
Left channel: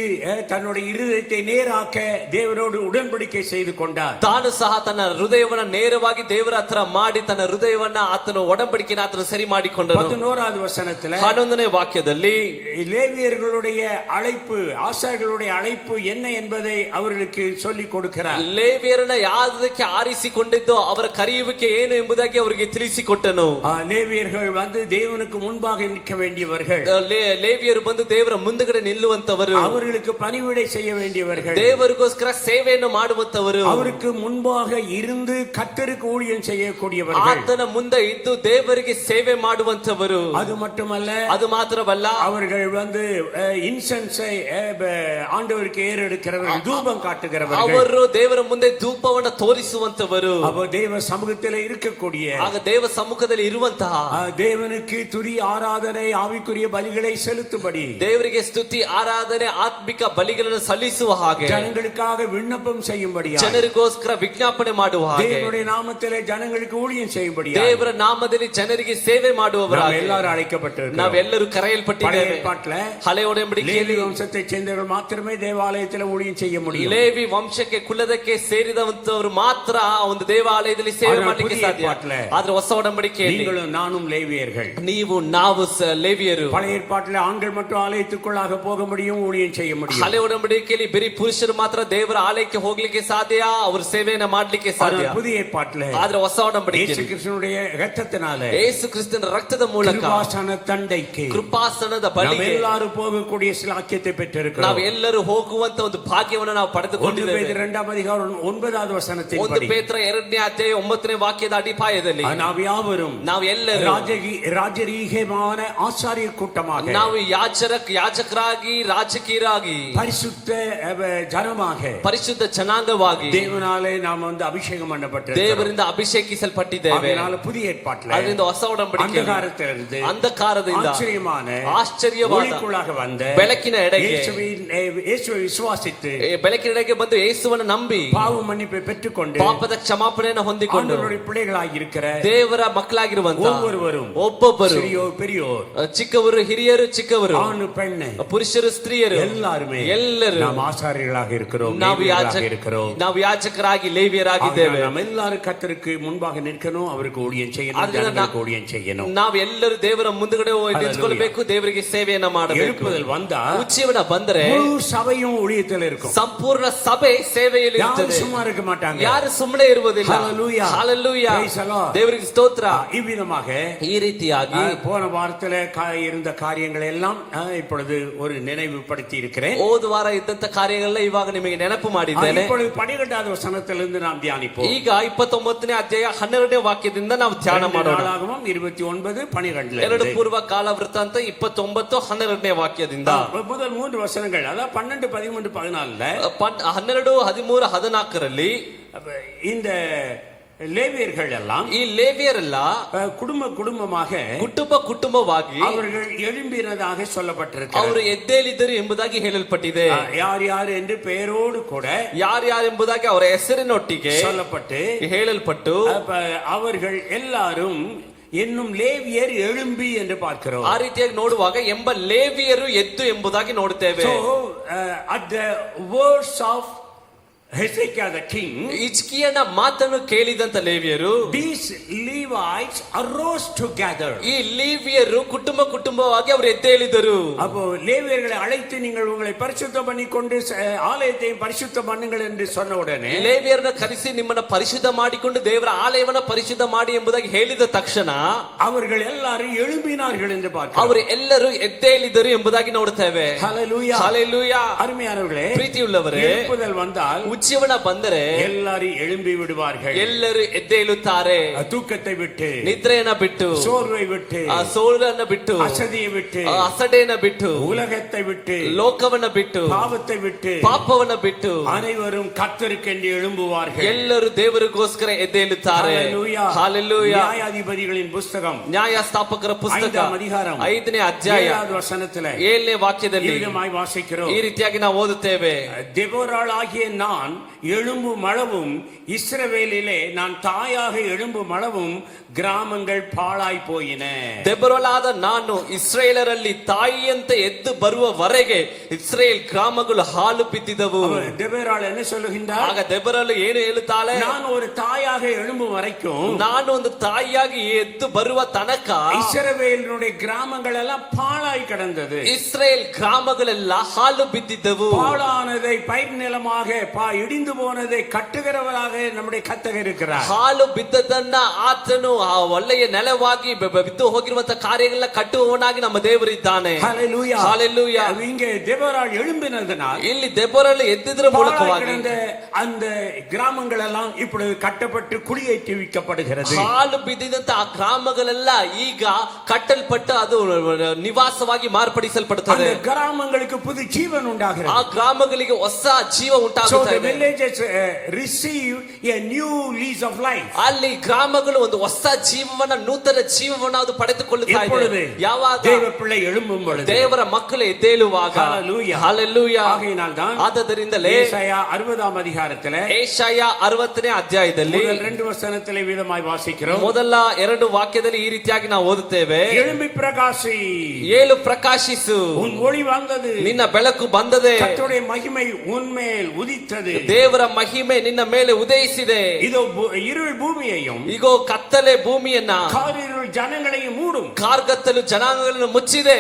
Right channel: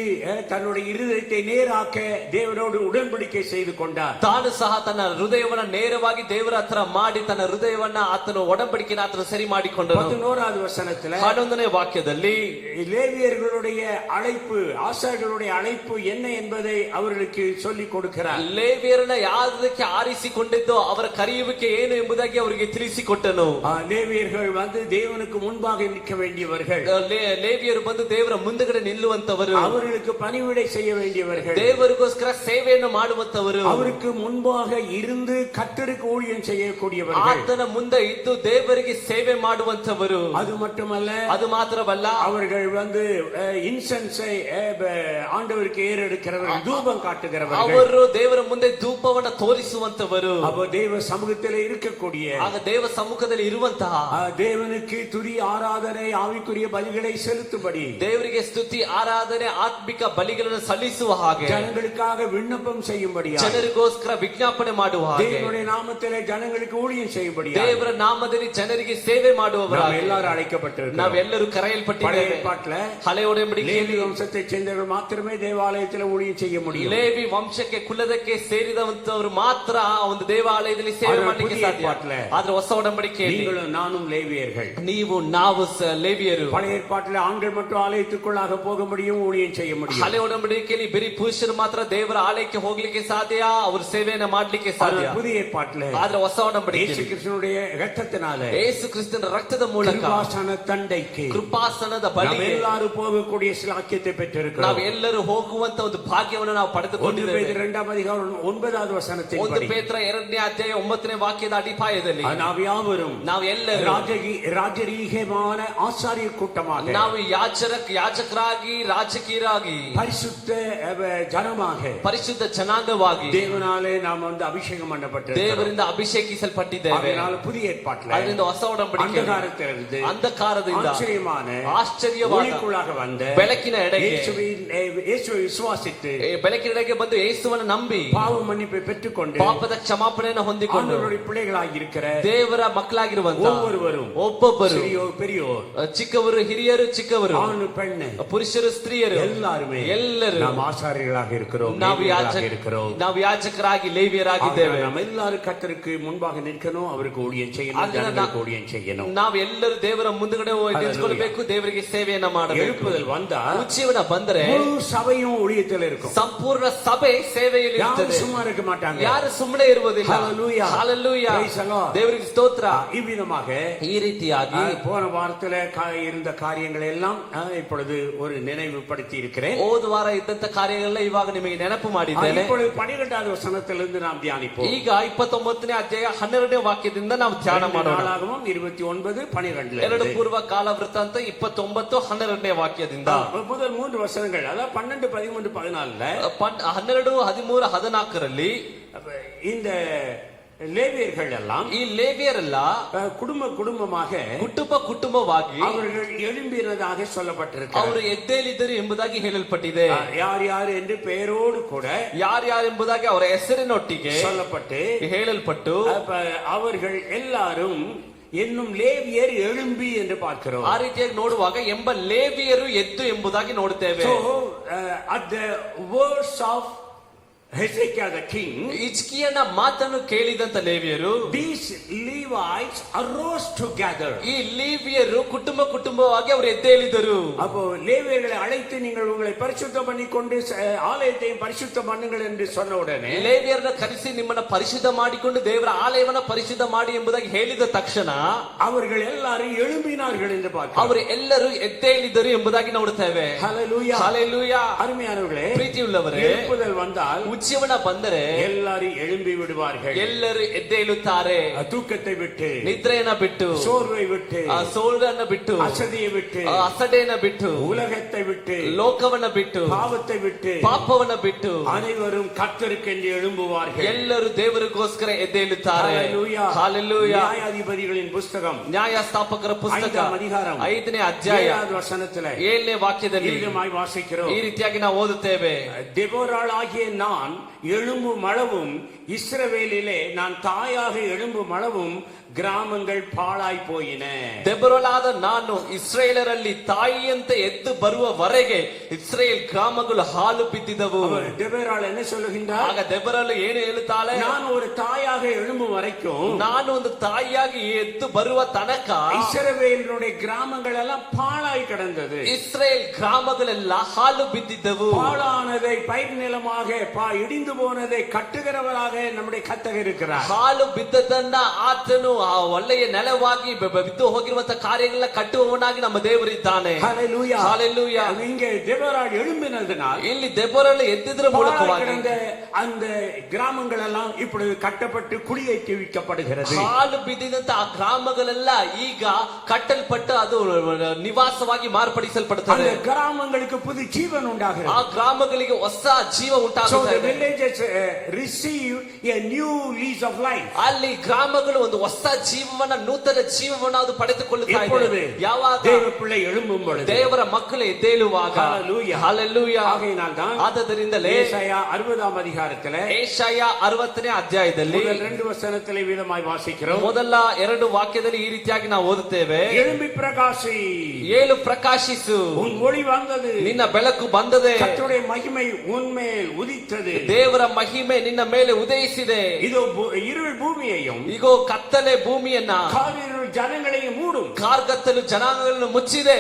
தன்னுடைய இருதயத்தை நேராக்க தேவனோடு உடன்படிக்கை செய்து கொண்டார். ತಾನು ಸಹ ತನ್ನ ಹೃದಯವನ್ನ ನೇರವಾಗಿ ದೇವರ ಹತ್ರ ಮಾಡಿ ತನ್ನ ಹೃದಯವನ್ನ ಆತನು ಒಡಂಬಡಿಕೆನ ಆತನು ಸರಿ ಮಾಡಿಕೊಂಡನು. 11வது வசனத்துல 11ನೇ ವಾಕ್ಯದಲ್ಲಿ லேவியர்களுடைய அழைப்பு, ஆசாரியர்களுடைய அழைப்பு என்ன என்பதை அவர்களுக்கு சொல்லிக் கொடுக்கிறார். ಲೇವಿಯರನ್ನ ಯಾವುದಕ್ಕೆ ಆರಿಸಿಕೊಂಡಿದ್ದೋ ಅವರ ಕರೆಯುವಿಕೆ ಏನು ಎಂಬುದಾಗಿ ಅವರಿಗೆ ತಿಳಿಸಿಕೊಟ್ಟನು. ಲೇವಿಯர்கள் வந்து தேவனுக்கு முன்பாக நிற்க வேண்டியவர்கள், ಲೇವಿಯರು ಬಂದು ದೇವರ ಮುಂದಗಡೆ ನಿಲ್ಲುವಂತವರು, அவர்களுக்கு பணிவிடை செய்ய வேண்டியவர்கள், ದೇವರಿಗೋಸ್ಕರ ಸೇವೆಯನ್ನು ಮಾಡುವಂತವರು, அவருக்கு முன்பாக இருந்து கர்த்தருக்கு ஊழியம் செய்யக்கூடியவர்கள், ಆತನ ಮುಂದೆ ಇದ್ದು ದೇವರಿಗೆ ಸೇವೆ ಮಾಡುವಂತವರು. அது மட்டுமல்ல, ಅದು ಮಾತ್ರವಲ್ಲ, அவர்கள் வந்து இன்சென்ஸை ஆண்டவருக்கு ஏறெடுக்கிறவர்கள், தூபம் காட்டுகிறவர்கள், ಅವರು ದೇವರ ಮುಂದೆ ಧೂಪವನ್ನು ತೋರಿಸುವಂತವರು, அவர் தேவ சமூகத்தில் இருக்கக்கூடிய, ಆಗ ದೇವ ಸಮ್ಮುಖದಲ್ಲಿ ಇರುವಂತಹ, தேவனுக்கு துதி ஆராதனை ஆவிக்குரிய பலிகளை செலுத்தும்படி, ದೇವರಿಗೆ ಸ್ತುತಿ ಆರಾಧನೆ ಆತ್ಮಿಕ ಬಲಿಗಳನ್ನು ಸಲ್ಲಿಸುವ ಹಾಗೆ, ஜனங்களுக்காக விண்ணப்பம் செய்யும்படி, ಜನರಿಗೋಸ್ಕರ ವಿಜ್ಞಾಪನೆ ಮಾಡುವ ಹಾಗೆ, தேவனுடைய நாமத்திலே ஜனங்களுக்கு ஊழியம் செய்யும்படி, ದೇವರ ನಾಮದಲ್ಲಿ ಜನರಿಗೆ ಸೇವೆ ಮಾಡುವವರಾಗಿ எல்லாரும் அழைக்கப்பட்டிருக்கிறோம். ನಾವೆಲ್ಲರೂ ಕರೆಯಲ್ಪಟ್ಟಿದ್ದೇವೆ. ಹಳೆ ಒಡಂಬಡಿಕೆಯಲ್ಲಿ லேவி வம்சத்தை சேர்ந்தவர்கள் மாத்திரமே தேவாலயத்தில் ஊழியம் செய்ய முடியும். ಲೇವಿ ವಂಶಕ್ಕೆ ಕುಲದಕ್ಕೆ ಸೇರಿದಂತವರು ಮಾತ್ರ ಒಂದು ದೇವಾಲಯದಲ್ಲಿ ಸೇವೆ ಮಾಡಲಿಕ್ಕೆ ಸಾಧ್ಯ. ಆದ್ರೆ ಹೊಸ ಒಡಂಬಡಿಕೆಯಲ್ಲಿ நீங்களும் நானும் லேவியர்கள், ನೀವು ನಾವು ಲೇವಿಯರು. பழைய ஏற்பாட்டில் ஆண்கள் மட்டும் ஆலயத்துக்குள்ளாக போக முடியும், ஊழியம் செய்ய முடியும். ಹಳೆ ಒಡಂಬಡಿಕೆಯಲ್ಲಿ ಬರೀ ಪುರುಷರು ಮಾತ್ರ ದೇವರ ಆಲಯಕ್ಕೆ ಹೋಗ್ಲಿಕ್ಕೆ ಸಾಧ್ಯ, ಅವರು ಸೇವೆಯನ್ನ ಮಾಡ್ಲಿಕ್ಕೆ ಸಾಧ್ಯ. புதிய ஏற்பாட்டில் ಆದ್ರೆ ಹೊಸ ಒಡಂಬಡಿಕೆಯಲ್ಲಿ இயேசு கிறிஸ்துவினுடைய இரத்தத்தினாலே, ಯೇಸು ಕ್ರಿಸ್ತನ ರಕ್ತದ ಮೂಲಕ, கிருபாசன தண்டைக்கு, ಕೃಪಾಸನದ ಬಳಿಗೆ எல்லாரும் போகக்கூடிய சிலாக்கியத்தை பெற்றிருக்கிறோம். ನಾವು ಎಲ್ಲರೂ ಹೋಗುವಂತ ಒಂದು ಭಾಗ್ಯವನ್ನು ನಾವು ಪಡೆದುಕೊಂಡಿದ್ದೇವೆ. 2வது அதிகாரம் 9வது ವಚನத்தில், 1 ಪೇತ್ರ 2ನೇ ಅಧ್ಯಾಯ 9ನೇ ವಾಕ್ಯದ ಅಡಿಪಾಯದಲ್ಲಿ ನಾವು ಯಾವரும் ನಾವು ಎಲ್ಲರೂ ರಾಜರೀகமான ஆசாரிய கூட்டமாக, ನಾವು ಯಾಜಕರಾಗಿ ರಾಜಕೀಯರಾಗಿ, பரிசுத்த ஜனமாக, ಪರಿಶುದ್ಧ ಜನಾಂಗವಾಗಿ தேவனாலே நாம் வந்து அபிஷேகம் பண்ணப்பட்டிருக்கிறோம். ದೇವರಿಂದ ಅಭಿಷೇಕಿಸಲ್ಪಟ್ಟಿದ್ದೇವೆ. அதனால புதிய ஏற்பாட்டில் ಅದರಿಂದ ಹೊಸ ಒಡಂಬಡಿಕೆ ಅಂಧಕಾರದಿಂದ ಆಶ್ಚರ್ಯವಾದ ஒளிக்குள்ளாக வந்த ಬೆಳಕಿನ ಎಡೆಗೆ இயேசுவை விசுவாசித்து, ಬೆಳಕಿನ ಎಡೆಗೆ ಬಂದು ಯೇಸುವನ್ನು ನಂಬಿ பாவ மன்னிப்பை பெற்றுக்கொண்டு, ಪಾಪದ ಕ್ಷಮಾಪಣೆಯನ್ನು ಹೊಂದಿಕೊಂಡು பிள்ளைகளாಗಿ இருக்கிற ದೇವರ ಮಕ್ಕಳಾಗಿರುವಂತ ಒಬ್ಬೊಬ್ಬರು, பெரியோர், ಚಿಕ್ಕವರು ಹಿರಿಯರು, ಚಿಕ್ಕವರು ஆண் பெண், ಪುರುಷರು ಸ್ತ್ರೀಯರು, ಎಲ್ಲರೂ நாம் ஆசாரியர்களாக இருக்கிறோம், ನಾವು ಯಾಜಕರಾಗಿ ಲೇವಿಯರಾಗಿದ್ದೇವೆ. எல்லாரும் கர்த்தருக்கு முன்பாக நிற்கணும், அவருக்கு ஊழியம் செய்யணும், ஊழியம் செய்யணும். ನಾವೆಲ್ಲರೂ ದೇವರ ಮುಂದುಗಡೆ ನಿಂತ್ಕೊಳ್ಬೇಕು, ದೇವರಿಗೆ ಸೇವೆಯನ್ನ ಮಾಡಬೇಕು. எழுப்புதல் வந்தால், ಉಜ್ಜೀವನ ಬಂದರೆ சபையும் ஊழியத்தில் இருக்கும், ಸಂಪೂರ್ಣ ಸಭೆ ಸೇವೆಯಲ್ಲಿ ಇರುತ್ತದೆ. சும்மா இருக்க மாட்டாங்க, ಯಾರು ಸುಮ್ಮನೆ ಇರುವುದಿಲ್ಲ. ಹಲ್ಲೆಲೂಯಾ, ದೇವರಿಗೆ ಸ್ತೋತ್ರ. இவ்விதமாக ಈ ರೀತಿಯಾಗಿ போன வாரத்தில் இருந்த காரியங்கள் எல்லாம் இப்பொழுது ஒரு நினைவுபடுத்தி இருக்கிறேன். ಹೋದ ವಾರ ಇದ್ದಂತ ಕಾರ್ಯಗಳನ್ನ ಇವಾಗ ನಿಮಗೆ ನೆನಪು ಮಾಡಿದ್ದೇನೆ. இப்பொழுது 12வது வசனத்திலிருந்து நாம் தியானிப்போம். ಈಗ 29ನೇ ಅಧ್ಯಾಯ 12ನೇ ವಾಕ್ಯದಿಂದ ನಾವು ಧ್ಯಾನ ಮಾಡೋಣ. 29:12 2 ಪೂರ್ವ ಕಾಲ ವೃತ್ತಾಂತ 29:12ನೇ ವಾಕ್ಯದಿಂದ முதல் 3 வசனங்கள், அதாவது 12, 13, 14 12, 13, 14ರಲ್ಲಿ இந்த ಲೇವಿಯர்கள் எல்லாம், ಈ ಲೇವಿಯರೆಲ್ಲ ಕುಟುಂಬವಾಗಿ அவர்கள் எழும்பினதாக சொல்லப்பட்டிருக்கிறது. ಅವರು ಎದ್ದೇಳಿದರು ಎಂಬುದಾಗಿ ಹೇಳಲ್ಪಟ್ಟಿದೆ. ಯಾರು ಎಂದು பெயரோடு கூட, ಯಾರು ಎಂಬುದಾಗಿ ಅವರ ಹೆಸರಿನೊಟ್ಟಿಗೆ ಹೇಳಲ್ಪಟ್ಟು, அவர்கள் எல்லாரும் என்னும் ಲೇವಿಯರ್ எழும்பಿ ಎಂದು பார்க்கிறோம். ಆ ರೀತಿಯಾಗಿ ನೋಡುವಾಗ ಎಂಬ ಲೇವಿಯರು ಎದ್ದು ಎಂಬುದಾಗಿ ನೋಡುತ್ತೇವೆ. at the words of Hezekiah the king, ಹಿಜ್ಕೀಯನ ಮಾತನ್ನು ಕೇಳಿದಂತ ಲೇವಿಯರು, these Levites arose together. ಈ ಲೇವಿಯರು ಕುಟುಂಬವಾಗಿ ಅವರು ಎದ್ದೇಳಿದರು. அப்போ லேவியர்களை அழைத்து நீங்கள் உங்களை பரிசுத்தம் பண்ணிக்கொண்டு ஆலயத்தை பரிசுத்தம் பண்ணுங்கள் என்று சொன்ன உடனே, ಲೇವಿಯರನ್ನು ಕರೆಸಿ ನಿಮ್ಮನ್ನ ಪರಿಶುದ್ಧ ಮಾಡಿಕೊಂಡು ದೇವರ ಆಲಯವನ್ನ ಪರಿಶುದ್ಧ ಮಾಡಿ ಎಂಬುದಾಗಿ ಹೇಳಿದ ತಕ್ಷಣ அவர்கள் எல்லாரும் எழும்பினார்கள் என்று பார்க்கிறோம். ಅವರು ಎಲ್ಲರೂ ಎದ್ದೇಳಿದರು ಎಂಬುದಾಗಿ ನೋಡುತ್ತೇವೆ. ஹல்லேலூயா, ஹல்லேலூயா. அருமையானவர்களே, ಪ್ರೀತಿಯುಳ್ಳವರೇ, எழுப்புதல் வந்தால், ಉಜ್ಜೀವನ ಬಂದರೆ எல்லாரும் எழும்பி விடுவார்கள். ಎಲ್ಲರೂ ಎದ್ದೇಳುತ್ತಾರೆ. தூக்கத்தை விட்டு, ನಿದ್ರೆಯನ್ನ ಬಿಟ್ಟು, சோர்வை விட்டு, ಸೋಲನ್ನ ಬಿಟ್ಟು, அசதியை விட்டு, ಅಸಡೆಯನ್ನ ಬಿಟ್ಟು, உலகத்தை விட்டு, ಲೋಕವನ್ನ ಬಿಟ್ಟು, பாவத்தை விட்டு, ಪಾಪವನ್ನ ಬಿಟ್ಟು, அனைவரும் கர்த்தருக்கென்று எழும்புவார்கள். ಎಲ್ಲರೂ ದೇವರಿಗೋಸ್ಕರ ಎದ್ದೇಳುತ್ತಾರೆ. ಹಲ್ಲೇಲೂಯಾ. ನ್ಯಾಯಾಧಿಪತಿகளின் புஸ்தகம், ನ್ಯಾಯಸ್ಥಾಪಕರ ಪುಸ್ತಕ 5ನೇ ಅಧ್ಯಾಯ 5ನೇ ಅಧ್ಯಾಯ 7ನೇ 7ನೇ ವಾಕ್ಯದಲ್ಲಿ ವಾಸಿக்கிறோம். ಈ ರೀತಿಯಾಗಿ ನಾವು ಓದುತ್ತೇವೆ. ದೆಬೋರಾಳಾಗಿಯ நான் நான் எழும்பும் அளவும் இஸ்ரவேலிலே நான் தாயாக எழும்பும் அளவும் ಗ್ರಾಮಗಳು ಪಾಳಾಯಿ ಪೋಯಿನ. ದೆಬೊರಳಾದ ನಾನು ಇಸ್ರೇಲರಲ್ಲಿ ತಾಯಿಯಂತೆ ಎದ್ದು ಬರುವವರೆಗೆ ಇಸ್ರೇಲ್ ಗ್ರಾಮಗಳು ಹಾಲು ಬಿದ್ದಿದವು. ದೆಬೊರಾள் என்ன சொல்லுகின்றார்? ಆಗ ದೆಬೊರಳು ಏನು ಹೇಳುತ್ತಾಳೆ? ನಾನು ஒரு தாயாக எழும்பும் வரைக்கும், ನಾನು ಒಂದು ತಾಯಿಯಾಗಿ ಎದ್ದು ಬರುವ ತನಕ இஸ்ரவேலுடைய கிராமங்களெல்லாம் பாழாய் கிடந்தது. ಇಸ್ರೇಲ್ ಗ್ರಾಮಗಳೆಲ್ಲ ಹಾಲು ಬಿದ್ದಿದ್ದವು. பாழானதை பயிர் நிலமாக இடிந்து போனதை கட்டுகிறவராக நம்முடைய கர்த்தர் இருக்கிறார். ಹಾಲು ಬಿದ್ದದನ್ನ ಆತನು ಆ ಒಳ್ಳೆಯ ನೆಲವಾಗಿ ಬಿದ್ದು ಹೋಗಿರುವಂತ ಕಾರ್ಯಗಳನ್ನ ಕಟ್ಟುವವನಾಗಿ ನಮ್ಮ ದೇವರಿದ್ದಾನೆ. ஹல்லேலூயா, ஹல்லேலೂயா. இங்கே ದೆಬೋರಾள் எழும்பினதனால், ಇಲ್ಲಿ ದೆಬೋರಳು ಎದ್ದಿದ್ರ ಮೂಲಕವಾಗಿ அந்த கிராமங்கள் எல்லாம் இப்பொழுது கட்டப்பட்டு குடியேற்றிவிக்கப்படுகிறது. ಹಾಲು ಬಿದ್ದಿದಂತ ಆ ಗ್ರಾಮಗಳೆಲ್ಲ ಈಗ ಕಟ್ಟಲ್ಪಟ್ಟು ಅದು ನಿವಾಸವಾಗಿ ಮಾರ್ಪಡಿಸಲ್ಪಡುತ್ತದೆ. அந்த கிராமங்களுக்கு புது ஜீவன் உண்டாகிறது. ಆ ಗ್ರಾಮಗಳಿಗೆ ಹೊಸ ಜೀವ ಉಂಟಾಗುತ್ತದೆ. So the villages receive a new lease of life. ಅಲ್ಲಿ ಗ್ರಾಮಗಳು ಒಂದು ಹೊಸ ಜೀವನ, ನೂತನ ಜೀವವನ್ನು ಅದು ಪಡೆದುಕೊಳ್ಳುತ್ತಾ ಇದೆ. ಯಾವಾಗ ದೇವ பிள்ளை எழும்பும் பொழுது, ದೇವರ ಮಕ್ಕಳು ಎದ್ದೇಳುವಾಗ. ஹல்லேலೂயா, ஹல்லேலೂயா. ஆகையினால்தான் ಆದ್ದರಿಂದಲೇ ஏசாயா 60ஆம் அதிகாரத்திலே, ಏಷಾಯ 60ನೇ ಅಧ್ಯಾಯದಲ್ಲಿ முதல் 2 வசனத்திலே விதமாய் வாசிக்கிறோம். ಮೊದಲ 2 ವಾಕ್ಯದಲ್ಲಿ ಈ ರೀತಿಯಾಗಿ ನಾವು ಓದುತ್ತೇವೆ. எழும்பி பிரகாசி, ಏಳು ಪ್ರಕಾಶಿಸು, உன் ஒளி வந்தது, ನಿನ್ನ ಬೆಳಕು ಬಂದದೆ, கர்த்தருடைய மகிமை உன்மேல் உதித்தது, ದೇವರ ಮಹಿಮೆ ನಿನ್ನ ಮೇಲೆ ಉದಯಿಸಿದೆ. இதோ இருள் பூமியையும் ಈಗೋ ಕತ್ತಲೆ ಭೂಮಿಯನ್ನ, காரிருள் ஜனங்களையும் மூடும், ಕಾರ್ಗತ್ತಲು ಜನಾಂಗಗಳನ್ನು ಮುಚ್ಚಿದೆ.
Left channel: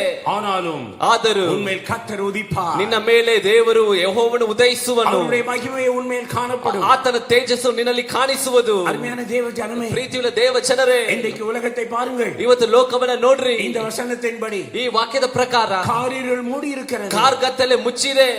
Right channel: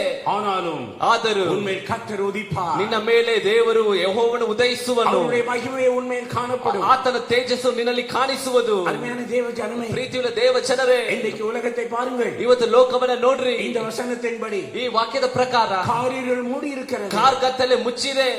ಆದರೂ உன்மேல் கர்த்தர் உதிப்பார், ನಿನ್ನ ಮೇಲೆ ದೇವರು ಯೆಹೋವನು ಉದಯಿಸುವನು. அவருடைய மகிமை உன்மேல் காணப்படும், ಆತನ ತೇಜಸ್ಸು ನಿನ್ನಲ್ಲಿ ಕಾಣಿಸುವುದು. அருமையான தேவ ஜனமே, ಪ್ರೀತಿಯುಳ್ಳ ದೇವ ಜನರೇ, இன்றைக்கு உலகத்தை பாருங்கள். ಇವತ್ತು ಲೋಕವನ್ನ ನೋಡ್ರಿ. இந்த வசனத்தின்படி ಈ ವಾಕ್ಯದ ಪ್ರಕಾರ காரிருள் மூடி இருக்கிறது, ಕಾರ್ಗತ್ತಲೆ ಮುಚ್ಚಿದೆ.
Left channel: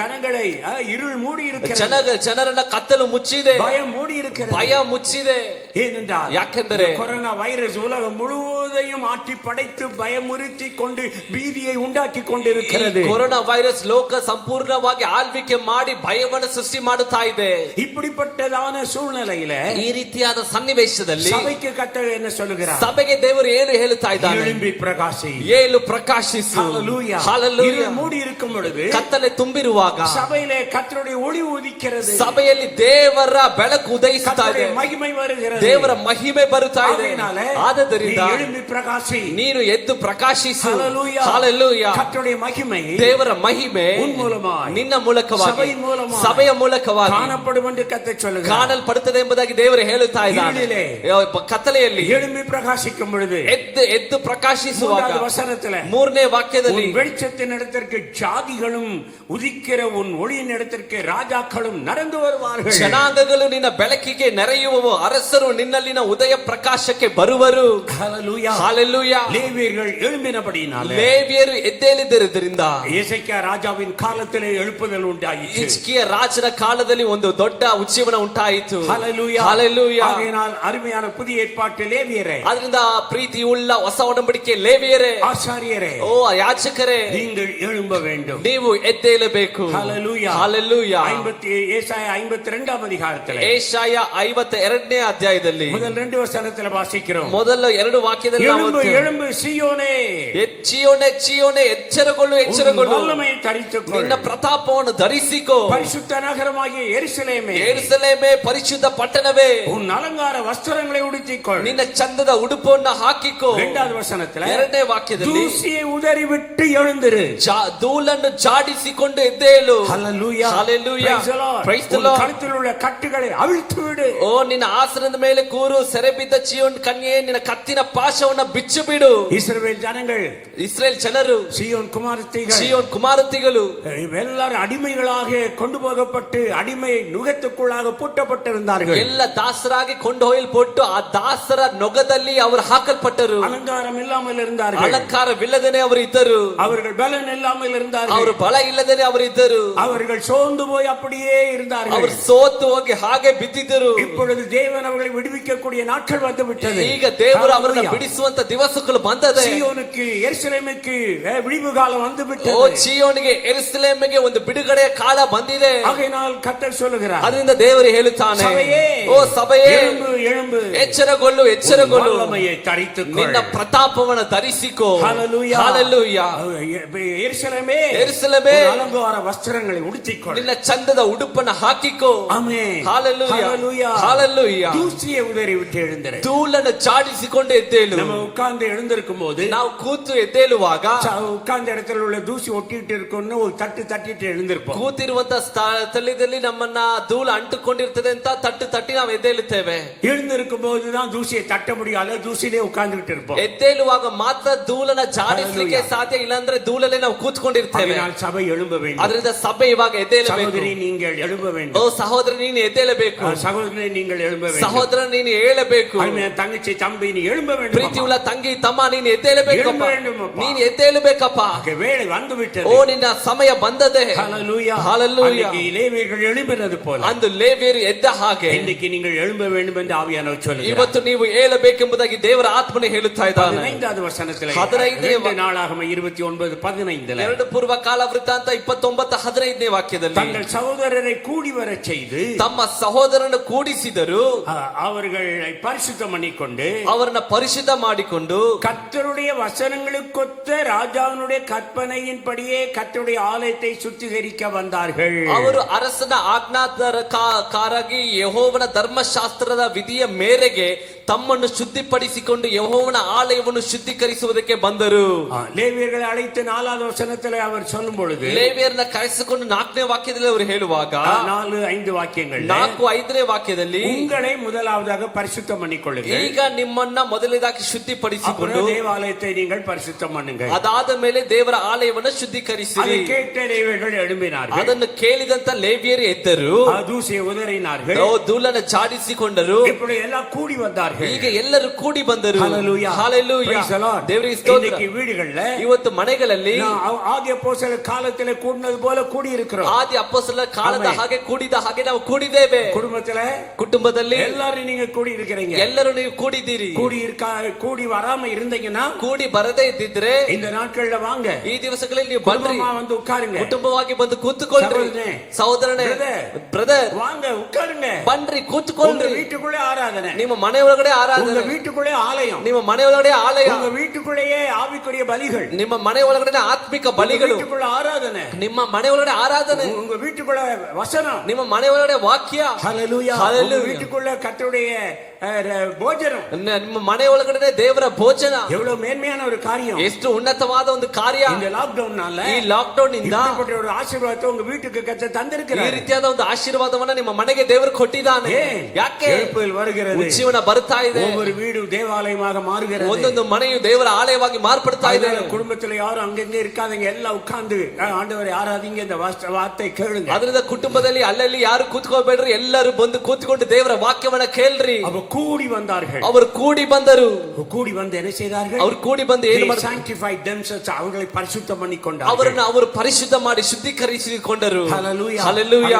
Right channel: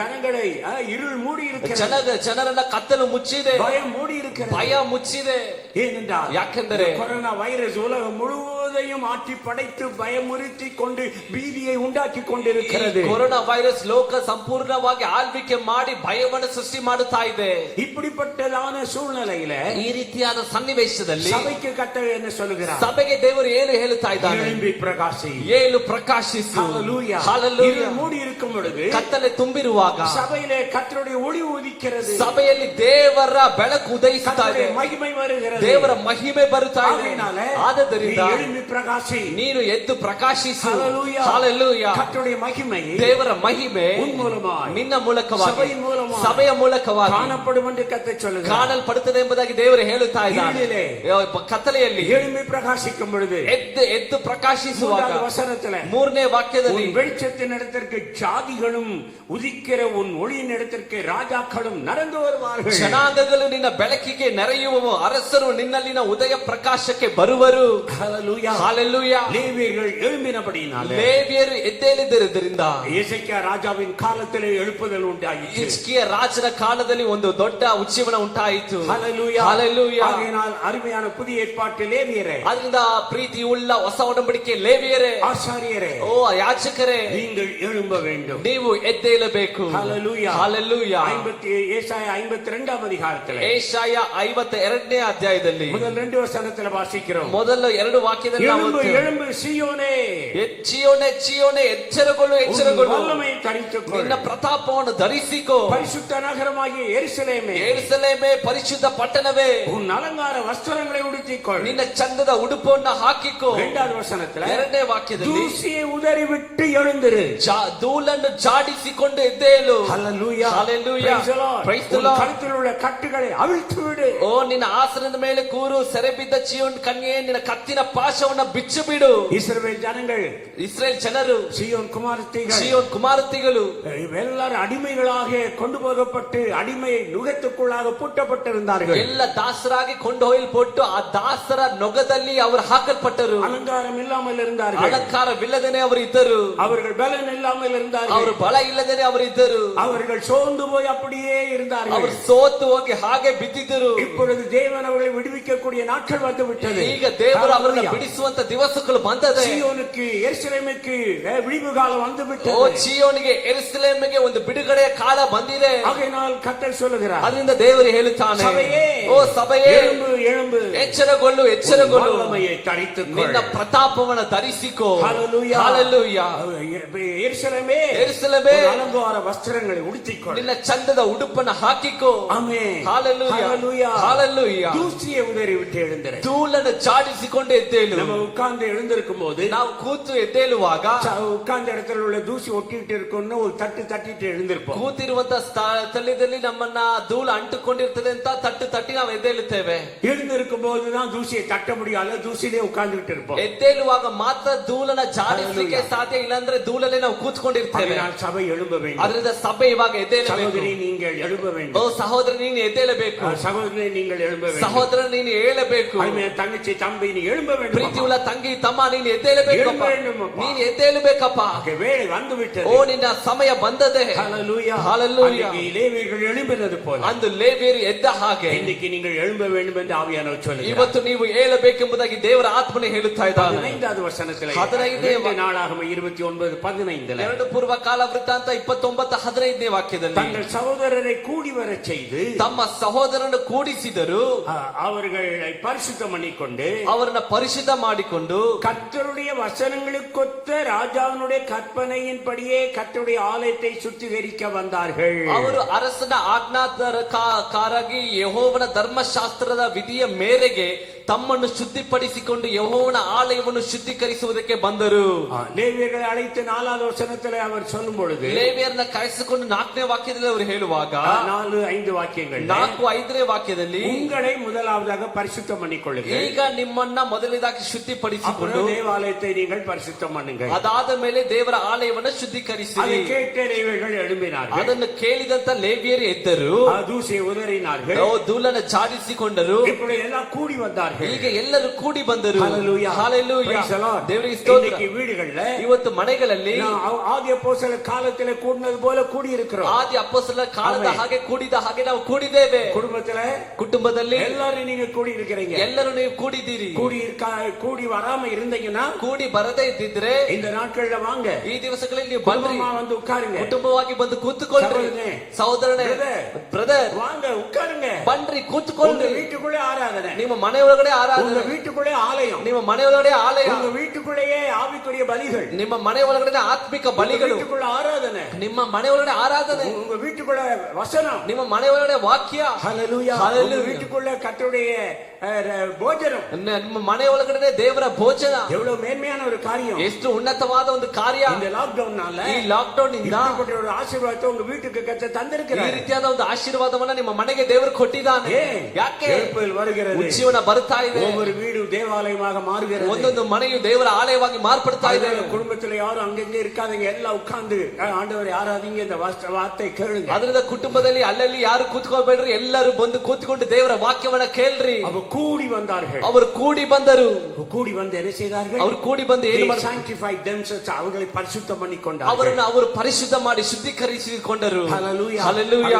ஜனங்களை இருள் மூடி இருக்கிறது, ಜನರನ್ನ ಕತ್ತಲು ಮುಚ್ಚಿದೆ, பயம் மூடி இருக்கிறது, ಭಯ ಮುಚ್ಚಿದೆ. ஏனென்றால் ಯಾಕೆಂದರೆ கொரோனா வைரஸ் உலகம் முழுவதையும் ஆட்டி படைத்து பயமுறுத்தி கொண்டு ಭೀதியை ಉಂಟಾಕಿ கொண்டிருக்கிறது. ಕೊರೋನಾ ವೈರಸ್ ಲೋಕ ಸಂಪೂರ್ಣವಾಗಿ ಆಳ್ವಿಕೆ ಮಾಡಿ ಭಯವನ್ನು ಸೃಷ್ಟಿ ಮಾಡುತ್ತಾ ಇದೆ. இப்படிப்பட்டதான சூழ்நிலையில, ಈ ರೀತಿಯಾದ ಸನ್ನಿವೇಶದಲ್ಲಿ சபைக்கு கர்த்தர் என்ன சொல்லுகிறார்? ಸಭೆಗೆ ದೇವರು ಏನು ಹೇಳುತ್ತಾ ಇದ್ದಾನೆ? எழும்பி பிரகாசி, ಏಳು ಪ್ರಕಾಶಿಸು. ஹல்லேலூயா. ஹல்லேலூயா. இருள் மூடி இருக்கும் பொழுது, ಕತ್ತಲೆ ತುಂಬಿರುವಾಗ சபையிலே கர்த்தருடைய ஒளி உதிக்கிறது, ಸಭೆಯಲ್ಲಿ ದೇವರ ಬೆಳಕು ಉದಯಿಸುತ್ತಾ ಇದೆ, மகிமை வருகிறது, ದೇವರ ಮಹಿಮೆ ಬರುತ್ತಾ ಇದೆ. ಆದ್ದರಿಂದ எழும்பி பிரகாசி, ನೀನು ಎದ್ದು ಪ್ರಕಾಶಿಸು. ஹல்லேலூயா. ಹಲ್ಲೇಲೂಯಾ. கர்த்தருடைய மகிமை ದೇವರ ಮಹಿಮೆ உன் மூலமாய், ನಿನ್ನ ಮೂಲಕವಾಗಿ, சபையின் மூலமாய் ಸಭೆಯ ಮೂಲಕವಾಗಿ காணப்படும் என்று கர்த்தர் சொல்லுகிறார். ಕಾಣಲ್ಪಡುತ್ತದೆ ಎಂಬುದಾಗಿ ದೇವರು ಹೇಳುತ್ತಾ ಇದ್ದಾನೆ. இருளிலே, ಕತ್ತಲೆಯಲ್ಲಿ எழும்பி பிரகாசிக்கும் பொழுது, ಎದ್ದು ಪ್ರಕಾಶಿಸುವಾಗ, 3வது வசனத்திலே, 3ನೇ ವಾಕ್ಯದಲ್ಲಿ, உன் வெளிச்சத்தின் இடத்திற்கு ஜாதிகளும் உதிக்கிற உன் ஒளியின் இடத்திற்கு ராஜாக்களும் நடந்து வருவார்கள். ಜನಾಂಗಗಳು ನಿನ್ನ ಬೆಳಕಿಗೆ ನೆರೆಯುವವು, ಅರಸರು ನಿನ್ನಲ್ಲಿನ ಉದಯ ಪ್ರಕಾಶಕ್ಕೆ ಬರುವರು. ஹல்லேலூயா. ಹಲ್ಲೇಲೂಯಾ. லேவியர்கள் எழும்பினபடியினாலே, ಲೇವಿಯರು ಎದ್ದೇಳಿದ್ದರಿಂದ எசேக்கியா ராஜாவின் காலத்திலே எழுப்புதல் உண்டாயிற்று. ಹಿಜ್ಕೀಯ ರಾಜನ ಕಾಲದಲ್ಲಿ ಒಂದು ದೊಡ್ಡ ಉಜ್ಜೀವನ ಉಂಟಾಯಿತು. ஹல்லேலூயா. ಹಲ್ಲೇಲೂಯಾ. ஆகையினால் அருமையான புதிய ஏற்பாட்டு லேவியரே, ಅದರಿಂದ ಪ್ರೀತಿಯುಳ್ಳ ಹೊಸ ಒಡಂಬಡಿಕೆ ಲೇವಿಯರೇ, ஆசாரியரೇ, ಓ ಯಾಜಕರೇ, நீங்கள் எழும்ப வேண்டும். ನೀವು ಎದ್ದೇಳಬೇಕು. ஹல்லேலூயா. ಹಲ್ಲೇಲೂಯಾ. ஏசாயா 52ஆம் அதிகாரத்திலே, ಏಷಾಯ 52ನೇ ಅಧ್ಯಾಯದಲ್ಲಿ முதல் 2 வசனத்திலே வாசிக்கிறோம். ಮೊದಲ 2 ವಾಕ್ಯದಲ್ಲಿ ನಾವು எழும்பு ಓದ್ತೇವೆ. எழும்பு சீயோனே, ಚೀಯೋನೆ ಚೀಯೋನೆ, ಎಚ್ಚರಗೊಳ್ಳು ಎಚ್ಚರಗೊಳ್ಳು, வல்லமையை தரித்துக்கொள், ನಿನ್ನ ಪ್ರತಾಪವನ್ನು ಧರಿಸಿಕೋ, பரிசுத்த நகரமாகிய எருசலேமே, ಯೆರೂಸಲೇಮೇ, ಪರಿಶುದ್ಧ ಪಟ್ಟಣವೇ, உன் அலங்கார வஸ்திரங்களை உடுத்திக்கொள். ನಿನ್ನ ಚಂದದ ಉಡುಪನ್ನು ಹಾಕಿಕೋ. 2வது வசனத்திலே, 2ನೇ ವಾಕ್ಯದಲ್ಲಿ, தூசியை உதறி விட்டு எழுந்திரு, ಧೂಳನ್ನು ಜಾಡಿಸಿಕೊಂಡು ಎದ್ದೇಳು. ஹல்லேலூயா. Hallelujah. Praise the Lord. Praise the உன் Lord. கழுத்தில் உள்ள கட்டுகளை அவிழ்த்து விடு. ಓ ನಿನ್ನ ಆಸನದ ಮೇಲೆ ಕೂರು, ಸೆರೆ ಬಿದ್ದ ಚೀಯೋನ್ ಕನ್ಯೆ, ನಿನ್ನ ಕತ್ತಿನ ಪಾಶವನ್ನು ಬಿಚ್ಚು ಬಿಡು. இஸ்ரவேல் ஜனங்கள், ಇಸ್ರೇಲ್ ಜನರು, சீயோன் குமாரத்திகள், ಚೀಯೋನ್ ಕುಮಾರತಿಗಳು எல்லாரும் அடிமைகளாக கொண்டு போகப்பட்டு அடிமை நுகத்துக்குள்ளாக பூட்டப்பட்டிருந்தார்கள். ಎಲ್ಲ ದಾಸರಾಗಿ ಕೊಂಡು ಹೋಯಲ್ಪಟ್ಟು ಆ ದಾಸರ ನೊಗದಲ್ಲಿ ಅವರು ಹಾಕಲ್ಪಟ್ಟರು. அலங்காரம் இல்லாமல் இருந்தார்கள், ಅಲಂಕಾರವಿಲ್ಲದೇನೆ ಅವರು ಇದ್ದರು. அவர்கள் பலன் இல்லாமல் இருந்தார்கள், ಅವರು ಬಲ ಇಲ್ಲದೇನೆ ಅವರು ಇದ್ದರು. அவர்கள் சோர்ந்து போய் அப்படியே இருந்தார்கள். ಅವರು ಸೋತು ಹೋಗಿ ಹಾಗೆ ಬಿದ್ದಿದ್ದರು. இப்பொழுது தேவன் அவர்களை விடுவிக்கக்கூடிய நாட்கள் வந்து விட்டது. ಈಗ ದೇವರು ಅವರನ್ನು ಬಿಡಿಸುವಂತ ದಿವಸಗಳು ಬಂದದೆ. சீயோனுக்கு எருசலேமுக்கு விடிவு காலம் வந்து ಓ விட்டது. ಚೀಯೋನಿಗೆ, ಯೆರೂಸಲೇಮಿಗೆ ಒಂದು ಬಿಡುಗಡೆಯ ಕಾಲ ಬಂದಿದೆ. ஆகையினால் கர்த்தர் சொல்லுகிறார், ಅದರಿಂದ ದೇವರು ಹೇಳುತ್ತಾನೆ, சபையே, ಓ ಸಭೆಯೇ, எழும்பு எழும்பு, ಎಚ್ಚರಗೊಳ್ಳು ಎಚ್ಚರಗೊಳ್ಳು, வல்லமையை தரித்துக்கொள், ನಿನ್ನ ಪ್ರತಾಪವನ್ನು ಧರಿಸಿಕೋ. ஹல்லேலூயா. ಹಲ್ಲೇಲೂಯಾ. எருசலேமே, ಯೆರೂಸಲೇಮೇ, அலங்கார வஸ்திரங்களை உடுத்திக்கொள். ನಿನ್ನ ಚಂದದ ಉಡುಪನ್ನು ಉಚ್ಚಿವನ್ನ ಹಾಕಿಕೋ. ಆಮೆನ್. Hallelujah. Hallelujah. Hallelujah. தூசியை உதறி விட்டு எழுந்திரு. ಧೂಳನ್ನು ಚಾಡಿಸಿಕೊಂಡು ಎದ್ದೇಳು. நம்ம உட்கார்ந்து எழுந்திருக்கும் போது ನಾವು ಕೂತು ಎದ್ದೇಳುವಾಗ உட்கார்ந்த இடத்துல உள்ள தூசி ஒட்டிட்டு இருக்குன்னு ஒரு தட்டிட்டு எழுந்திருப்போம். ಕೂತಿರುವಂತ ಸ್ಥಳದಲ್ಲಿ ನಮ್ಮನ್ನ ಧೂಳು ಅಂಟುಕೊಂಡಿರ್ತದೆ ಅಂತ ತಟ್ಟಿ ನಾವು ಎದ್ದೇಳುತ್ತೇವೆ. எழுந்திருக்கும் போதுதான் தூசியை தட்ட முடியாது, தூசிலே உட்கார்ந்துட்டு இருப்போம். ಎದ್ದೇಳುವಾಗ ಮಾತ್ರ ಧೂಳನ್ನ ಜಾಡಿಸ್ಲಿಕ್ಕೆ ಸಾಧ್ಯ, ಇಲ್ಲಾಂದ್ರೆ ಧೂಳಲ್ಲೇ ನಾವು ಕೂತ್ಕೊಂಡಿರ್ತೇವೆ. சபை எழும்ப வேண்டும். ಅದರಿಂದ ಸಭೆ ಇವಾಗ ಎದ್ದೇಳಬೇಕು. சகோதரி நீங்கள் எழும்ப வேண்டும். ಓ ಸಹೋದರ ನೀನು ಎದ್ದೇಳಬೇಕು. சகோதரி நீங்கள் எழும்ப வேண்டும். ಸಹೋದರ ನೀನು ಏಳಬೇಕು. தங்கச்சி தம்பி நீ எழும்ப வேண்டும். ಪ್ರೀತಿಯುಳ್ಳ ತಂಗಿ ತಮ್ಮ ನೀನು ಎದ್ದೇಳಬೇಕು. ನೀನು ಎದ್ದೇಳಬೇಕಪ್ಪ. வேளை வந்து விட்டது. ಓ ನಿನ್ನ ಸಮಯ ಬಂದದೆ. ஹalleluya. ஹalleluya. லேவியர்கள் எழும்பினது போல ಅಂದು ಲೇವಿಯರು ಎದ್ದ ಹಾಗೆ இன்னைக்கு நீங்கள் எழும்ப வேண்டும் என்று ஆவியானவர் சொல்லுகிறார். ಇವತ್ತು ನೀವು ಏಳಬೇಕೆಂಬುದಾಗಿ ದೇವರ ಆತ್ಮನೇ ಹೇಳುತ್ತಾ ಇದ್ದಾನೆ. 15வது வசனத்திலே 15ನೇ நாளாகம 29:15 ಎರಡು ಪೂರ್ವ ಕಾಲ ವೃತ್ತಾಂತ 29:15ನೇ ವಾಕ್ಯದಲ್ಲಿ தங்கள் சகோதரரை கூடி வரச் செய்து ತಮ್ಮ ಸಹೋದರನ್ನು ಕೂಡಿಸಿದರು, அவர்களை பரிசுத்தம் பண்ணிக்கொண்டு ಅವರನ್ನ ಪರಿಶುದ್ಧ ಮಾಡಿಕೊಂಡು கர்த்தருடைய வசனங்களுக்கொத்த ராஜாவினுடைய கற்பனையின்படியே கர்த்தருடைய ஆலயத்தை சுத்திகரிக்க வந்தார்கள். ಅವರು ಅರಸನ ಆಜ್ಞಾಕಾರಾಗಿ ಯೆಹೋವನ ಧರ್ಮಶಾಸ್ತ್ರದ ವಿಧಿಯ ಮೇರೆಗೆ ತಮ್ಮನ್ನು ಶುದ್ಧಿಪಡಿಸಿಕೊಂಡು ಯೆಹೋವನ ಆಲಯವನ್ನು ಶುದ್ಧೀಕರಿಸುವುದಕ್ಕೆ ಬಂದರು. லேவியர்களை அழைத்து 4வது வசனத்தில் அவர் சொல்லும் பொழுது ಲೇವಿಯರನ್ನ ಕರೆಸಿಕೊಂಡು 4ನೇ ವಾಕ್ಯದಲ್ಲಿ ಅವರು ಹೇಳುವಾಗ 4-5 ವಾಕ್ಯங்கள் 4-5ನೇ ವಾಕ್ಯದಲ್ಲಿ உங்களை முதலாவதாக பரிசுத்தம் பண்ணிக்கொள்ளுங்கள். ಈಗ ನಿಮ್ಮನ್ನ ಮೊದಲನೇದಾಗಿ ಶುದ್ಧಿಪಡಿಸಿಕೊಂಡು தேவாலயத்தை நீங்கள் பரிசுத்தம் பண்ணுங்கள். ಅದಾದ ಮೇಲೆ ದೇವರ ಆಲಯವನ್ನು ಶುದ್ಧೀಕರಿಸಿರಿ. அதை கேட்ட லேவியர்கள் எழும்பினார்கள். ಅದನ್ನು ಕೇಳಿದಂತ ಲೇವಿಯರು ಎದ್ದರು, தூசியை உதறினார்கள், ಧೂಳನ್ನು ಚಾಡಿಸಿಕೊಂಡರು. இப்படி எல்லாம் கூடி வந்தார்கள். ಈಗ ಎಲ್ಲರೂ ಕೂಡಿ ಬಂದರು. Hallelujah. Hallelujah. Praise the Lord. ದೇವರಿಗೆ ಸ್ತೋತ್ರ. இன்னைக்கு வீடுகள்ல ಇವತ್ತು ಮನೆಗಳಲ್ಲಿ ஆதி அப்போஸ்தலர் காலத்திலே கூடினது போல கூடி இருக்கிறோம். ಆದಿ ಅಪೊಸ್ತಲರ ಕಾಲದ ಹಾಗೆ ಕೂಡಿದ ಹಾಗೆ ನಾವು ಕೂಡಿದ್ದೇವೆ. ಕುಟುಂಬದಲ್ಲಿ எல்லாரும் நீங்க கூடி இருக்கிறீங்க. ಎಲ್ಲರೂ ನೀವು ಕೂಡಿದ್ದೀರಿ. கூடி வராம இருந்தீங்கன்னா, ಕೂಡಿ ಬರದೇ ಇದ್ದಿದ್ರೆ இந்த நாட்கள்ல வாங்க, ಈ ದಿವಸಗಳಲ್ಲಿ ನೀವು ಬನ್ನಿ, வந்து உட்காருங்க, ಕುಟುಂಬವಾಗಿ ಬಂದು ಕೂತ್ಕೊಳ್ಳ್ರಿ. ಸಹೋದರನೇ, ಬ್ರದರ್ வாங்க உட்காருங்க, ಬನ್ರಿ ಕೂತ್ಕೊಳ್ಳ್ರಿ. வீட்டுக்குள்ளே ಆರಾಧನೆ, ನಿಮ್ಮ ಮನೆ ಒಳಗಡೆ ಆರಾಧನೆ, வீட்டுக்குள்ளே ஆலயம், ನಿಮ್ಮ ಮನೆ ಒಳಗಡೆ ಆಲಯ, உங்க வீட்டுக்குள்ளேயே ஆவிக்குரிய பலிகள், ನಿಮ್ಮ ಮನೆ ಒಳಗಡೆ ಆತ್ಮಿಕ ಬಲಿಗಳು, வீட்டுக்குள்ள ಆರಾಧನೆ, ನಿಮ್ಮ ಮನೆ ಒಳಗಡೆ ಆರಾಧನೆ, உங்க வீட்டுக்குள்ள வசனம், ನಿಮ್ಮ ಮನೆ ಒಳಗಡೆ ವಾಕ್ಯ. ஹalleluya. Hallelujah. வீட்டுக்குள்ள கர்த்தருடைய ಭೋಜனம், ನಿಮ್ಮ ಮನೆ ಒಳಗಡೆ ದೇವರ ಭೋಜನ. எவ்வளவு மேன்மையான ஒரு காரியம், ಎಷ್ಟು ಉನ್ನತವಾದ ಒಂದು ಕಾರ್ಯ. இந்த ಲಾಕ್ಡೌನ್ ನಾல, ಈ ಲಾಕ್ಡೌನ್ ಇಂದ ஒரு ஆசீರ್ವಾதத்தை உங்க வீட்டுக்கு கர்த்தர் ಈ தந்திருக்கிறார். ರೀತಿಯಾದ ಒಂದು ಆಶೀರ್ವಾದವನ್ನ ನಿಮ್ಮ ಮನೆಗೆ ದೇವರು ಕೊಟ್ಟಿದ್ದಾನೆ. ಯಾಕೆ? எழுப்புதல் வருகிறது, ಉಜ್ಜೀವನ ಬರ್ತಾ ಇದೆ, ஒவ்வொரு வீடு தேவாலயமாக மாறுகிறது, ಒಂದೊಂದು ಮನೆಯು ದೇವರ ಆಲಯವಾಗಿ ಮಾರ್ಪಡ್ತಾ ಇದೆ. குடும்பத்துல யாரும் அங்கங்கே இருக்காதீங்க, எல்லாம் உட்கார்ந்து ஆண்டவரை ஆராதிங்க, இந்த வார்த்தை கேளுங்க. ಅದರಿಂದ ಕುಟುಂಬದಲ್ಲಿ ಅಲ್ಲಲ್ಲಿ ಯಾರು ಕೂತ್ಕೋಬೇಡ್ರಿ, ಎಲ್ಲರೂ ಬಂದು ಕೂತ್ಕೊಂಡು ದೇವರ ವಾಕ್ಯವನ್ನ ಕೇಳ್ರಿ. ಅವರು ಕೂಡಿ ಬಂದಾர்கள், ಅವರು ಕೂಡಿ ಬಂದರು. கூடி வந்து என்ன செய்தார்கள்? ಅವರು ಕೂಡಿ ಬಂದು ಏನು ಮಾಡಿದ್ರು? sanctified themselves, அவங்களை பரிசுத்தம் பண்ணிக்கொண்டார்கள். ಅವರನ್ನು ಅವರು ಪರಿಶುದ್ಧ ಮಾಡಿ ಶುದ್ಧೀಕರಿಸಿಕೊಂಡರು. ஹalleluya. ஹalleluya.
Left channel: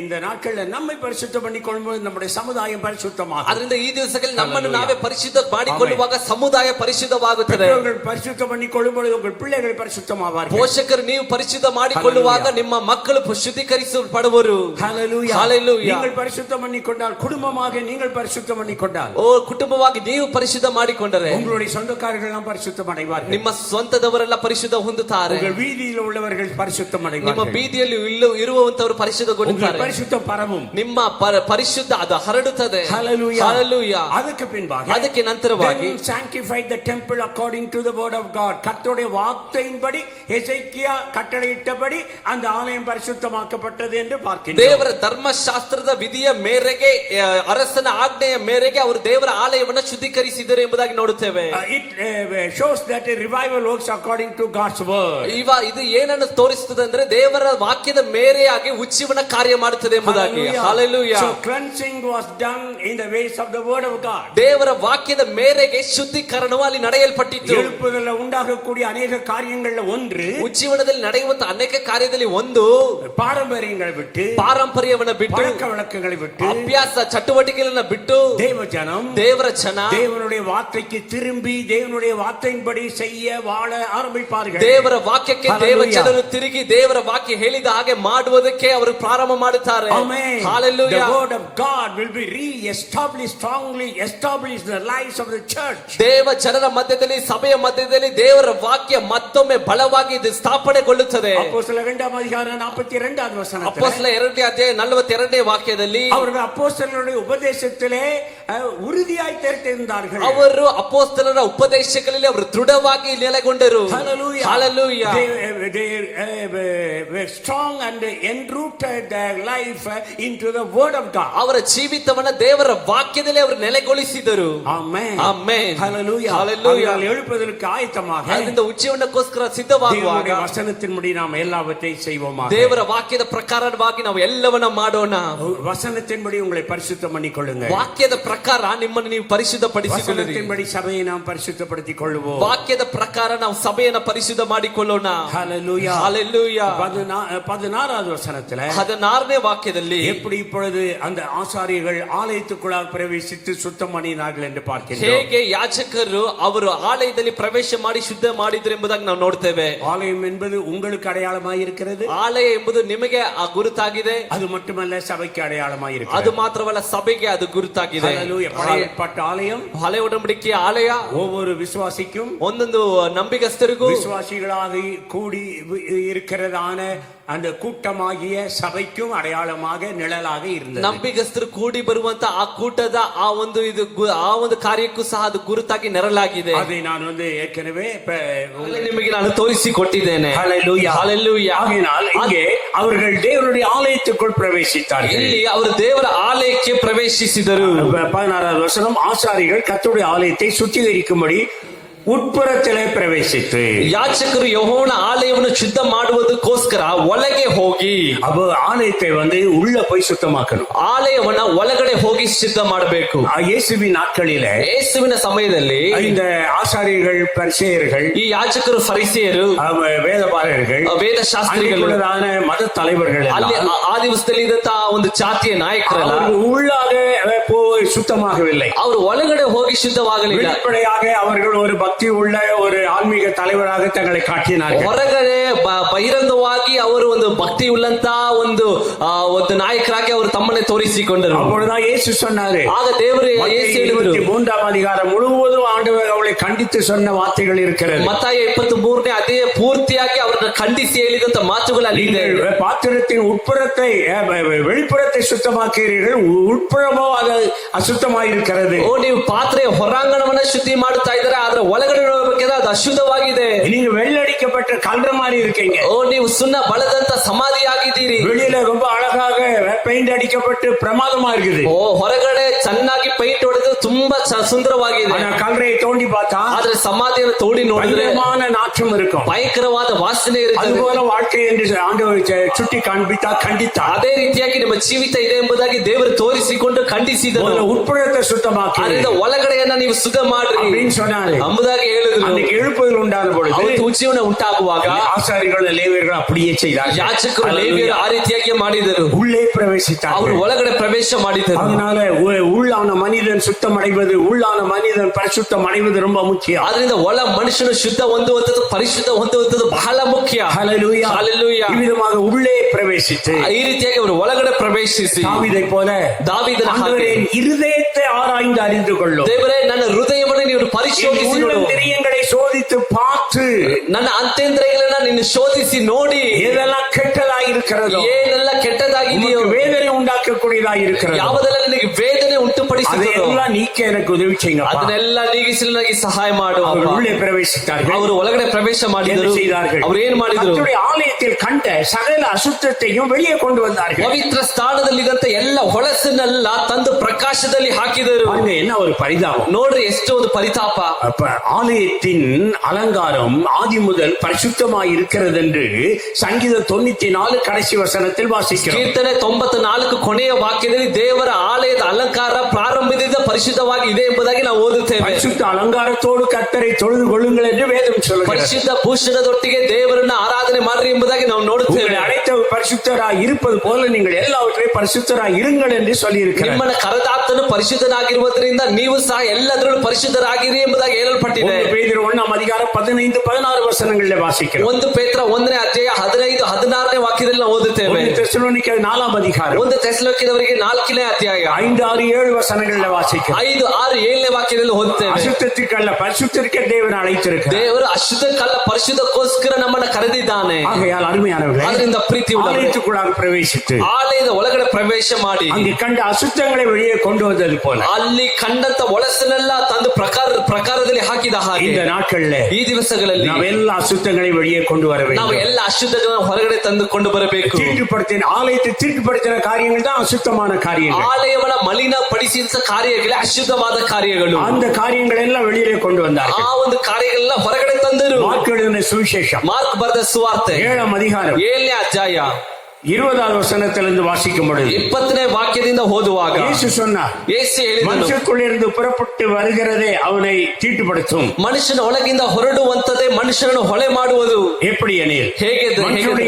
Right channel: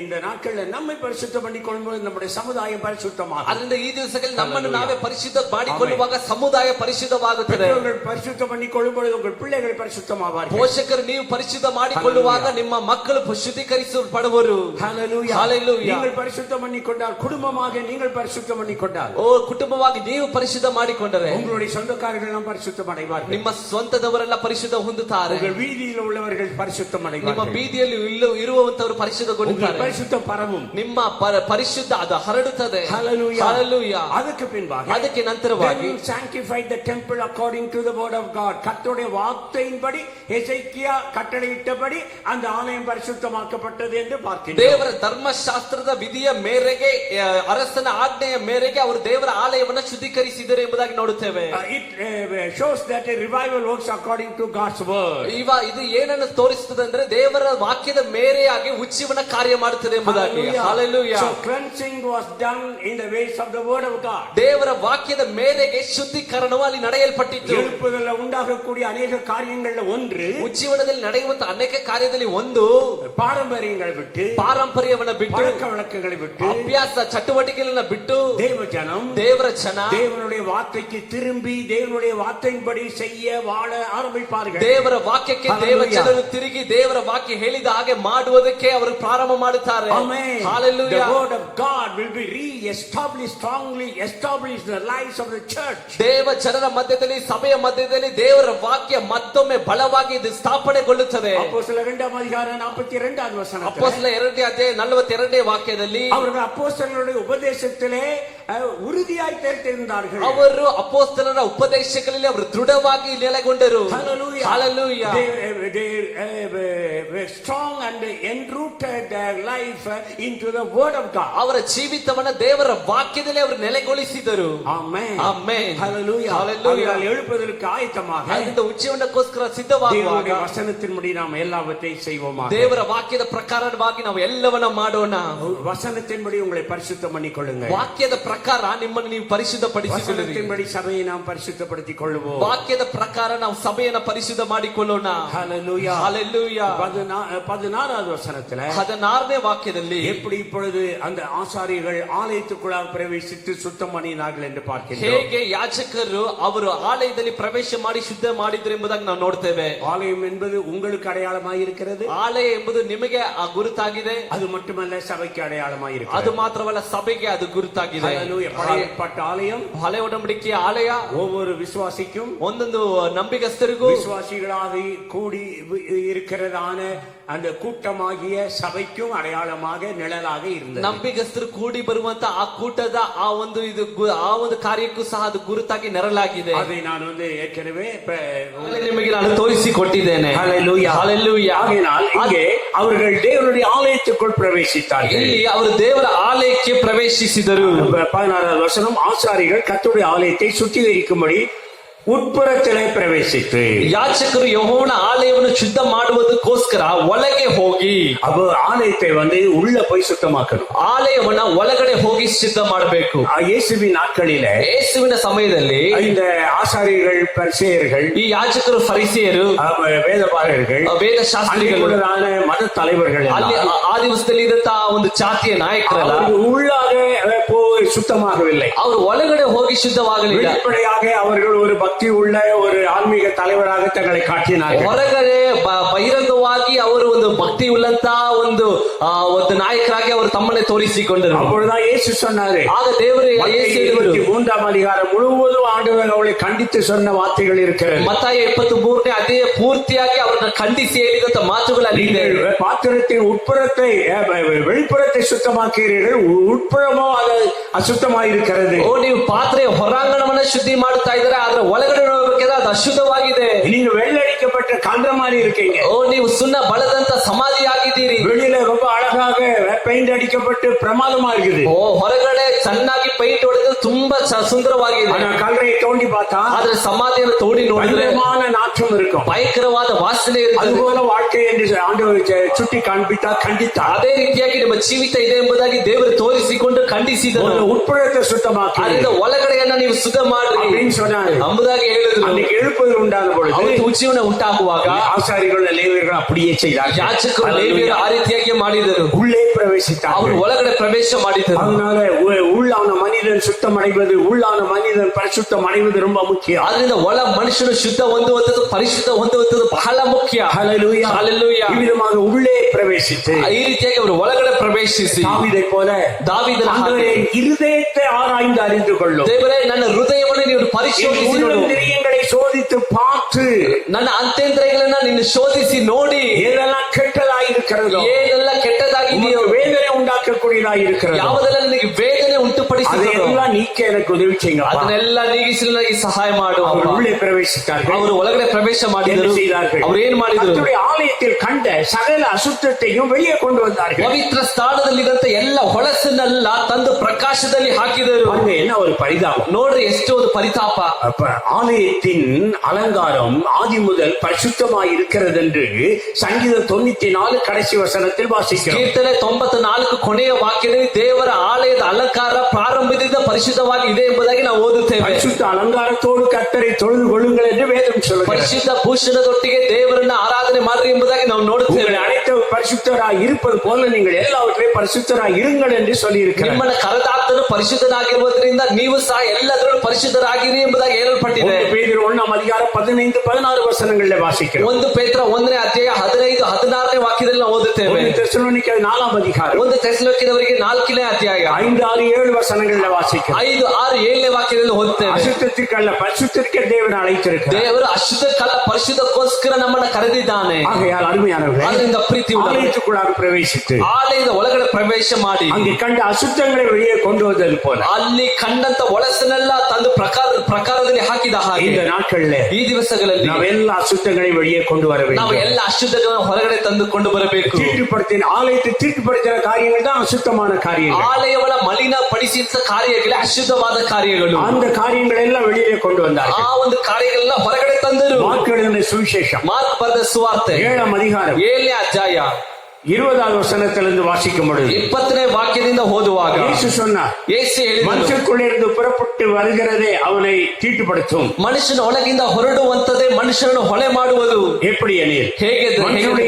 இந்த நாட்கள்ல நம்மை பரிசுத்தம் பண்ணிக்கொள்ளும்போது நம்முடைய சமுதாயம் பரிசுத்தமாகும். ಅದರಿಂದ ಈ ದಿವಸಗಳಲ್ಲಿ ನಮ್ಮನ್ನು ನಾವೇ ಪರಿಶುದ್ಧ ಮಾಡಿಕೊಳ್ಳುವಾಗ ಸಮುದಾಯ ಪರಿಶುದ್ಧವಾಗುತ್ತದೆ. பெற்றோர்கள் பரிசுத்தம் பண்ணிக்கொள்ளும்போது உங்கள் பிள்ளைகள் பரிசுத்தமாவார்கள். ಪೋಷಕರು ನೀವು ಪರಿಶುದ್ಧ ಮಾಡಿಕೊಳ್ಳುವಾಗ ನಿಮ್ಮ ಮಕ್ಕಳು ಶುದ್ಧೀಕರಿಸಲ್ಪಡುವರು. ஹalleluya. ஹalleluya. நீங்கள் பரிசுத்தம் பண்ணிக்கொண்டால், குடும்பமாக நீங்கள் பரிசுத்தம் பண்ணிக்கொண்டால், ಓ ಕುಟುಂಬವಾಗಿ ನೀವು ಪರಿಶುದ್ಧ ಮಾಡಿಕೊಂಡರೆ உங்களுடைய சொந்தக்காரர்கள் எல்லாம் பரிசுத்தம் அடைவார்கள். ನಿಮ್ಮ ಸ್ವಂತದವರೆಲ್ಲ ಪರಿಶುದ್ಧ ಹೊಂದುತ್ತಾರೆ. உங்கள் வீதியில் உள்ளவர்கள் பரிசுத்தம் ನಿಮ್ಮ அடைவார்கள். ಬೀದಿಯಲ್ಲಿ ಇರುವಂತವರು ಪರಿಶುದ್ಧಗೊಂಡಿದ್ದಾರೆ. பரிசுத்தம் பரவும், ನಿಮ್ಮ ಪರಿಶುದ್ಧ ಅದು ಹರಡುತ್ತದೆ. Hallelujah. Hallelujah. அதுக்கு பின்பாக, ಅದಕ್ಕೆ ನಂತರವಾಗಿ then sanctify the temple according to the word of God. கர்த்தருடைய வார்த்தையின்படி எசேக்கியா கட்டளையிட்டபடி அந்த ஆலயம் பரிசுத்தமாக்கப்பட்டது என்று பார்க்கிறோம். ದೇವರ ಧರ್ಮಶಾಸ್ತ್ರದ ವಿಧಿಯ ಮೇರೆಗೆ, ಅರಸನ ಆಜ್ಞೆಯ ಮೇರೆಗೆ ಅವರು ದೇವರ ಆಲಯವನ್ನು ಶುದ್ಧೀಕರಿಸಿದರು ಎಂಬುದಾಗಿ ನೋಡುತ್ತೇವೆ. It shows that a revival works according to God's word. ಇದು ಏನನ್ನು ತೋರಿಸುತ್ತದೆ ಅಂದ್ರೆ ದೇವರ ವಾಕ್ಯದ ಮೇರೆಯಾಗಿ ಉಜ್ಜೀವನ ಕಾರ್ಯ ಮಾಡುತ್ತದೆ ಎಂಬುದಾಗಿ. Hallelujah. So cleansing was done in the ways of the word of God. ದೇವರ ವಾಕ್ಯದ ಮೇರೆಗೆ ಶುದ್ಧೀಕರಣವು ಅಲ್ಲಿ ನಡೆಯಲ್ಪಟ್ಟಿತ್ತು. எழுப்புதல்ல உண்டாகக்கூடிய ಅನೇಕ காரியங்கள்ல ஒன்று, ಉಜ್ಜೀವನದಲ್ಲಿ ನಡೆಯುವಂತ ಅನೇಕ ಕಾರ್ಯದಲ್ಲಿ ಒಂದು, பாரம்பரியங்களை விட்டு, ಪಾರಂಪರ್ಯವನ್ನ ಬಿಟ್ಟು, பழக்க வழக்கங்களை விட்டு, ಅಭ್ಯಾಸ ಚಟುವಟಿಕೆಗಳನ್ನ ಬಿಟ್ಟು, தேவஜனம் ದೇವರ ಜನ தேவனுடைய வார்த்தைக்கு திரும்பி தேவனுடைய வார்த்தையின்படி செய்ய வாழ ஆரம்பிப்பார்கள். ದೇವರ ವಾಕ್ಯಕ್ಕೆ ದೇವಜನರು ತಿರುಗಿ ದೇವರ ವಾಕ್ಯ ಹೇಳಿದ ಹಾಗೆ ಮಾಡುವುದಕ್ಕೆ ಅವರು ಪ್ರಾರಂಭ ಮಾಡುತ್ತಾರೆ. Amen. Hallelujah. The word of God will be re-established, strongly established in the lives of the church. ದೇವ ಜನರ ಮಧ್ಯದಲ್ಲಿ, ಸಭೆಯ ಮಧ್ಯದಲ್ಲಿ ದೇವರ ವಾಕ್ಯ ಮತ್ತೊಮ್ಮೆ ಬಲವಾಗಿ ಇದು ಸ್ಥಾಪನೆಗೊಳ್ಳುತ್ತದೆ. அப்போஸ்தலர் 2 அதிகாரம் 42வது வசனத்தில் ಅಪೊಸ್ತಲ 2ನೇ ಅಧ್ಯಾಯ 42ನೇ ವಾಕ್ಯದಲ್ಲಿ அவர்கள் அப்போஸ்தலருடைய உபதேசத்திலே உறுதியாய் தெரிந்தார்கள். ಅವರು ಅಪೊಸ್ತಲರ ಉಪದೇಶಗಳಲ್ಲಿ ಅವರು ದೃಢವಾಗಿ ನೆಲೆಗೊಂಡರು. Hallelujah. Hallelujah. They were strong and enrooted their life into the word of God. ಅವರ ಜೀವಿತವನ್ನ ದೇವರ ವಾಕ್ಯದಲ್ಲಿ ಅವರು ನೆಲೆಗೊಳಿಸಿದರು. Amen. Amen. Hallelujah. Hallelujah. அவர்கள் எழுப்பதற்கு ஆயத்தமாக ಅದರಿಂದ ಉಜ್ಜೀವನಕ್ಕೋಸ್ಕರ ಸಿದ್ಧವಾಗುವಾಗ தேவனுடைய வசனத்தின்படி நாம் எல்லாவற்றையும் செய்வோமாக. ದೇವರ ವಾಕ್ಯದ ಪ್ರಕಾರವಾಗಿ ನಾವು ಎಲ್ಲವನ್ನ ಮಾಡೋಣ. வசனத்தின்படி உங்களை பரிசுத்தம் பண்ணிக்கொள்ளுங்க. ವಾಕ್ಯದ ಪ್ರಕಾರ ನಿಮ್ಮನ್ನು ನೀವು ಪರಿಶುದ್ಧಪಡಿಸಿಕೊಳ್ಳಿರಿ. வசனத்தின்படி சபையை நாம் பரிசுத்தப்படுத்திக் கொள்வோம். ವಾಕ್ಯದ ಪ್ರಕಾರ ನಾವು ಸಭೆಯನ್ನು ಪರಿಶುದ್ಧ ಮಾಡಿಕೊಳ್ಳೋಣ. Hallelujah. Hallelujah. 16வது வசனத்திலே 16ನೇ ವಾಕ್ಯದಲ್ಲಿ எப்படி இப்பொழுது அந்த ஆசாரியர்கள் ஆலயத்துக்குள்ளாக பிரவேசித்து சுத்தம் பண்ணினார்கள் என்று பார்க்கிறோம். ಹೇಗೆ ಯಾಜಕರು ಅವರು ಆಲಯದಲ್ಲಿ ಪ್ರವೇಶ ಮಾಡಿ ಶುದ್ಧ ಮಾಡಿದ್ರು ಎಂಬುದಾಗಿ ನಾವು ನೋಡ್ತೇವೆ. ஆலயம் என்பது உங்களுக்கு அடையாளமாய் இருக்கிறது. ಆಲಯ ಎಂಬುದು ನಿಮಗೆ ಆ ಗುರುತಾಗಿದೆ. அது மட்டுமல்ல சபைக்கு அடையாளமாய் இருக்கிறது. ಅದು ಮಾತ್ರವಲ್ಲ ಸಭೆಗೆ ಅದು ಗುರುತಾಗಿದೆ. Hallelujah. பழையப்பட்ட ஆலயம், ಹಳೆ ಒಡಂಬಡಿಕೆಯ ಆಲಯ ஒவ்வொரு விசுவாசிக்கும் ಒಂದೊಂದು ನಂಬಿಗಸ್ತರಿಗೂ விசுவாசிகளாக கூடி இருக்கிறதான அந்த கூட்டமாகிய சபைக்கும் அடையாளமாக நிழலாக இருந்தது. ನಂಬಿಗಸ್ತರು ಕೂಡಿ ಬರುವಂತ ಆ ಕೂಟದ ಆ ಒಂದು ಕಾರ್ಯಕ್ಕೂ ಸಹ ಅದು ಗುರುತಾಗಿ ನೆರಳಾಗಿದೆ. அதை நான் ஏற்கனவே ನಿಮಗೆ ನಾನು ತೋರಿಸಿಕೊಟ್ಟಿದ್ದೇನೆ. Hallelujah. Hallelujah. ஆகையால் இங்கே அவர்கள் தேவனுடைய ஆலயத்துக்குள் பிரவேசித்தார்கள். ಇಲ್ಲಿ ಅವರು ದೇವರ ಆಲಯಕ್ಕೆ ಪ್ರವೇಶಿಸಿದರು. 16வது வசனம், ஆசாரிகள் கர்த்தருடைய ஆலயத்தை சுத்திகரிக்கும்படி ಉಟ್ಪುರத்திலே ಪ್ರವೇಶಿಸಿ ಯಾಜಕರು ಯೆಹೋವನ ಆಲಯವನ್ನು ಶುದ್ಧ ಮಾಡುವುದಕ್ಕೋಸ್ಕರ ಒಳಗೆ ಹೋಗಿ ಅವರು ಆಲಯத்தை உள்ள போய் சுத்தமாக்கணும். ಆಲಯವನ್ನ ಒಳಗಡೆ ಹೋಗಿ ಶುದ್ಧ ಮಾಡಬೇಕು. ಯೇಸುವಿನ ನಾட்களிலே ಯೇಸುವಿನ ಸಮಯದಲ್ಲಿ இந்த ஆசாரியர்கள் பரிசேயர்கள், ಈ ಯಾಜಕರು ಫರಿಸೇಯರು, ವೇದಪಾರகர்கள், ವೇದಶಾಸ್ತ್ರಿಗಳು, ಮತ தலைவர்கள் ಅಲ್ಲಿ ಆ ದಿವಸದಲ್ಲಿ ಇದ್ದಂತ ಒಂದು ಜಾತಿಯ ನಾಯಕರಲ್ಲ உள்ளாக போய் சுத்தமாகவில்லை. ಅವರು ಒಳಗಡೆ ಹೋಗಿ ಶುದ್ಧವಾಗಲಿಲ್ಲ. வெளிப்படையாக அவர்கள் ஒரு பக்தி உள்ள ஒரு ஆன்மீக தலைவராக தங்களை காட்டினார்கள். ಹೊರಗಡೆ ಬಹಿರಂಗವಾಗಿ ಅವರು ಒಂದು ಭಕ್ತಿ ಉಳ್ಳಂತ ಒಂದು ನಾಯಕರಾಗಿ ಅವರು ತಮ್ಮನ್ನೇ ತೋರಿಸಿಕೊಂಡರು. அப்பொழுதுதான் இயேசு சொன்னாரு, ಆಗ ದೇವರು ಯೇಸು ಹೇಳಿದರು, 23ாம் அதிகாரம் முழுவதும் ஆண்டவர் அவளை கண்டித்து சொன்ன வார்த்தைகள் இருக்கிறது. ಮತ್ತಾಯ 23ನೇ ಅಧ್ಯಾಯ ಪೂರ್ತಿಯಾಗಿ ಅವರನ್ನ ಖಂಡಿಸಿ ಹೇಳಿದಂತ ಮಾತುಗಳಲ್ಲಿ பாத்திரத்தின் உட்புறத்தை வெளிப்புறத்தை சுத்தமாக்கிறீர்கள், உட்புறமோ அது ಅಶುದ್ಧವಾಗಿರುತ್ತದೆ. ನೀವು ಪಾತ್ರೆಯ ಹೊರಾಂಗಣವನ್ನ ಶುದ್ಧಿ ಮಾಡುತ್ತಾ ಇದ್ದಾರೆ, ಆದ್ರೆ ಒಳಗಡೆ ನೋಡಬೇಕಾದ್ರೆ ಅದು ಅಶುದ್ಧವಾಗಿದೆ. நீங்க வெள்ளடிக்கப்பட்ட கல்ற மாதிரி இருக்கீங்க. ನೀವು ಸುಣ್ಣ ಬಳದಂತ ಸಮಾಧಿ ಆಗಿದ್ದೀರಿ. வெளியில ரொம்ப அழகாக பெயிண்ட் அடிக்கப்பட்டு பிரமாதமா இருக்குது. ಹೊರಗಡೆ ಚೆನ್ನಾಗಿ ಪೈಂಟ್ ಹೊಡೆದು ತುಂಬಾ ಸುಂದರವಾಗಿದೆ. கல்றையை தோண்டி பார்த்தா ಆದ್ರೆ ಸಮಾಧಿಯನ್ನು ತೋಡಿ ನೋಡಿದ್ರೆ நாற்றம் இருக்கும், ಭಯಂಕರವಾದ ವಾಸನೆ ಇರುತ್ತದೆ. அதுபோல வாழ்க்கை என்று ஆண்டவர் சுட்டி காண்பித்தார். ಅದೇ ರೀತಿಯಾಗಿ ನಿಮ್ಮ ಜೀವಿತ ಇದೆ ಎಂಬುದಾಗಿ ದೇವರು ತೋರಿಸಿಕೊಂಡು ಖಂಡಿಸಿದರು. உட்புறத்தை சுத்தமாக்கி ಒಳಗಡೆಯನ್ನ ನೀವು ಶುದ್ಧ ಮಾಡ್ರಿ சொன்னாரு ಎಂಬುದಾಗಿ ಹೇಳಿದ್ರು. அன்னைக்கு எழுப்புதல் உண்டாದ பொழுது ಉಜ್ಜೀವನ ಉಂಟಾಗುವಾಗ ஆசாரிகள் லேவியர்கள் அப்படியே செய்தார்கள். ಯಾಜಕರು ಲೇವಿಯರು ಆ ರೀತಿಯಾಗಿ ಮಾಡಿದರು. உள்ளே பிரவேசித்தார்கள். ಅವರು ಒಳಗಡೆ ಪ್ರವೇಶ ಮಾಡಿದರು. அதனால உள்ளான மனிதன் சுத்தம் அடைவது, உள்ளான மனிதன் பரிசுத்தம் அடைவது ரொம்ப முக்கியம். ಆದ್ರಿಂದ ಒಳ ಮನುಷ್ಯನು ಶುದ್ಧ ಹೊಂದುವಂತದ್ದು, ಪರಿಶುದ್ಧ ಹೊಂದುವಂತದ್ದು ಬಹಳ ಮುಖ್ಯ. ஹல்லேலூயா. ஹல்லேலೂயா. இவ்விதமாக உள்ளே பிரவேசித்து ಈ ರೀತಿಯಾಗಿ ಅವರು ಒಳಗಡೆ ಪ್ರವೇಶಿಸಿ தாவீதை போல ದಾವೀದನ இருதயத்தை ஆராய்ந்து அறிந்து கொள்ளும். ದೇವರೇ ನನ್ನ ಹೃದಯವನ್ನು ನೀವು ಪರಿಶೋಧಿಸಿ உள்ளந்திரியங்களை சோதித்து பார்த்து ನನ್ನ ಅಂತೇಂದ್ರಿಯಗಳನ್ನ ನೀನು ಶೋಧಿಸಿ ನೋಡಿ எதெல்லாம் ಕೆಟ್ಟದಾಗಿ இருக்கிறதோ, ಏನೆಲ್ಲ ಕೆಟ್ಟದಾಗಿದೆಯೋ, வேதனை உண்டாக்கக்கூடியதாಗಿ இருக்கிறது, ಯಾವುದೆಲ್ಲ ನನಗೆ ವೇದನೆ ಉಂಟುಪಡಿಸುತ್ತದೋ அதெல்லாம் நீக்க எனக்கு உதவி செய்யுங்க. ಅದನ್ನೆಲ್ಲ ನೀಗಿಸಲು ನನಗೆ ಸಹಾಯ ಮಾಡು. உள்ளே பிரவேசித்தார்கள். ಅವರು ಒಳಗಡೆ ಪ್ರವೇಶ ಮಾಡಿದರು. செய்தார்கள். ಅವರು ಏನ್ ಮಾಡಿದ್ರು? ஆலயத்தில் கண்ட சகல அசுத்தத்தையும் வெளியே கொண்டு வந்தார்கள். ಪವಿತ್ರ ಸ್ಥಾನದಲ್ಲಿದ್ದಂತ ಎಲ್ಲ ಹೊಳಸನ್ನೆಲ್ಲ ತಂದು ಪ್ರಕಾಶದಲ್ಲಿ ಹಾಕಿದರು. என்ன ஒரு பரிதாபம் ನೋಡ್ರಿ, ಎಷ್ಟು ಒಂದು ಪರಿತಾಪ. ஆலயத்தின் அலங்காரம் ஆதி முதல் பரிசுத்தமாய் இருக்கிறது என்று சங்கீதம் 94 கடைசி வசனத்தில் வாசிக்கிறோம். ಕೀರ್ತನೆ 94 ಕೊನೆಯ ವಾಕ್ಯದಲ್ಲಿ ದೇವರ ಆಲಯದ ಅಲಂಕಾರ ಪ್ರಾರಂಭದಿಂದ ಪರಿಶುದ್ಧವಾಗಿ ಇದೆ ಎಂಬುದಾಗಿ ನಾವು ಓದುತ್ತೇವೆ. பரிசுத்த அலங்காரத்தோடு கர்த்தரை தொழுது கொள்ளுங்கள் என்று வேதம் சொல்லுகிறது. ಪರಿಶುದ್ಧ ಭೂಷಣದೊಟ್ಟಿಗೆ ದೇವರನ್ನ ಆರಾಧನೆ ಮಾಡ್ರಿ ಎಂಬುದಾಗಿ ನಾವು ನೋಡುತ್ತೇವೆ. அனைத்து பரிசுத்தராய் இருப்பது போல நீங்கள் எல்லாவற்றையும் பரிசுத்தராய் இருங்கள் என்று சொல்லி இருக்கிறார். ನಿಮ್ಮನ್ನ ಕರೆದಾತನು ಪರಿಶುದ್ಧನಾಗಿರುವುದರಿಂದ ನೀವು ಸಹ ಎಲ್ಲದರಲ್ಲೂ ಪರಿಶುದ್ಧರಾಗಿರಿ ಎಂಬುದಾಗಿ ಹೇಳಲ್ಪಟ್ಟಿದೆ. பேதுரு 1ஆம் அதிகாரம் 15-16 வசனங்களில் வாசிக்கிறோம். 1 ಪೇತ್ರ 1ನೇ ಅಧ್ಯಾಯ 15-16ನೇ ವಾಕ್ಯದಲ್ಲಿ ನಾವು ಓದುತ್ತೇವೆ. 1 தெசலோனிக்கேயர் 4ஆம் அதிகாரம் 1 ತೆಸಲೋನಿಕದವರಿಗೆ 4ನೇ ಅಧ್ಯಾಯ 5-6-7 வசனங்களில் வாசிக்கிறோம். 5-6-7ನೇ ವಾಕ್ಯದಲ್ಲಿ ಓದುತ್ತೇವೆ. அசுத்தத்திற்கல்ல பரிசுத்தத்திற்கே தேவன் அழைத்திருக்கிறார். ದೇವರು ಅಶುದ್ಧಕ್ಕಲ್ಲ ಪರಿಶುದ್ಧಕ್ಕೋಸ್ಕರ ನಮ್ಮನ್ನ ಕರೆದಿದ್ದಾನೆ. ஆகையால் அருமையானவர்களே, ಅದರಿಂದ ಪ್ರೀತಿ ஆலயத்துக்குள்ளே ஆலயத்துக்குள்ளாக பிரவேசித்து ಆಲಯದ ಒಳಗಡೆ ಪ್ರವೇಶ ಮಾಡಿ அங்கே கண்ட அசுத்தங்களை வெளியே கொண்டு வந்தது போல ಅಲ್ಲಿ ಕಂಡಂತ ಒಳಸನ್ನೆಲ್ಲ ತಂದು ಪ್ರಕಾರದಲ್ಲಿ ಹಾಕಿದ ಹಾಗೆ இந்த நாட்கள்ல ಈ ದಿವಸಗಳಲ್ಲಿ நாம் எல்லா அசுத்தங்களையும் வெளியே கொண்டு வர ನಾವು வேண்டும். ಎಲ್ಲ ಅಶುದ್ಧಗಳನ್ನು ಹೊರಗಡೆ ತಂದುಕೊಂಡು ಬರಬೇಕು. தீட்டுப்படுத்தின ஆலயத்தை தீட்டுப்படுத்தின காரியங்கள் தான் அசுத்தமான காரியங்கள். ಆಲಯವನ್ನ ಮಲಿನಪಡಿಸಿದ ಕಾರ್ಯಗಳೇ ಅಶುದ್ಧವಾದ ಕಾರ್ಯಗಳು. அந்த காரியங்கள் எல்லாம் வெளியே கொண்டு வந்தார்கள். ಆ ಒಂದು ಕಾರ್ಯಗಳನ್ನ ಹೊರಗಡೆ ತಂದರು. மார்க் எழுதின சுவிசேஷம் ಮಾರ್ಕ್ ಬರೆದ ಸುವಾರ್ತೆ 7ாம் அதிகாரம் 7ನೇ ಅಧ್ಯಾಯ 20வது வசனத்திலிருந்து வாசிக்கும் பொழுது 20ನೇ ವಾಕ್ಯದಿಂದ ಓದುವಾಗ இயேசு சொன்னார், ಯೇಸು ಹೇಳಿದನು, மனுஷனுக்குள்ளிருந்து புறப்பட்டு வருகிறதே அவனை தீட்டுப்படுத்தும். ಮನುಷ್ಯನ ಒಳಗಿಂದ ಹೊರಡುವಂತದೇ ಮನುಷ್ಯನನ್ನು ಹೊಳೆ ಮಾಡುವುದು. எப்படி எனில் ಹೇಗೆ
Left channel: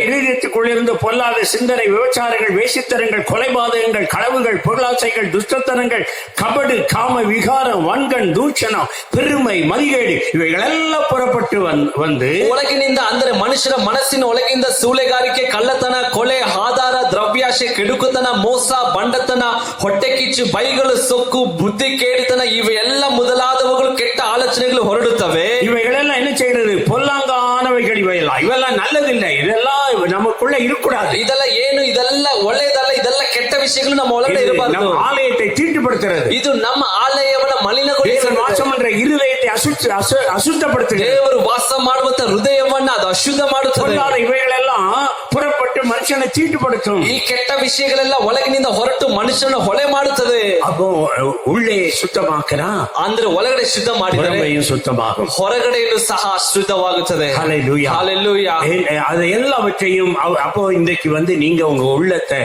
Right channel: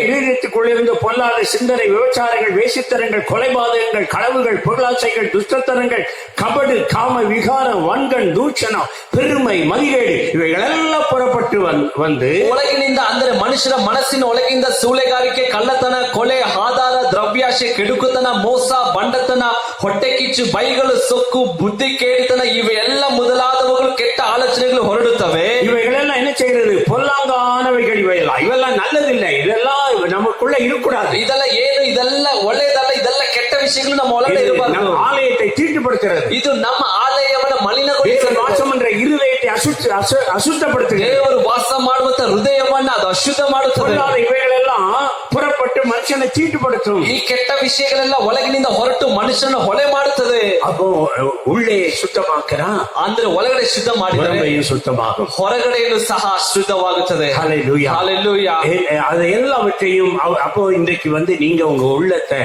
இதயத்துக்குள்ளிருந்து பொல்லாத சிந்தனை, விபச்சாரங்கள், வேசித்தனங்கள், கொலைபாதகங்கள், களவுகள், பொருளாசைகள், துஷ்டத்தனங்கள், கபடு, காம விகாரம், வன்கண், தூஷணம், பெருமை, மதிகேடு இவைகளெல்லாம் புறப்பட்டு வந்து ಒಳಗಿನಿಂದ ಅಂದರೆ ಮನುಷ್ಯನ ಮನಸ್ಸಿನ ಒಳಗಿಂದ ಸೂಳೆಗಾರಿಕೆ, ಕಳ್ಳತನ, ಕೊಲೆ, ಆಧಾರ, ದ್ರವ್ಯಾಶೆ, ಕೆಡುಕುತನ, ಮೋಸ, ಬಂಡತನ, ಹೊಟ್ಟೆ ಕಿಚ್ಚು, ಬೈಗಳು, ಸೊಕ್ಕು, ಬುದ್ಧಿ ಕೇಡಿತನ ಇವೆಲ್ಲ ಮೊದಲಾದವುಗಳು ಕೆಟ್ಟ ಆಲೋಚನೆಗಳು ಹೊರಡುತ್ತವೆ. இவைகளெல்லாம் என்ன செய்யறது? பொல்லாங்கானவைகள் இவையெல்லாம் நல்லதில்லை. இதெல்லாம் நமக்குள்ள இருக்கக்கூடாது. ಇದೆಲ್ಲ ಏನು? ಇದೆಲ್ಲ ಒಳ್ಳೆಯದಲ್ಲ. ಇದೆಲ್ಲ ಕೆಟ್ಟ ವಿಷಯಗಳು ನಮ್ಮ ಒಳಗಡೆ ಇರಬಾರದು. நம்ம ஆலயத்தை தீட்டுப்படுத்துறது. ಇದು ನಮ್ಮ ಆಲಯವನ್ನ ಮಲಿನಗೊಳಿಸುತ್ತದೆ. வாசம் என்ற இருதயத்தை அசுத்தப்படுத்துகிறது. ದೇವರು ವಾಸ ಮಾಡುವಂತ ಹೃದಯವನ್ನ ಅದು ಅಶುದ್ಧ ಮಾಡುತ್ತದೆ. இவைகளெல்லாம் புறப்பட்டு மனுஷனை தீட்டுப்படுத்தும். ಈ ಕೆಟ್ಟ ವಿಷಯಗಳೆಲ್ಲ ಒಳಗಿನಿಂದ ಹೊರಟು ಮನುಷ್ಯನ ಹೊಳೆ ಮಾಡುತ್ತದೆ. அப்போ உள்ளே சுத்தமாக்குறா, ಅಂದ್ರೆ ಒಳಗಡೆ ಶುದ್ಧ ಮಾಡಿದರೆ சுத்தமாகும், ಹೊರಗಡೆಯೂ ಸಹ ಶುದ್ಧವಾಗುತ್ತದೆ. ஹல்லேலூயா, ஹல்லேலூயா. அது எல்லாவற்றையும் அப்போ இன்றைக்கு நீங்க உங்க உள்ளத்தை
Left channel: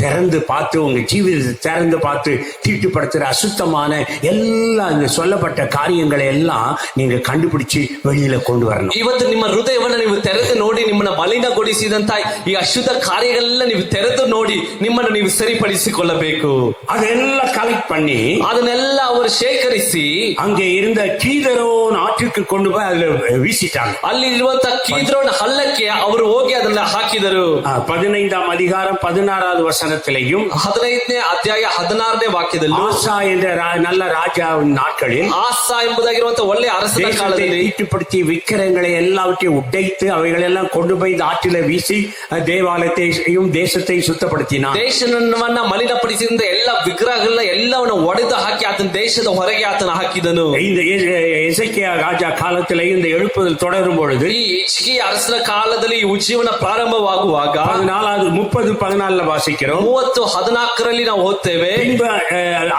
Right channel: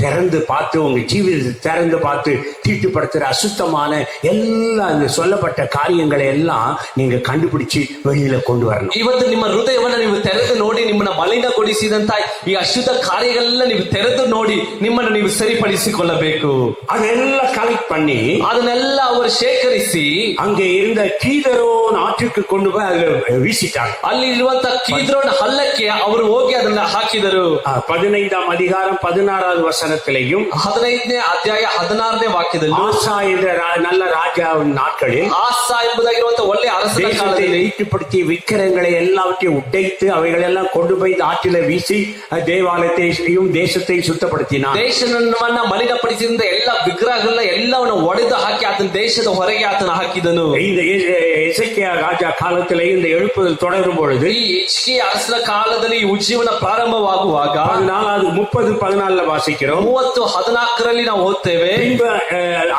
திறந்து பார்த்து, உங்க ஜீவிதத்தை திறந்து பார்த்து, தீட்டுப்படுத்துற அசுத்தமான எல்லா இந்த சொல்லப்பட்ட காரியங்களை எல்லாம் நீங்க கண்டுபிடிச்சு வெளியில கொண்டு வரணும். ಇವತ್ತು ನಿಮ್ಮ ಹೃದಯವನ್ನ ನೀವು ತೆರೆದು ನೋಡಿ, ನಿಮ್ಮನ್ನ ಮಲಿನಗೊಳಿಸಿದಂತ ಈ ಅಶುದ್ಧ ಕಾರ್ಯಗಳೆಲ್ಲ ನೀವು ತೆರೆದು ನೋಡಿ ನಿಮ್ಮನ್ನು ನೀವು ಸರಿಪಡಿಸಿಕೊಳ್ಳಬೇಕು. அதெல்லாம் கலெக்ட் பண்ணி ಅದನ್ನೆಲ್ಲ ಅವರು ಶೇಖರಿಸಿ அங்கே இருந்த கீதரோன் ஆற்றுக்கு கொண்டு போய் அதுல வீசிட்டாங்க. ಅಲ್ಲಿ ಇರುವಂತ ಕೀದ್ರೋನ್ ಹಳ್ಳಕ್ಕೆ ಅವರು ಹೋಗಿ ಅದನ್ನ ಹಾಕಿದರು. 15ாம் அதிகாரம் 16வது வசனத்திலேயும் 15ನೇ ಅಧ್ಯಾಯ 16ನೇ ವಾಕ್ಯದಲ್ಲಿ ஆசா என்ற நல்ல ராஜாவின் நாட்களில் ಆಸಾ ಎಂಬುದಾಗಿರುವಂತ ಒಳ್ಳೆ ಅರಸನ ಕಾಲದಲ್ಲಿ ஈட்டுப்படுத்தி விக்கிரங்களை எல்லாவற்றையும் உடைத்து அவைகளெல்லாம் கொண்டு போய் இந்த ஆற்றில வீசி தேவாலயத்தையும் தேசத்தையும் சுத்தப்படுத்தினார். ದೇಶವನ್ನ ಮಲಿನಪಡಿಸಿದ ಎಲ್ಲ ವಿಗ್ರಹಗಳನ್ನ ಎಲ್ಲವನ್ನ ಒಡೆದು ಹಾಕಿ ಆತನ ದೇಶದ ಹೊರಗೆ ಆತನ ಹಾಕಿದನು. இந்த எசேக்கியா ராஜா காலத்திலே இந்த எழுப்புதல் தொடரும் பொழுது ಈ ಹಿಜ್ಕೀಯ ಅರಸನ ಕಾಲದಲ್ಲಿ ಈ ಉಜ್ಜೀವನ ಪ್ರಾರಂಭವಾಗುವಾಗ 14 வாசிக்கிறோம். 30:14 ನಾವು ಓದ್ತೇವೆ.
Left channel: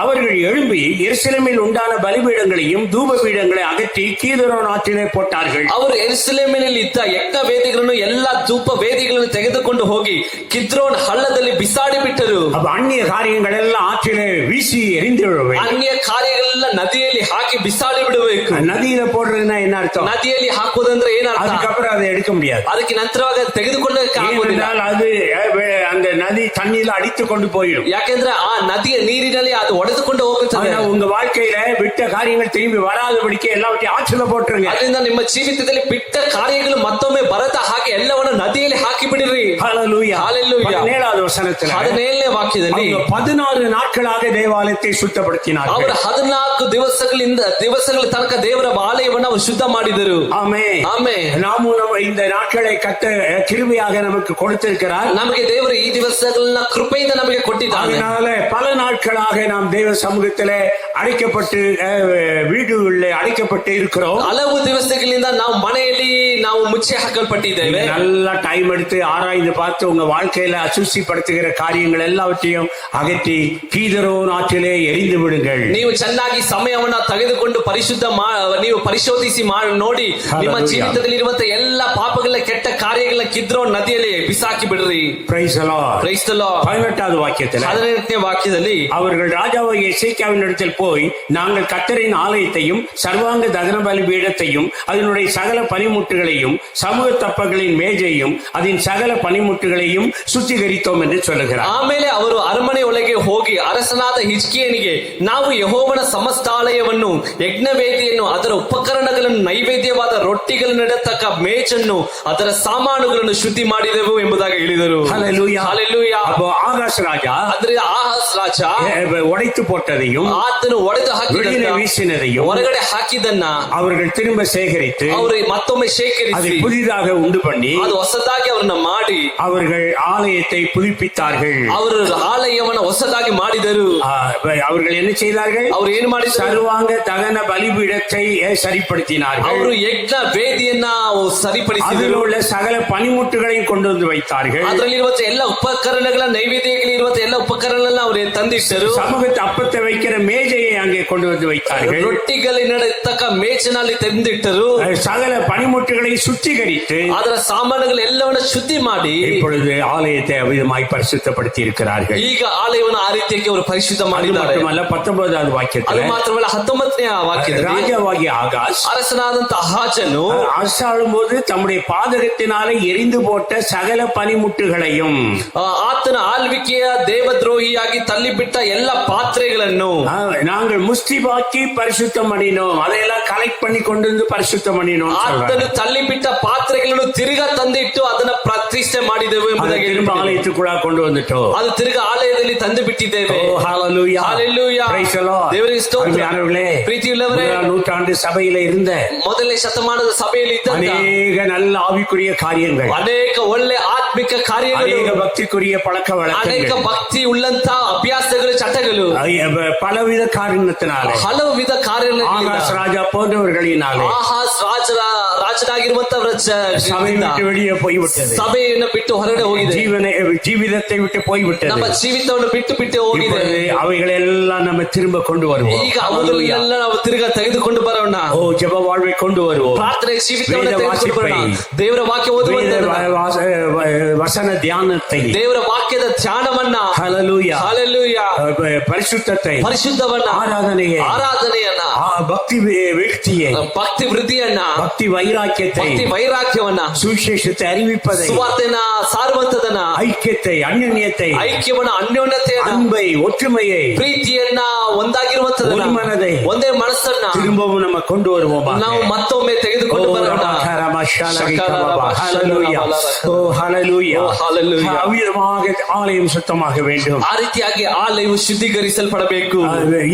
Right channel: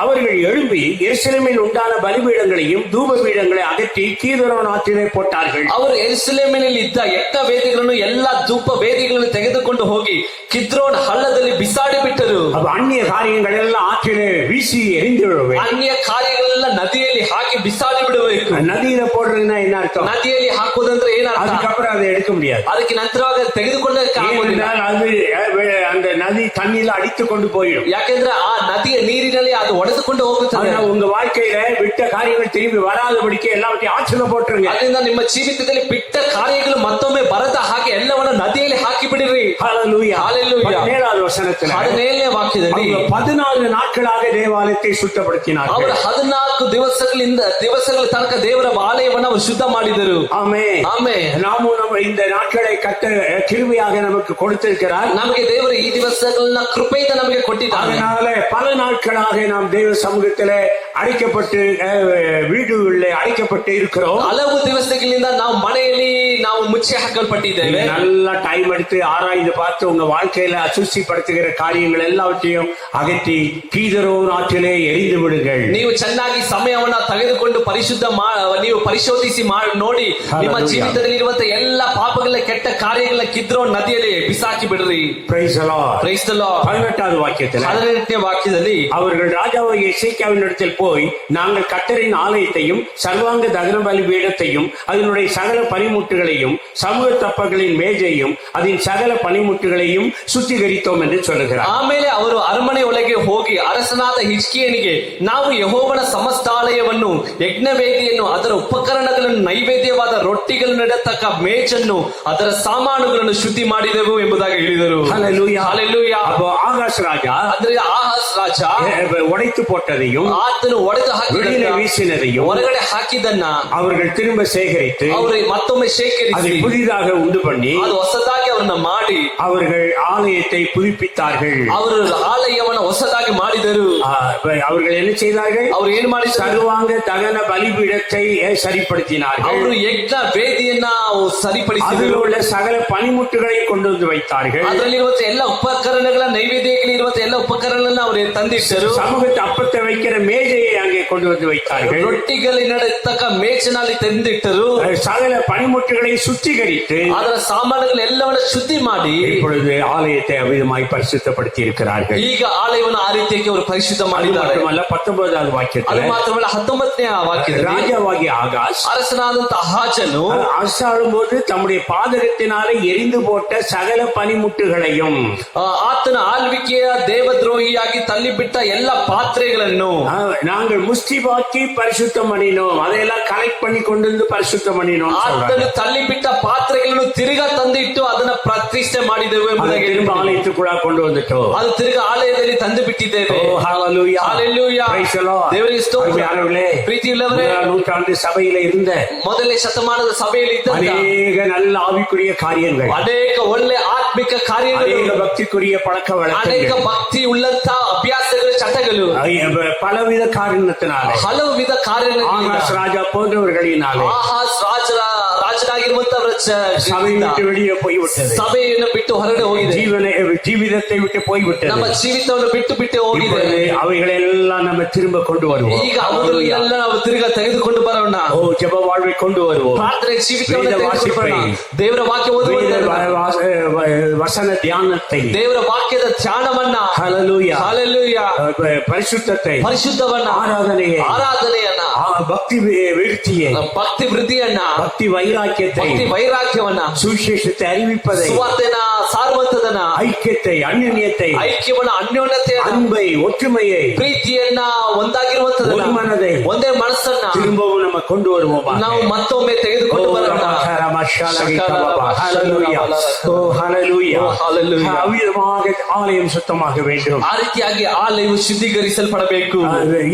அவர்கள் எழும்பி எருசலேமில் உண்டான பலிபீடங்களையும் தூப பீடங்களை அகற்றி கீதரோன் ஆற்றிலே போட்டார்கள். ಅವರು ಯೆರೂಸಲೇಮಿನಲ್ಲಿ ಇದ್ದ ಯಜ್ಞ ವೇದಿಗಳನ್ನು ಎಲ್ಲ ಧೂಪ ವೇದಿಗಳನ್ನು ತೆಗೆದುಕೊಂಡು ಹೋಗಿ ಕಿದ್ರೋನ್ ಹಳ್ಳದಲ್ಲಿ ಬಿಸಾಡಿ ಬಿಟ್ಟರು. அந்நிய காரியங்கள் எல்லாம் ஆற்றிலே வீசி எரிந்து விடுவேன். ಅನ್ಯ ಕಾರ್ಯಗಳೆಲ್ಲ ನದಿಯಲ್ಲಿ ಹಾಕಿ ಬಿಸಾಡಿ ಬಿಡಬೇಕು. நதியில போடுறதுன்னா என்ன அர்த்தம்? ನದಿಯಲ್ಲಿ ಹಾಕುವುದಂದ್ರೆ ಏನರ್ಥ? அதுக்கப்புறம் அதை எடுக்க முடியாது. ಅದಕ್ಕೆ ನಂತರವಾಗಿ ತೆಗೆದುಕೊಳ್ಳಕ್ಕೆ ಆಗುವುದಿಲ್ಲ. அது அந்த நதி தண்ணியில அடித்து கொண்டு போயிடும். ಯಾಕೆಂದ್ರೆ ಆ ನದಿಯ ನೀರಿನಲ್ಲಿ ಅದು ಒಡೆದುಕೊಂಡು ಹೋಗುತ್ತದೆ. உங்க வாழ்க்கையில விட்ட காரியங்கள் திரும்பி வராதபடிக்கு எல்லாவற்றையும் ஆற்றில போட்டுருங்க. ಅದರಿಂದ ನಿಮ್ಮ ಜೀವಿತದಲ್ಲಿ ಬಿಟ್ಟ ಕಾರ್ಯಗಳು ಮತ್ತೊಮ್ಮೆ ಬರದ ಹಾಗೆ ಎಲ್ಲವನ್ನ ನದಿಯಲ್ಲಿ ಹಾಕಿ ಬಿಡಿರಿ. ஹல்லேலூயா, ஹல்லேலூயா. 17வது வசனத்துல 17ನೇ ವಾಕ್ಯದಲ್ಲಿ 14 நாட்களாக தேவாலயத்தை சுத்தப்படுத்தினார்கள். ಅವರು 14 ದಿವಸಗಳ ತನಕ ದೇವರ ಆಲಯವನ್ನು ಅವರು ಶುದ್ಧ ಮಾಡಿದರು. ஆமென், ಆಮೆನ್. நாமும் இந்த நாட்களை கிருபையாக நமக்கு கொடுத்திருக்கிறார். ನಮಗೆ ದೇವರು ಈ ದಿವಸಗಳನ್ನ ಕೃಪೆಯಿಂದ ನಮಗೆ ಕೊಟ್ಟಿದ್ದಾನೆ. அதனால பல நாட்களாக நாம் தேவ சமூகத்திலே அடைக்கப்பட்டு வீடுகளிலே அடைக்கப்பட்டு இருக்கிறோம். ಹಲವು ದಿವಸಗಳಿಂದ ನಾವು ಮನೆಯಲ್ಲಿ ನಾವು ಮುಚ್ಚಿ ಹಾಕಲ್ಪಟ್ಟಿದ್ದೇವೆ. நல்லா டைம் எடுத்து ஆராய்ந்து பார்த்து உங்க வாழ்க்கையில அசுசிப்படுத்துகிற காரியங்கள் எல்லாவற்றையும் அகற்றி கீதரோன் ஆற்றிலே எரிந்து விடுங்கள். ನೀವು ಚೆನ್ನಾಗಿ ಸಮಯವನ್ನ ತೆಗೆದುಕೊಂಡು ನೀವು ಪರಿಶೋಧಿಸಿ ನೋಡಿ ನಿಮ್ಮ ಜೀವಿತದಲ್ಲಿ ಇರುವಂತ ಎಲ್ಲ ಪಾಪಗಳ ಕೆಟ್ಟ ಕಾರ್ಯಗಳ ಕಿದ್ರೋನ್ ನದಿಯಲ್ಲಿ ಬಿಸಾಕಿ ಬಿಡ್ರಿ. Praise the Lord. Praise the Lord. 18வது வாக்கியத்தில் 18ನೇ ವಾಕ್ಯದಲ್ಲಿ அவர்கள் ராஜாவாகிய எசேக்கியாவினிடத்தில் போய், நாங்கள் கர்த்தரின் ஆலயத்தையும் சர்வாங்க தகன பலி பீடத்தையும் அதனுடைய சகல பனிமுட்டுகளையும் சமூக தப்பங்களின் மேஜையும் அதன் சகல பனிமுட்டுகளையும் சுத்திகரித்தோம் என்று சொல்லுகிறார். ಆಮೇಲೆ ಅವರು ಅರಮನೆ ಒಳಗೆ ಹೋಗಿ ಅರಸನಾದ ಹಿಜ್ಕೀಯನಿಗೆ, ನಾವು ಯೆಹೋವನ ಸಮಸ್ತಾಲಯವನ್ನು, ಯಜ್ಞವೇದಿಯನ್ನು, ಅದರ ಉಪಕರಣಗಳನ್ನು, ನೈವೇದ್ಯವಾದ ರೊಟ್ಟಿಗಳನ್ನು ಇಡತಕ್ಕ ಮೇಜನ್ನು, ಅದರ ಸಾಮಾನುಗಳನ್ನು ಶುದ್ಧಿ ಮಾಡಿದೆವು ಎಂಬುದಾಗಿ ಹೇಳಿದರು. ஹல்லேலூயா, ஹல்லேலூயா. அப்போ ஆகாஷ் ராஜா ಅಂದ್ರೆ ಆಹಾಸ್ ರಾಜ உடைத்து போட்டதையும் ಆತನು ಒಡೆದು வெளியில ಹಾಕಿದ வீசினதையும் ಹೊರಗಡೆ ಹಾಕಿದನ್ನ அவர்கள் திரும்ப சேகரித்து ಅವರು ಮತ್ತೊಮ್ಮೆ அதை ಶೇಖರಿಸಿ புதிதாக உண்டு பண்ணி ಅದು ಹೊಸದಾಗಿ ಅವರನ್ನ ಮಾಡಿ அவர்கள் ஆலயத்தை புதுப்பித்தார்கள். ಅವರು ಆಲಯವನ್ನ ಹೊಸದಾಗಿ ಮಾಡಿದರು. அவர்கள் என்ன செய்தார்கள்? ಅವರು ಏನು ಮಾಡಿದರು? சர்வாங்க தகன பலிபீடத்தை சரிப்படுத்தினார்கள். ಅವರು ಯಜ್ಞ ವೇದಿಯನ್ನ ಸರಿಪಡಿಸಿದರು. அதில் உள்ள சகல பனிமுட்டுகளையும் கொண்டு வந்து வைத்தார்கள். ಅದರಲ್ಲಿರುವ ಎಲ್ಲ ಉಪಕರಣಗಳ ನೈವೇದ್ಯಗಳಿರುವ ಎಲ್ಲ ಉಪಕರಣಗಳನ್ನ ಅವರು ತಂದಿಟ್ಟರು. சமூகத்தை அப்பத்தை வைக்கிற மேஜையை அங்கே கொண்டு வந்து வைத்தார்கள். ರೊಟ್ಟಿಗಳಿನತಕ್ಕ ಮೇಜಿನಲ್ಲಿ ತಂದಿಟ್ಟರು. சகல பனிமுட்டுகளை சுத்திகரித்து ಅದರ ಸಾಮಾನುಗಳೆಲ್ಲವನ್ನ ಶುದ್ಧಿ ಮಾಡಿ இப்பொழுது ஆலயத்தை அவிதமாய் பரிசுத்தப்படுத்தி இருக்கிறார்கள். ಈಗ ಆಲಯವನ್ನು ಆ ರೀತಿಯಾಗಿ ಅವರು ಪರಿಶುದ್ಧ ಮಾಡಿದ್ದಾರೆ. 19வது ವಾಕ್ಯத்தில் ಮಾತ್ರವಲ್ಲ 19ನೇ ವಾಕ್ಯದಲ್ಲಿ ராஜாவாகிய ஆகாஸ் ಅರಸನಾದಂತ ಆಹಾಜನು அரசாளும் போது தம்முடைய பாதகத்தினாலே எரிந்து போட்ட சகல பனிமுட்டுகளையும் ಆತನ ಆಳ್ವಿಕೆಯ ದೇವದ್ರೋಹಿಯಾಗಿ ತಳ್ಳಿಬಿಟ್ಟ ಎಲ್ಲ ಪಾತ್ರೆಗಳನ್ನು நாங்கள் முஸ்திபாக்கி பரிசுத்தம் பண்ணினோம், அதையெல்லாம் கலெக்ட் பண்ணி கொண்டு வந்து பரிசுத்தம் பண்ணினோம். ಆತನು ತಳ್ಳಿಬಿಟ್ಟ ಪಾತ್ರೆಗಳನ್ನು ತಿರುಗಾ ತಂದಿಟ್ಟು ಅದನ್ನ ಪ್ರತಿಷ್ಠೆ ಮಾಡಿದೆವು ಎಂಬುದಾಗಿ திரும்ப ஆலயத்துக்குள்ள கொண்டு வந்துட்டோம். ಅದು ತಿರುಗಾ ಆಲಯದಲ್ಲಿ ತಂದು ಬಿಟ್ಟಿದ್ದೇವೆ. ஹalleluya ஹalleluya praise the Lord. ದೇವರಿಗೆ ಸ್ತೋತ್ರ. ಪ್ರೀತಿಯುಳ್ಳವರೇ, நூற்றாண்டு சபையில இருந்த ಮೊದಲನೇ ಶತಮಾನದ ಸಭೆಯಲ್ಲಿ ಇದ್ದ அநேக நல்ல ஆவிக்குரிய காரியங்கள், ಅನೇಕ ಒಳ್ಳೆ ಆತ್ಮಿಕ ಕಾರ್ಯಗಳು, அநேக பக்திக்குரிய பழக்க ಅನೇಕ வழக்கங்கள், ಭಕ್ತಿ ಉಳ್ಳಂತ ಅಭ್ಯಾಸಗಳು, ಚಟಗಳು, பலவித காரணத்தினாலே ಹಲವು ವಿಧ ಕಾರ್ಯಗಳಿಂದ ஆகாஸ் ராஜா போன்றவர்களினாலே ಆಹಾಸ್ ರಾಜನಾಗಿರುವಂತವರ சபை விட்டு வெளியே போய்விட்டது. ಸಭೆಯನ್ನು ಬಿಟ್ಟು ಹೊರಗಡೆ ಹೋಗಿದೆ. ஜீவிதத்தை விட்டு போய்விட்டது. ನಮ್ಮ ಜೀವಿತವನ್ನು ಬಿಟ್ಟು ಹೋಗಿದೆ. அவைகளெல்லாம் நம்ம திரும்ப கொண்டு வருவோம். ಈಗ ಅವುಗಳನ್ನೆಲ್ಲ ನಾವು ತಿರುಗಾ ತೆಗೆದುಕೊಂಡು ಬರೋಣ. ஓ ஜெப வாழ்வை கொண்டு வருவோம். ಪ್ರಾರ್ಥನೆ ಜೀವಿತವನ್ನು ತೆಗೆದುಕೊಂಡು ಬರೋಣ. ದೇವರ ವಾಕ್ಯ ಓದುವುದು, வசன தியானத்தை, ದೇವರ ವಾಕ್ಯದ ಧ್ಯಾನವನ್ನ, ஹalleluya ஹalleluya, பரிசுத்தத்தை, ಪರಿಶುದ್ಧವನ್ನ, ಆರಾಧನೆಯನ್ನ, பக்தி விருத்தியை, ಭಕ್ತಿ ವೃದ್ಧಿಯನ್ನ, பக்தி வைராக்கியத்தை, ಭಕ್ತಿ ವೈರಾಗ್ಯವನ್ನ, சுவிசேஷத்தை அறிவிப்பதை, ಸುವಾರ್ತೆನ ಸಾರುವಂತದನ್ನ, ஐக்கியத்தை, அந்யோன்யத்தை, ಐಕ್ಯವನ್ನ, ಅನ್ಯೋನ್ಯತೆಯನ್ನ, அன்பை, ஒற்றுமையை, ಪ್ರೀತಿಯನ್ನ, ಒಂದಾಗಿರುವಂತದನ್ನ, ஒரு மனதை, ಒಂದೇ ಮನಸ್ಸನ್ನ திரும்பவும் நம்ம கொண்டு வருவோம். ನಾವು ಮತ್ತೊಮ್ಮೆ ತೆಗೆದುಕೊಂಡು ಬರೋಣ. ஆலயம் சுத்தமாக வேண்டும். ಆ ರೀತಿಯಾಗಿ ಆಲಯವು ಶುದ್ಧೀಕರಿಸಲ್ಪಡಬೇಕು.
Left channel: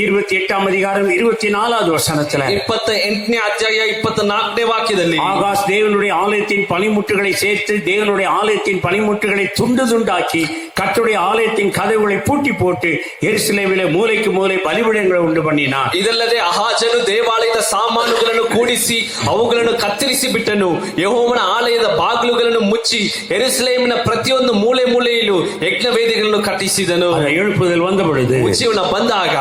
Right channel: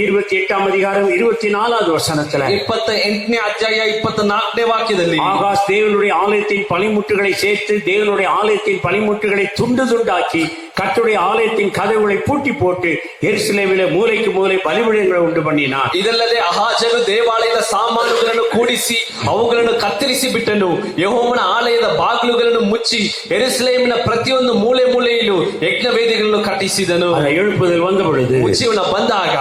28ாம் அதிகாரம் 24வது வசனத்துல 28ನೇ ಅಧ್ಯಾಯ 24ನೇ ವಾಕ್ಯದಲ್ಲಿ ஆகாஸ் தேவனுடைய ஆலயத்தின் பனிமுட்டுகளை சேர்த்து தேவனுடைய ஆலயத்தின் பனிமுட்டுகளை துண்டு துண்டாக்கி கர்த்தருடைய ஆலயத்தின் கதவுகளை பூட்டி போட்டு எருசலேமிலே மூலைக்கு மூலை பலிபீடங்களை உண்டு பண்ணினார். ಇದಲ್ಲದೆ ಅಹಾಜನು ದೇವಾಲಯದ ಸಾಮಾನುಗಳನ್ನು ಕೂಡಿಸಿ ಅವುಗಳನ್ನು ಕತ್ತರಿಸಿ ಬಿಟ್ಟನು. ಯೆಹೋವನ ಆಲಯದ ಬಾಗಿಲುಗಳನ್ನು ಮುಚ್ಚಿ ಯೆರೂಸಲೇಮಿನ ಪ್ರತಿಯೊಂದು ಮೂಲೆ ಮೂಲೆಯಲ್ಲೂ ಯಜ್ಞವೇದಿಗಳನ್ನು ಕಟ್ಟಿಸಿದನು. எழுப்புதல் வந்த பொழுது ಜೀವನ ಬಂದಾಗ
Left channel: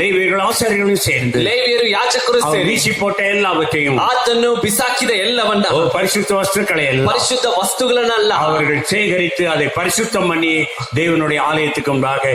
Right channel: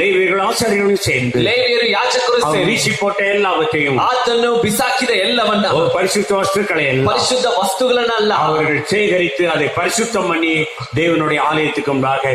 லேவியர்கள் ஆசாரியர்களும் சேர்ந்து ಲೇವಿಯರು ಯಾಜಕರು ಸೇರಿ வீசி போட்ட எல்லாவற்றையும் ಆತನು ಬಿಸಾಕಿದ ಎಲ್ಲವನ್ನ, பரிசுத்த வஸ்துக்களை எல்லாம் ಪರಿಶುದ್ಧ ವಸ್ತುಗಳನ್ನೆಲ್ಲ அவர்கள் சேகரித்து அதை பரிசுத்தம் பண்ணி தேவனுடைய ஆலயத்துக்கு முன்பாக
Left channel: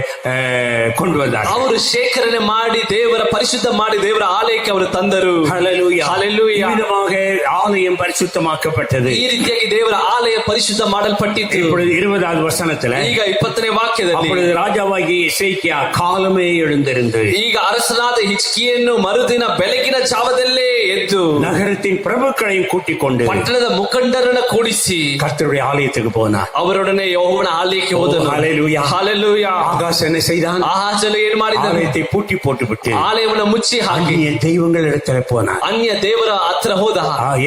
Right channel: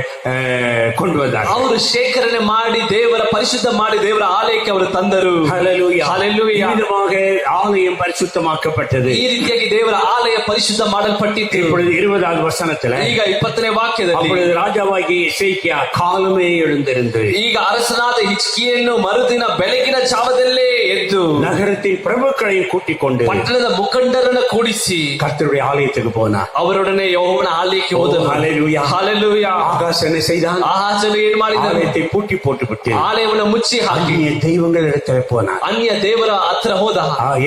கொண்டு வந்தார். ಅವರು ಶೇಖರಣೆ ಮಾಡಿ ದೇವರ ಪರಿಶುದ್ಧ ಮಾಡಿ ದೇವರ ಆಲಯಕ್ಕೆ ಅವರು ತಂದರು. ஹalleluya ஹalleluya. விதமாக ஆலயம் பரிசுத்தமாக்கப்பட்டது. ಈ ರೀತಿಯಾಗಿ ದೇವರ ಆಲಯ ಪರಿಶುದ್ಧ ಮಾಡಲ್ಪಟ್ಟಿತು. இப்பொழுது 20வது வசனத்துல ಈಗ 20ನೇ ವಾಕ್ಯದಲ್ಲಿ அப்பொழுது ராஜாவாகிய எசேக்கியா காலமே எழுந்திருந்து ಈಗ ಅರಸನಾದ ಹಿಜ್ಕೀಯನು ಮರುದಿನ ಬೆಳಗಿನ ಜಾವದಲ್ಲೇ ಎದ್ದು நகரத்தின் பிரபுக்களையும் கூட்டிக் கொண்டு ಪಟ್ಟಣದ ಮುಖಂಡರನ್ನ ಕೂಡಿಸಿ கர்த்தருடைய ஆலயத்துக்கு போனார். ಅವರೊಡನೆ ಯೆಹೋವನ ಆಲಯಕ್ಕೆ ಹೋದನು. ஹalleluya. ஹalleluya. ஆகாஸ் என்ன செய்தான்? ಆಹಾಜನು ಏನು ಮಾಡಿದನು? ஆலயத்தை பூட்டி போட்டு விட்டு ಆಲಯವನ್ನು ಮುಚ್ಚಿ ಹಾಕಿ அந்நிய தெய்வங்கள் இடத்துல போனார். ಅನ್ಯ ದೇವರ ಹತ್ರ ಹೋದ.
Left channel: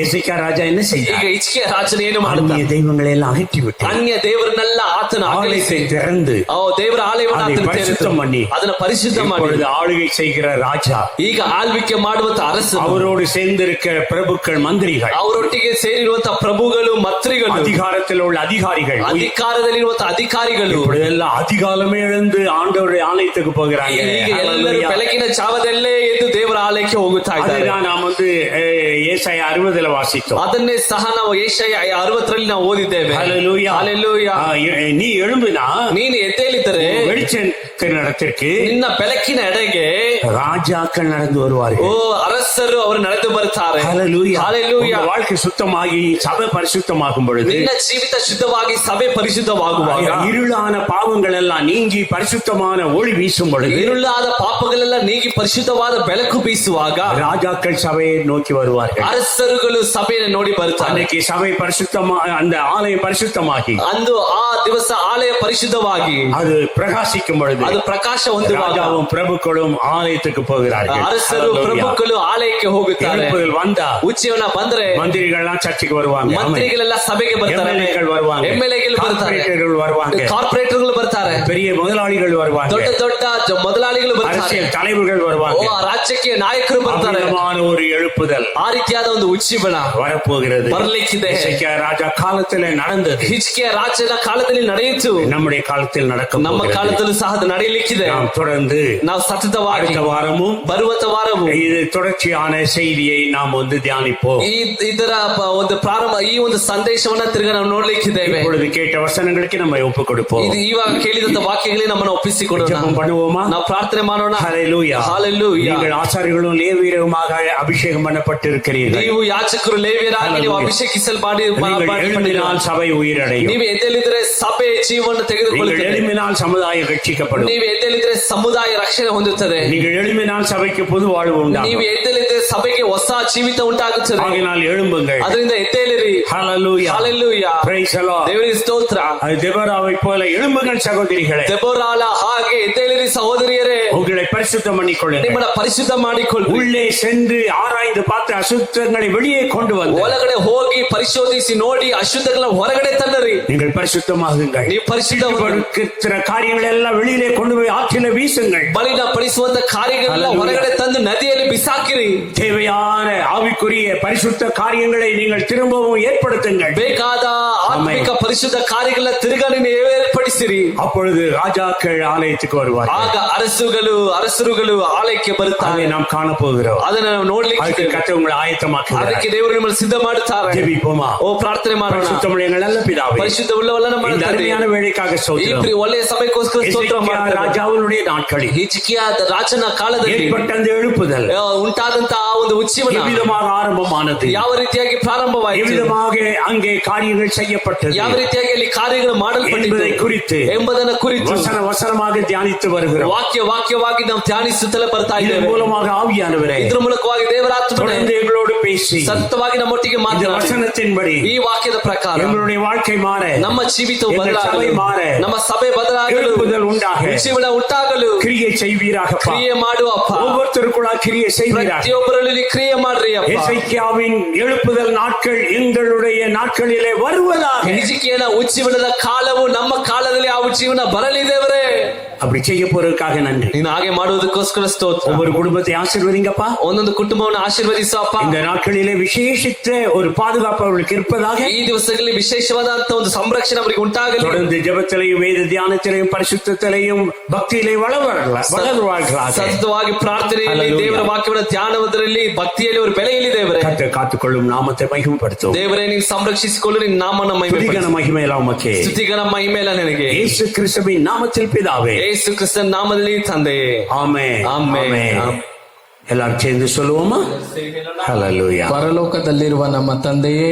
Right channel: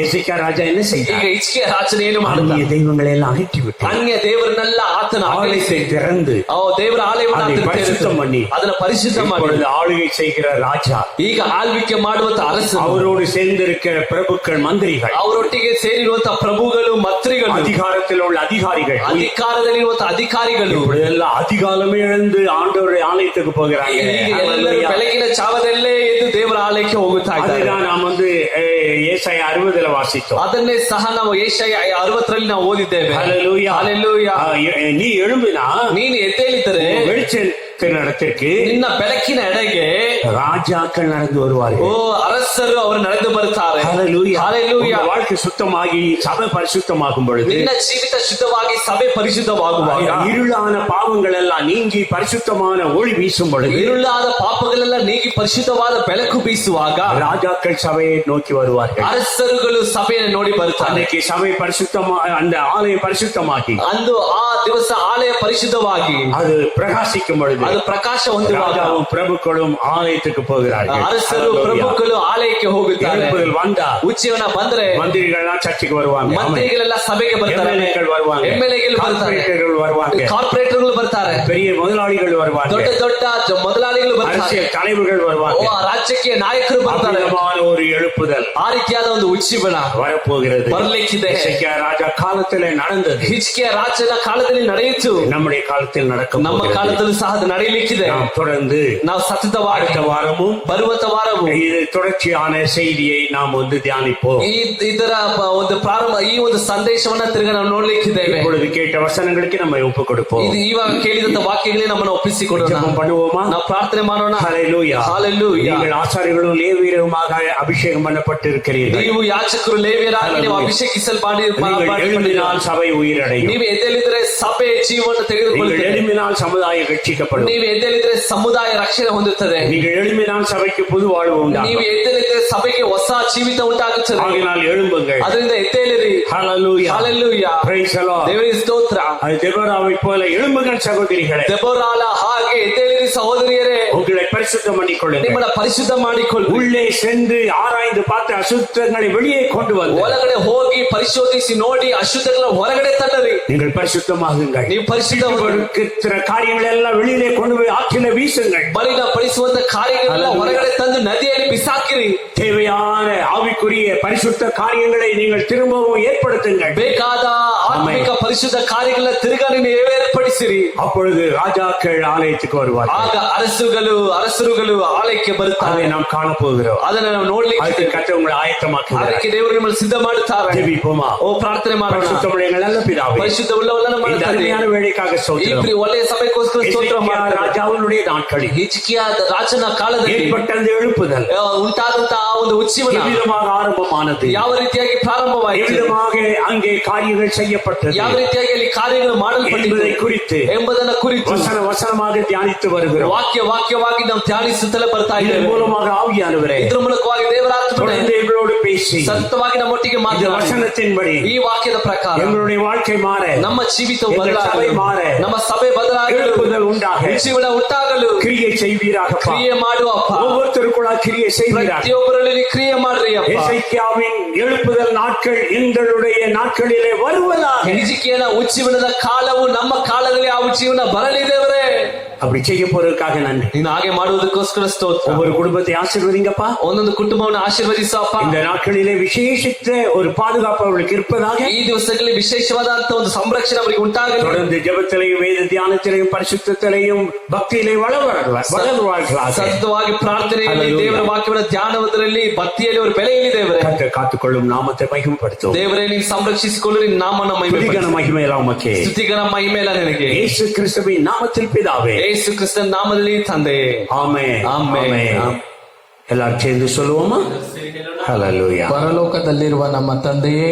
எசேக்கியா ராஜா என்ன ಈಗ செய்தார்? ಹಿಜ್ಕೀಯ ರಾಜನು ಏನು ಮಾಡಿದ? அந்நிய தெய்வங்களை எல்லாம் அகற்றி விட்டு ಅನ್ಯ ದೇವರನ್ನೆಲ್ಲ ಆತನ ஆலயத்தை திறந்து ದೇವರ ಆಲಯವನ್ನು அதை பரிசுத்தம் பண்ணி ಅದನ್ನ ಪರಿಶುದ್ಧ ಮಾಡಿ இப்பொழுது ஆளுகை செய்கிற ராஜா, ಈಗ ಆಳ್ವಿಕೆ ಮಾಡುವಂತ ಅರಸನು, அவரோடு சேர்ந்திருக்கிற பிரபுக்கள், மந்திரிகள், ಅವರೊಟ್ಟಿಗೆ ಸೇರಿರುವಂತ ಪ್ರಭುಗಳು, ಮಂತ್ರಿಗಳು, அதிகாரத்தில் உள்ள அதிகாரிகள், ಅಧಿಕಾರದಲ್ಲಿರುವಂತ ಅಧಿಕಾರಿಗಳು இப்பொழுதெல்லாம் அதிகாலமே எழுந்து ஆண்டவருடைய ஆலயத்துக்கு போகிறாங்க. ಈಗ ಎಲ್ಲರೂ ಬೆಳಗಿನ ಜಾವದಲ್ಲೇ ಎದ್ದು ದೇವರ ಆಲಯಕ್ಕೆ ಹೋಗುತ್ತಾ ಇದ್ದಾರೆ. நாம் ஏசாயா 60ல வாசித்தோம். ಅದನ್ನೇ ಸಹ ನಾವು ಏಷಯ 60ರಲ್ಲಿ ನಾವು ಓದಿದ್ದೇವೆ. ஹalleluya. ஹalleluya. நீ எழும்பினா ನೀನು ಎದ್ದೇಳಿದರೆ வெளிச்சத்தின் இடத்திற்கு ನಿನ್ನ ಬೆಳಕಿನ ಎಡೆಗೆ ராஜாக்கள் நடந்து வருவார்கள். ಓ ಅರಸರು ಅವರು ನಡೆದು ಬರ್ತಾರೆ. ஹalleluya. ஹalleluya. வாழ்க்கை சுத்தமாகி சபை பரிசுத்தமாகும் பொழுது, ನಿನ್ನ ಜೀವಿತ ಶುದ್ಧವಾಗಿ ಸಭೆ ಪರಿಶುದ್ಧವಾಗುವಾಗ, இருளான பாவங்கள் எல்லாம் நீங்கி பரிசுத்தமான ஒளி வீசும் பொழுது, ಇರುಳಾದ ಪಾಪಗಳೆಲ್ಲ ನೀಗಿ ಪರಿಶುದ್ಧವಾದ ಬೆಳಕು ಬೀಸುವಾಗ ராஜாக்கள் சபையை நோக்கி வருவார்கள். ಅರಸರುಗಳು ಸಭೆಯನ್ನು ನೋಡಿ ಬರುತ್ತಾರೆ. அன்னைக்கு சபை பரிசுத்தமா, அந்த ஆலயம் பரிசுத்தமாகி ಅಂದು ಆ ದಿವಸ ಆಲಯ ಪರಿಶುದ್ಧವಾಗಿ அது பிரகாசிக்கும் பொழுது ಅದು ಪ್ರಕಾಶ ಹೊಂದುವಾಗ ராஜாவும் பிரபுக்களும் ஆலயத்துக்கு போகிறார்கள். ಅರಸರು ಪ್ರಭುಗಳು ಆಲಯಕ್ಕೆ ಹೋಗುತ್ತಾರೆ. எழுப்புதல் வந்தா ಉಜ್ಜೀವನ ಬಂದ್ರೆ மந்திரிகள்லாம் சர்ச்சுக்கு வருவாங்க, ಮಂತ್ರಿಗಳೆಲ್ಲ ಸಭೆಗೆ ಬರ್ತಾರೆ, எம்எல்ஏக்கள் வருவாங்க, ಎಂಎಲ್ಎಗಳು ಬರ್ತಾರೆ, ಕಾರ್ಪೊರೇಟர்கள் வருவாங்க, ಕಾರ್ಪೊರೇಟರ್ಗಳು ಬರ್ತಾರೆ, பெரிய முதலாளிகள் வருவாங்க, ದೊಡ್ಡ ದೊಡ್ಡ ಮೊದಲಾಳಿಗಳು ಬರ್ತಾರೆ, அரசியல் தலைவர்கள் வருவாங்க. ರಾಜ್ಯಕ್ಕೆ ನಾಯಕರು ಬರ್ತಾರೆ. அற்புதமான ஒரு எழுப்புதல் ಆ ರೀತಿಯಾದ ಒಂದು ಉಜ್ಜೀವನ வரப்போகிறது. ಬರ್ಲಿಕ್ಕಿದೆ. எசேக்கியா ராஜா காலத்திலே நடந்தது, ಹಿಜ್ಕಿಯ ರಾಜನ ಕಾಲದಲ್ಲಿ ನಡೆಯಿತು, நம்முடைய காலத்தில் நடக்கும். ನಮ್ಮ ಕಾಲದಲ್ಲೂ ಸಹ ಅದು ನಡೆಯಲಿಕ್ಕಿದೆ. நாம் தொடர்ந்து ನಾವು ಸತತವಾಗಿ அடுத்த வாரமும் ಬರುವ ವಾರವೂ இது தொடர்ச்சியான செய்தியை நாம் தியானிப்போம். ಇದರ ಒಂದು ಪ್ರಾರಂಭ, ಈ ಒಂದು ಸಂದೇಶವನ್ನ ತಿರುಗ ನಾವು ನೋಡ್ಲಿಕ್ಕಿದ್ದೇವೆ. இப்பொழுது கேட்ட வசனங்களுக்கு நம்ம ஒப்பு கொடுப்போம். ಇದು ಇವಾಗ ಕೇಳಿದಂತ ವಾಕ್ಯಗಳಿಗೆ ನಮ್ಮನ್ನು ಒಪ್ಪಿಸಿಕೊಡೋಣ. ஜெபம் பண்ணுவோமா? ನಾವು ಪ್ರಾರ್ಥನೆ ಮಾಡೋಣ. ஹல்லேலூயா. ஹalleluya. நீங்கள் ஆசாரியர்களும் லேவியருமாக அபிஷேகம் பண்ணப்பட்டிருக்கிறீர்கள். ನೀವು ಯಾಜಕರು ಲೇವಿಯರಾಗಿ ನೀವು நீங்கள் எழும்பினால் சபை உயிரடையும். ನೀವು ಎದ್ದೇಳಿದ್ರೆ ಸಭೆ ಜೀವನ நீங்கள் ತೆಗೆದುಕೊಳ್ಳುತ್ತದೆ. எழும்பினால் சமுதாயம் ரட்சிக்கப்படும். ನೀವು ಎದ್ದೇಳಿದ್ರೆ ಸಮುದಾಯ ರಕ್ಷಣೆ ಹೊಂದುತ್ತದೆ. நீங்கள் எழும்பினால் சபைக்கு புது வாழ்வு உண்டாகும். ನೀವು ಎದ್ದೇಳಿದ್ರೆ ಸಭೆಗೆ ಹೊಸ ಜೀವಿತ ಉಂಟಾಗುತ್ತದೆ. ஆகினால் எழும்புங்கள். ಅದರಿಂದ ಎದ್ದೇಳಿರಿ. ஹல்லேலூயா. ஹalleluya. Praise the Lord. ದೇವರಿಗೆ ಸ್ತೋತ್ರ. அது தெபோராவை போல எழும்புங்கள் சகோதரிகளே. ದೆಬೋರಾಳ ಹಾಗೆ ಎದ್ದೇಳಿರಿ ಸಹೋದರಿಯರೇ. உங்களை பரிசுத்தம் பண்ணிக்கொள்ளுங்கள். ನಿಮ್ಮನ್ನ ಪರಿಶುದ್ಧ ಮಾಡಿಕೊಳ್ಳಿ. உள்ளே சென்று ஆராய்ந்து பார்த்து அசுத்தங்களை வெளியே கொண்டு வந்து ಒಳಗಡೆ ಹೋಗಿ ಪರಿಶೋಧಿಸಿ ನೋಡಿ ಅಶುದ್ಧಗಳನ್ನ ಹೊರಗಡೆ ತನ್ನರಿ. நீங்கள் பரிசுத்தமாகுங்கள். ನೀವು ಪರಿಶುದ್ಧ கொடுக்கிற காரியங்கள் எல்லாம் வெளியிலே கொண்டு போய் ஆற்றில வீசுங்கள். ಬಲಿನ ಪಡಿಸುವಂತ ಕಾರ್ಯಗಳೆಲ್ಲ ಹೊರಗಡೆ ತಂದು ನದಿಯಲ್ಲಿ ಬಿಸಾಕಿರಿ. தேவையான ஆவிக்குரிய பரிசுத்த காரியங்களை நீங்கள் திரும்பவும் ஏற்படுத்துங்கள். ಬೇಕಾದ ಆತ್ಮಿಕ ಪರಿಶುದ್ಧ ಕಾರ್ಯಗಳನ್ನ ತಿರುಗಾ ನೀವು ಏರ್ಪಡಿಸಿರಿ. அப்பொழுது ராஜாக்கள் ஆலயத்துக்கு வருவார்கள். ಆಗ ಅರಸರುಗಳು ಆಲಯಕ್ಕೆ ಬರುತ್ತಾರೆ. அதை நாம் காண போகிறோம். ಅದನ್ನ ನಾವು ನೋಡ್ಲಿಕ್ಕೆ அதுக்கு கர்த்தர் உங்களை ஆயத்தமாக்குகிறார். ಅದಕ್ಕೆ ದೇವರು ನಿಮ್ಮನ್ನು ಸಿದ್ಧ ಮಾಡುತ್ತಾರೆ. ஜெபிப்போமா? ಓ ಪ್ರಾರ್ಥನೆ ಮಾಡೋಣ. பரிசுத்தமுள்ள எங்கள் நல்ல பிதாவே, ಪರಿಶುದ್ಧ ಉಳ್ಳವಲ್ಲ ನಮ್ಮ இந்த ತಂದೆ, அருமையான வேலைக்காக ಈ ஸ்தோத்திரம். ಒಳ್ಳೆಯ ಸಮಯಕ್ಕೋಸ್ಕರ ಸ್ತೋತ್ರ எசேக்கியா ಮಾಡ್ತೇವೆ. ராஜாவுடைய நாட்களில் ಹಿಜ್ಕಿಯ ರಾಜನ ಕಾಲದಲ್ಲಿ ஏற்பட்ட அந்த எழுப்புதல் ಉಂಟಾದಂತಹ ಒಂದು ಉಜ್ಜೀವನ எவ்விதமாக ஆரம்பமானது, ಯಾವ ರೀತಿಯಾಗಿ ಪ್ರಾರಂಭವಾಯಿತು, எவ்விதமாக அங்கே காரியங்கள் செய்யப்பட்டது ಯಾವ ರೀತಿಯಾಗಿ ಅಲ್ಲಿ ಕಾರ್ಯಗಳು என்பதை குறித்து ಎಂಬುದನ್ನ ಕುರಿತು வசனமாக தியானித்து வருகிறோம். ವಾಕ್ಯವಾಗಿ ನಾವು ಧ್ಯಾನಿಸುತ್ತಲೇ ಬರ್ತಾ இதன் ಇದ್ದೇವೆ. மூலமாக ஆவியானவரே ಇದ್ರ ಮೂಲಕವಾಗಿ ದೇವರಾತ್ಮನೇ தொடர்ந்து எங்களோடு பேசி ಸತ್ಯವಾಗಿ ನಮ್ಮೊಟ್ಟಿಗೆ இந்த ಮಾತನಾಡಿ வசனத்தின்படி ಈ ವಾಕ್ಯದ ಪ್ರಕಾರ எங்களுடைய வாழ்க்கை மாற, ನಮ್ಮ ಜೀವಿತವು எங்கள் சபை ಬದಲಾಗಲು, மாற, ನಮ್ಮ ಸಭೆ ಬದಲಾಗಲು, எழுப்புதல் உண்டாக, ಜೀವನ ಉಂಟಾಗಲು கிரியை செய்வீராக. ಕ್ರಿಯೆ ಮಾಡುವಪ್ಪ. ஒவ்வொருத்தருக்குள்ள கிரியை செய்வீராக. ಪ್ರತಿಯೊಬ್ಬರಲ್ಲಿ ಕ್ರಿಯೆ ಮಾಡ್ರಿ ಅಪ್ಪ. எசேக்கியாவின் எழுப்புதல் நாட்கள் எங்களுடைய நாட்களிலே வருவதாக. ಹಿಜ್ಕಿಯನ ಉಜ್ಜೀವನದ ಕಾಲವು ನಮ್ಮ ಕಾಲದಲ್ಲಿ ಆ ಉಜ್ಜೀವನ ಬರಲಿ ದೇವರೇ. அப்படி செய்ய போறதுக்காக நன்றி. ನೀನು ಹಾಗೆ ಮಾಡುವುದಕ್ಕೋಸ್ಕರ ಸ್ತೋತ್ರ. ஒவ்வொரு குடும்பத்தை ஆசீர்வதிங்கப்பா. ಒಂದೊಂದು ಕುಟುಂಬವನ್ನು ಆಶೀರ್ವದಿಸಪ್ಪ. இந்த நாட்களிலே விசேஷித்த ஒரு பாதுகாப்பு அவர்களுக்கு இருப்பதாக. ಈ ದಿವಸಗಳಲ್ಲಿ ವಿಶೇಷವಾದಂತ ಒಂದು ಸಂರಕ್ಷಣೆ ಅವರಿಗೆ ಉಂಟಾಗಲಿ. தொடர்ந்து ஜெபத்திலையும் வேத தியானத்திலையும் பரிசுத்தத்திலையும் பக்தியிலே வளருவார்களாக. ಸತತವಾಗಿ ಪ್ರಾರ್ಥನೆಯಲ್ಲಿ ದೇವರ ವಾಕ್ಯವನ್ನು ಧ್ಯಾನವದರಲ್ಲಿ ಭಕ್ತಿಯಲ್ಲಿ ಅವರು ಬೆಳೆಯಲಿ ದೇವರೇ. கர்த்தர் காத்துக்கொள்ளும் நாமத்தை மகிமைப்படுத்தும். ದೇವರೇ ನೀವು ಸಂರಕ್ಷಿಸಿಕೊಳ್ಳಿ, ನಿನ್ನ ನಾಮವನ್ನು ಮಹಿಮೆಪಡಿಸು. மகிமை எல்லாம் உமக்கே. ಸ್ತುತಿಗನ ಮಹಿಮೆ ಎಲ್ಲ ನಿನಗೆ. இயேசு கிறிஸ்துவின் நாமத்தில் பிதாவே. ಯೇಸು ಕ್ರಿಸ್ತನ ನಾಮದಲ್ಲಿ ತಂದೆಯೇ. ஆமென். ಆಮೆನ್. எல்லாரும் சேர்ந்து சொல்லுவோமா? ஹல்லேலூயா. ಪರಲೋಕದಲ್ಲಿರುವ ನಮ್ಮ ತಂದೆಯೇ,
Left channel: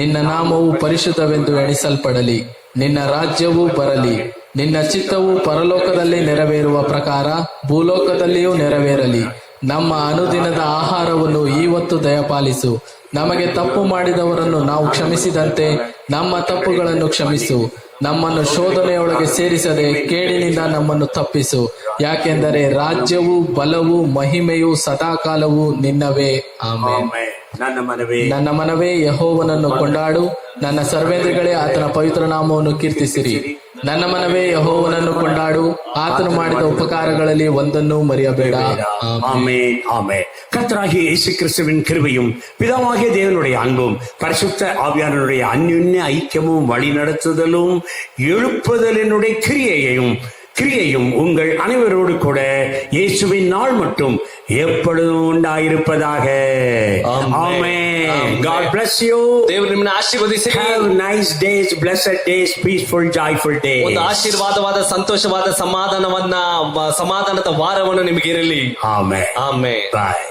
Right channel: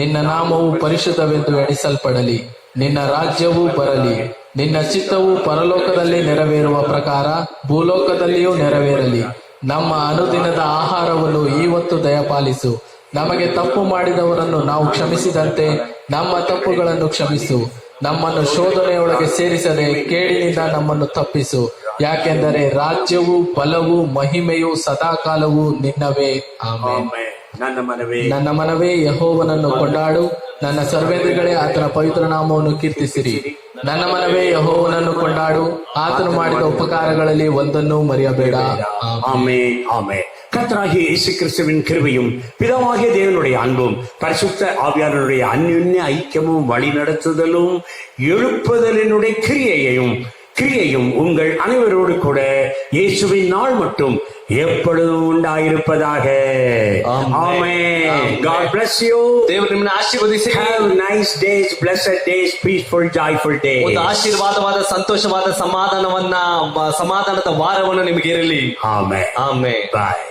ನಿನ್ನ ನಾಮವು ಪರಿಶುದ್ಧವೆಂದು ಎಣಿಸಲ್ಪಡಲಿ. ನಿನ್ನ ರಾಜ್ಯವು ಬರಲಿ. ನಿನ್ನ ಚಿತ್ತವು ಪರಲೋಕದಲ್ಲಿ ನೆರವೇರುವ ಪ್ರಕಾರ ಭೂಲೋಕದಲ್ಲಿಯೂ ನೆರವೇರಲಿ. ನಮ್ಮ ಅನುದಿನದ ಆಹಾರವನ್ನು ಇವತ್ತು ದಯಪಾಲಿಸು. ನಮಗೆ ತಪ್ಪು ಮಾಡಿದವರನ್ನು ನಾವು ಕ್ಷಮಿಸಿದಂತೆ ನಮ್ಮ ತಪ್ಪುಗಳನ್ನು ಕ್ಷಮಿಸು. ನಮ್ಮನ್ನು ಶೋಧನೆಯೊಳಗೆ ಸೇರಿಸದೆ ಕೇಡಿನಿಂದ ನಮ್ಮನ್ನು ತಪ್ಪಿಸು. ಯಾಕೆಂದರೆ ರಾಜ್ಯವು, ಬಲವು, ಮಹಿಮೆಯು ಸದಾಕಾಲವು ನಿನ್ನವೇ. ಆಮೆನ್. ನನ್ನ ಮನವೇ ಯೆಹೋವನನ್ನು ಕೊಂಡಾಡು. ನನ್ನ ಸರ್ವೇಂದ್ರಿಗಳೇ ಆತನ ಪವಿತ್ರ ನಾಮವನ್ನು ಕೀರ್ತಿಸಿರಿ. ನನ್ನ ಮನವೇ ಯೆಹೋವನನ್ನು ಕೊಂಡಾಡು. ಆತನು ಮಾಡಿದ ಉಪಕಾರಗಳಲ್ಲಿ ಒಂದನ್ನೂ ಮರೆಯಬೇಡ. ஆமென். ஆமென். கர்த்தராகிய இயேசு கிறிஸ்துவின் கிருபையும் பிதாவாகிய தேவனுடைய அன்பும் பரிசுத்த ஆவியானவருடைய அந்யுன்ய ஐக்கியமும் வழிநடத்துதலும் எழுப்புதலினுடைய கிரியையும் உங்கள் அனைவரோடு கூட இயேசுவின் நாள் மட்டும் எப்பொழுதும் உண்டாயிருப்பதாக. ஆமென். God bless you. ದೇವರು ನಿಮ್ಮನ್ನು ಆಶೀರ್ವದಿಸಿ. Have nice days, blessed days, peaceful, joyful days. ಒಂದು ಆಶೀರ್ವಾದವಾದ ಸಂತೋಷವಾದ ಸಮಾಧಾನದ ವಾರವನ್ನು ನಿಮಗೆ ಇರಲಿ. Amen. ಆಮೆನ್. Bye.